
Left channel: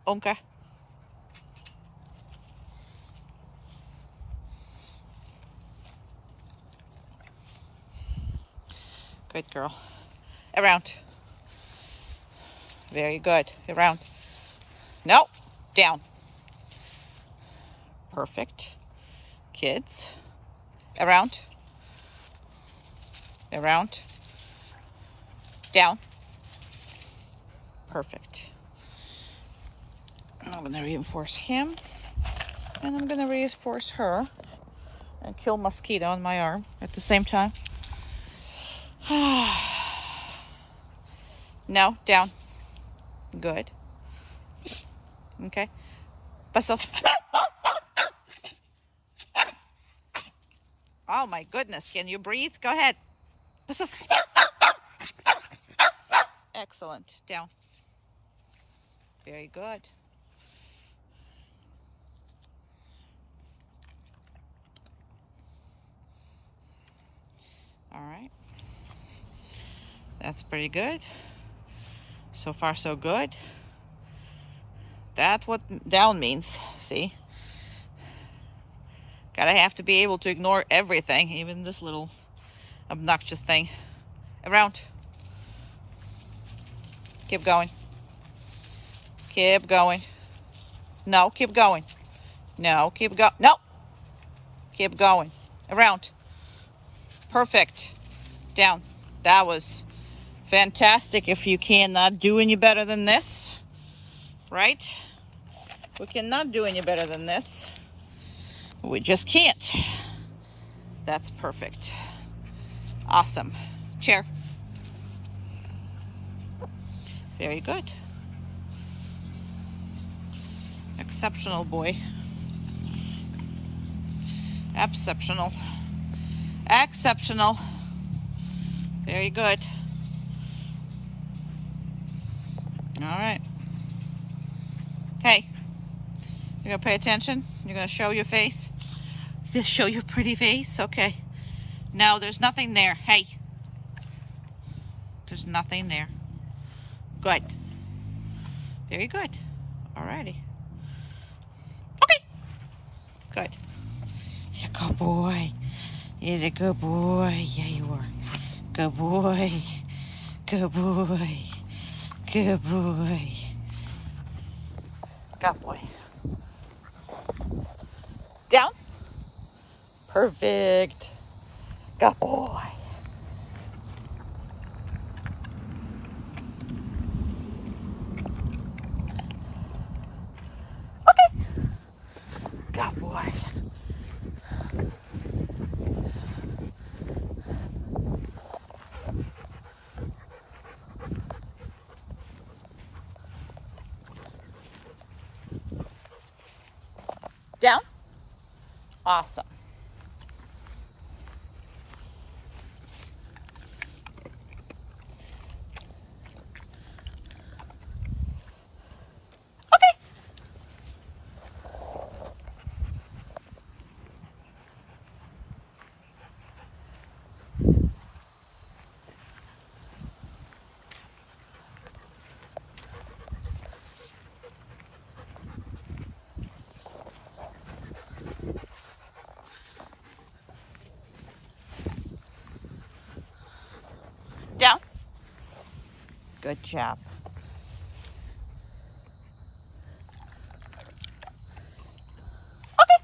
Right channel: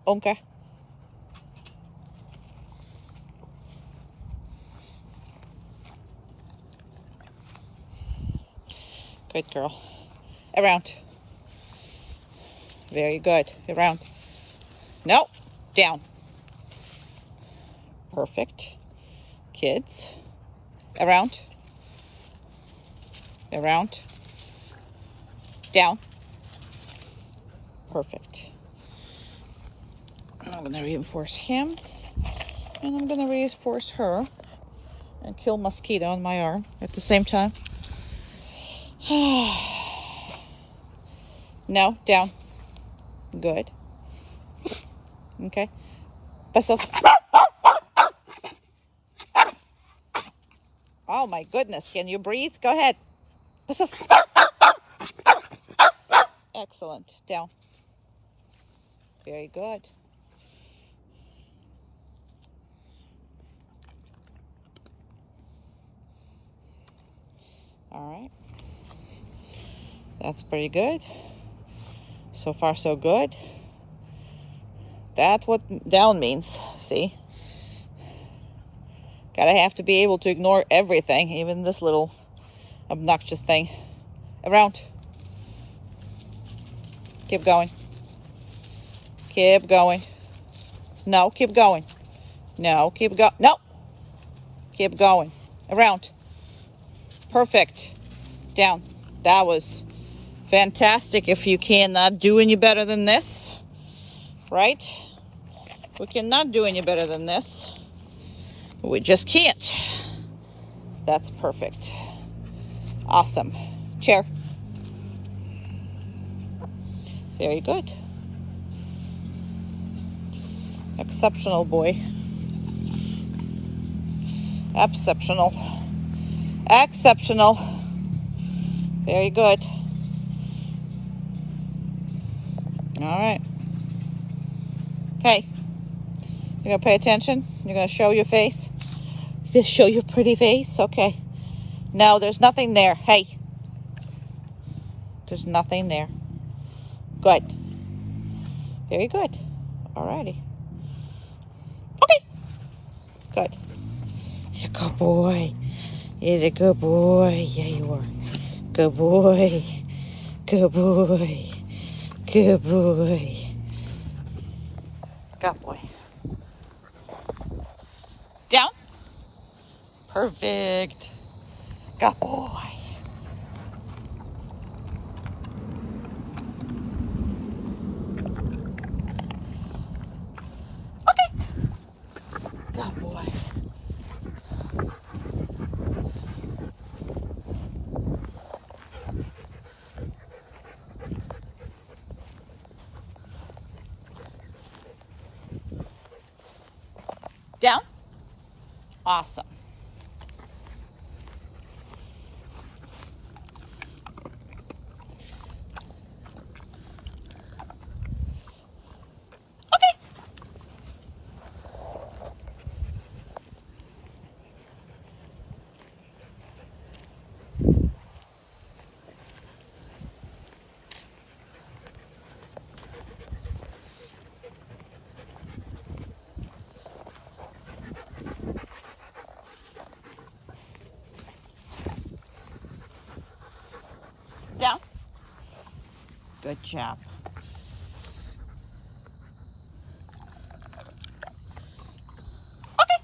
Okay. Good girl. Around. Very good. Around. No. Down. Perfect. Kids. Around. Around. Down. Perfect. I'm going to reinforce him. And I'm going to reinforce her. And kill mosquito on my arm at the same time. No, down. Good. Okay. Bustle. Oh my goodness. Can you breathe? Go ahead. Bustle. Excellent. Down. Very good. All right. That's pretty good. So far, so good. That's what down means. See? Gotta have to be able to ignore everything, even this little obnoxious thing. Around. Keep going. Keep going. No, keep going. No, keep going. No. Keep going. Around. Perfect. Down. That was fantastic. If you cannot do any better than this, right? We cannot do any better than this. We just can't. That's perfect. Awesome. Chair. Very good. Exceptional boy. Exceptional. Exceptional. Very good. All right. Okay. You're going to pay attention? You're going to show your face? You're going to show your pretty face? Okay. No, there's nothing there. Hey. There's nothing there. Good. Very good. All righty. Okay. Good. He's a good boy. He's a good boy. Yeah, you are. Good boy. Good boy. Good boy. Good boy. Down. Perfect. Good boy. Okay. Good boy. Down. Awesome. Okay. Good job. Okay.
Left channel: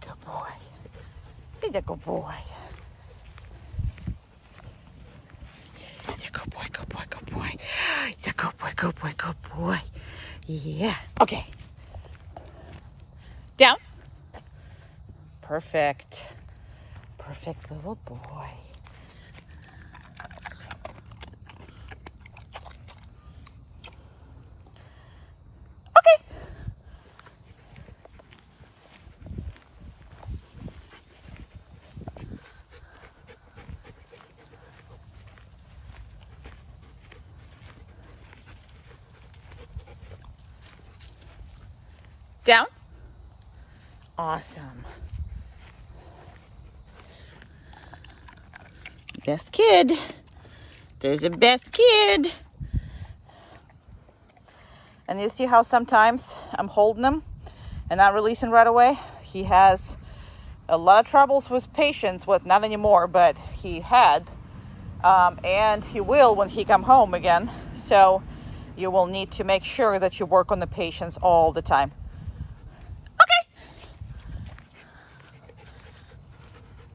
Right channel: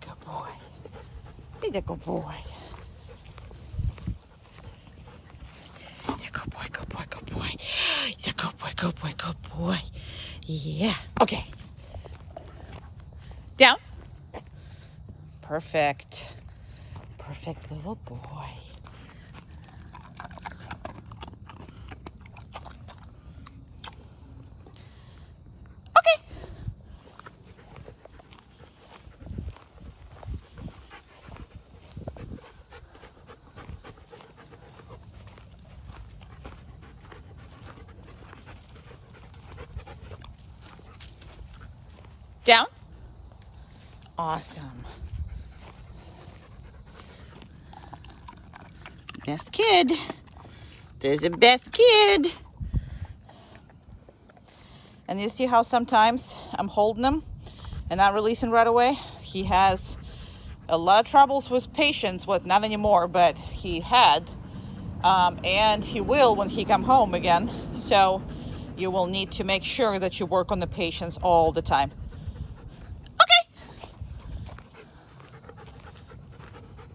Good boy. He's a good boy. He's a good boy, good boy, good boy. He's a good boy, good boy, good boy. Yeah. Okay. Down. Perfect. Perfect little boy. Okay. Down. Awesome. Best kid. There's a best kid. And you see how sometimes I'm holding him and not releasing right away? He has a lot of troubles with patience, with not anymore, but he had, and he will when he come home again. So you will need to make sure that you work on the patience all the time. Okay.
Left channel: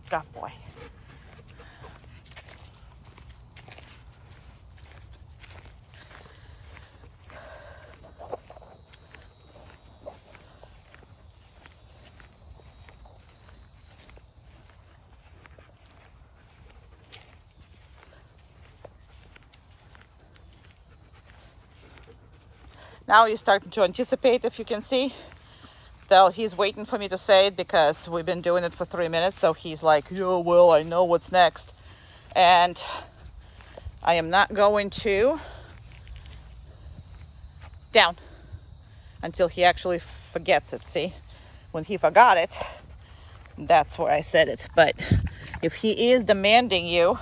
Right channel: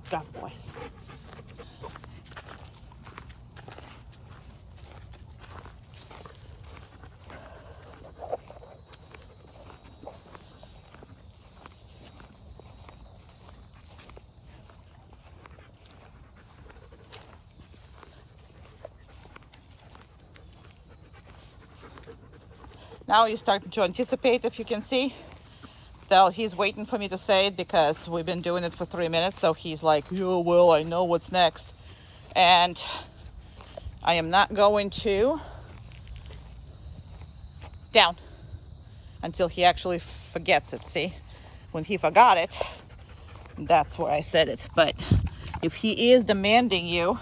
Good boy. Now he's starting to anticipate, if you can see. Though he's waiting for me to say it because we've been doing it for 3 minutes. So he's like, oh, well, I know what's next. And I am not going to down until he actually forgets it. See, when he forgot it, that's where I said it. But if he is demanding you,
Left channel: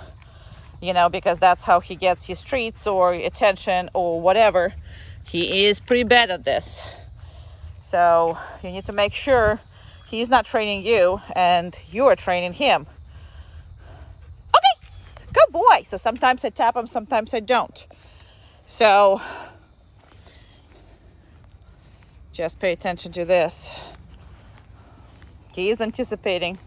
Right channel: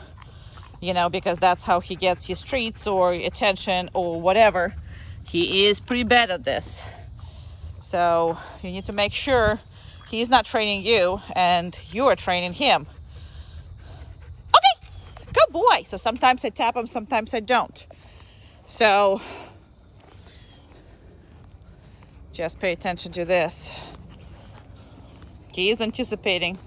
you know, because that's how he gets his treats or attention or whatever, he is pretty bad at this. So you need to make sure he's not training you and you are training him. Okay, good boy. So sometimes I tap him, sometimes I don't. So just pay attention to this. He is anticipating.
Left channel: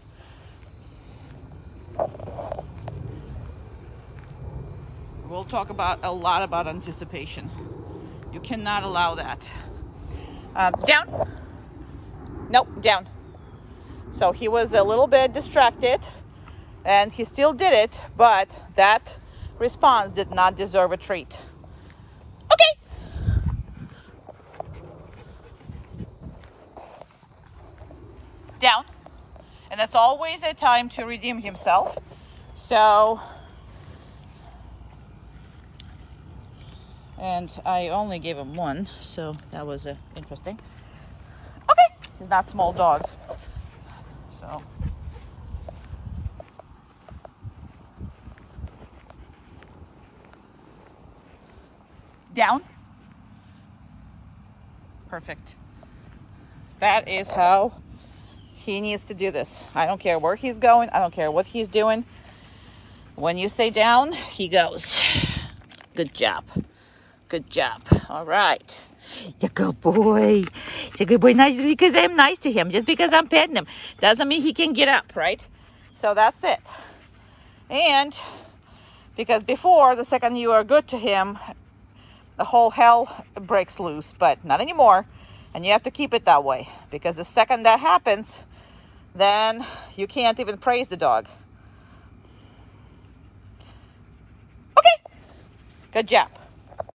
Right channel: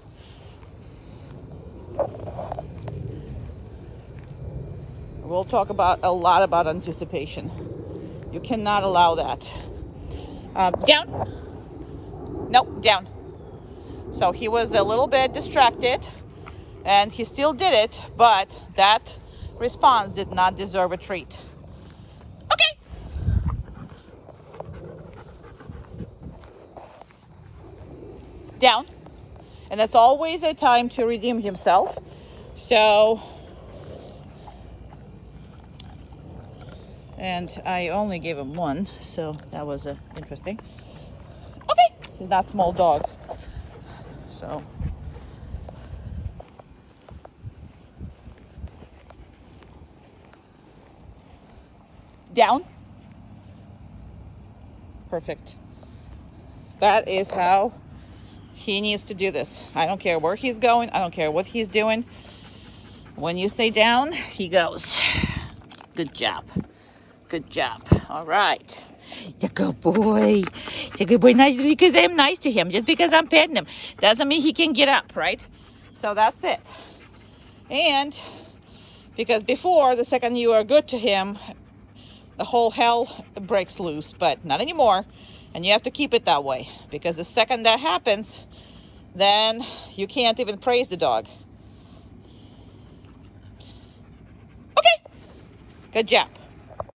We'll talk about a lot about anticipation. You cannot allow that. Down. Nope, down. So he was a little bit distracted and he still did it, but that response did not deserve a treat. Okay. Down. And that's always a time to redeem himself. So, and I only gave him one, so that was interesting. Okay, he's not a small dog, so. Down. Perfect. That is how he needs to do this. I don't care where he's going. I don't care what he's doing. When you say down, he goes. Good job. Good job. All right. He's a good boy. He's a good boy. Nice because I'm nice to him. Just because I'm petting him doesn't mean he can get up, right? So that's it. And because before, the second you are good to him, the whole hell breaks loose. But not anymore. And you have to keep it that way. Because the second that happens, then you can't even praise the dog. Okay. Good job.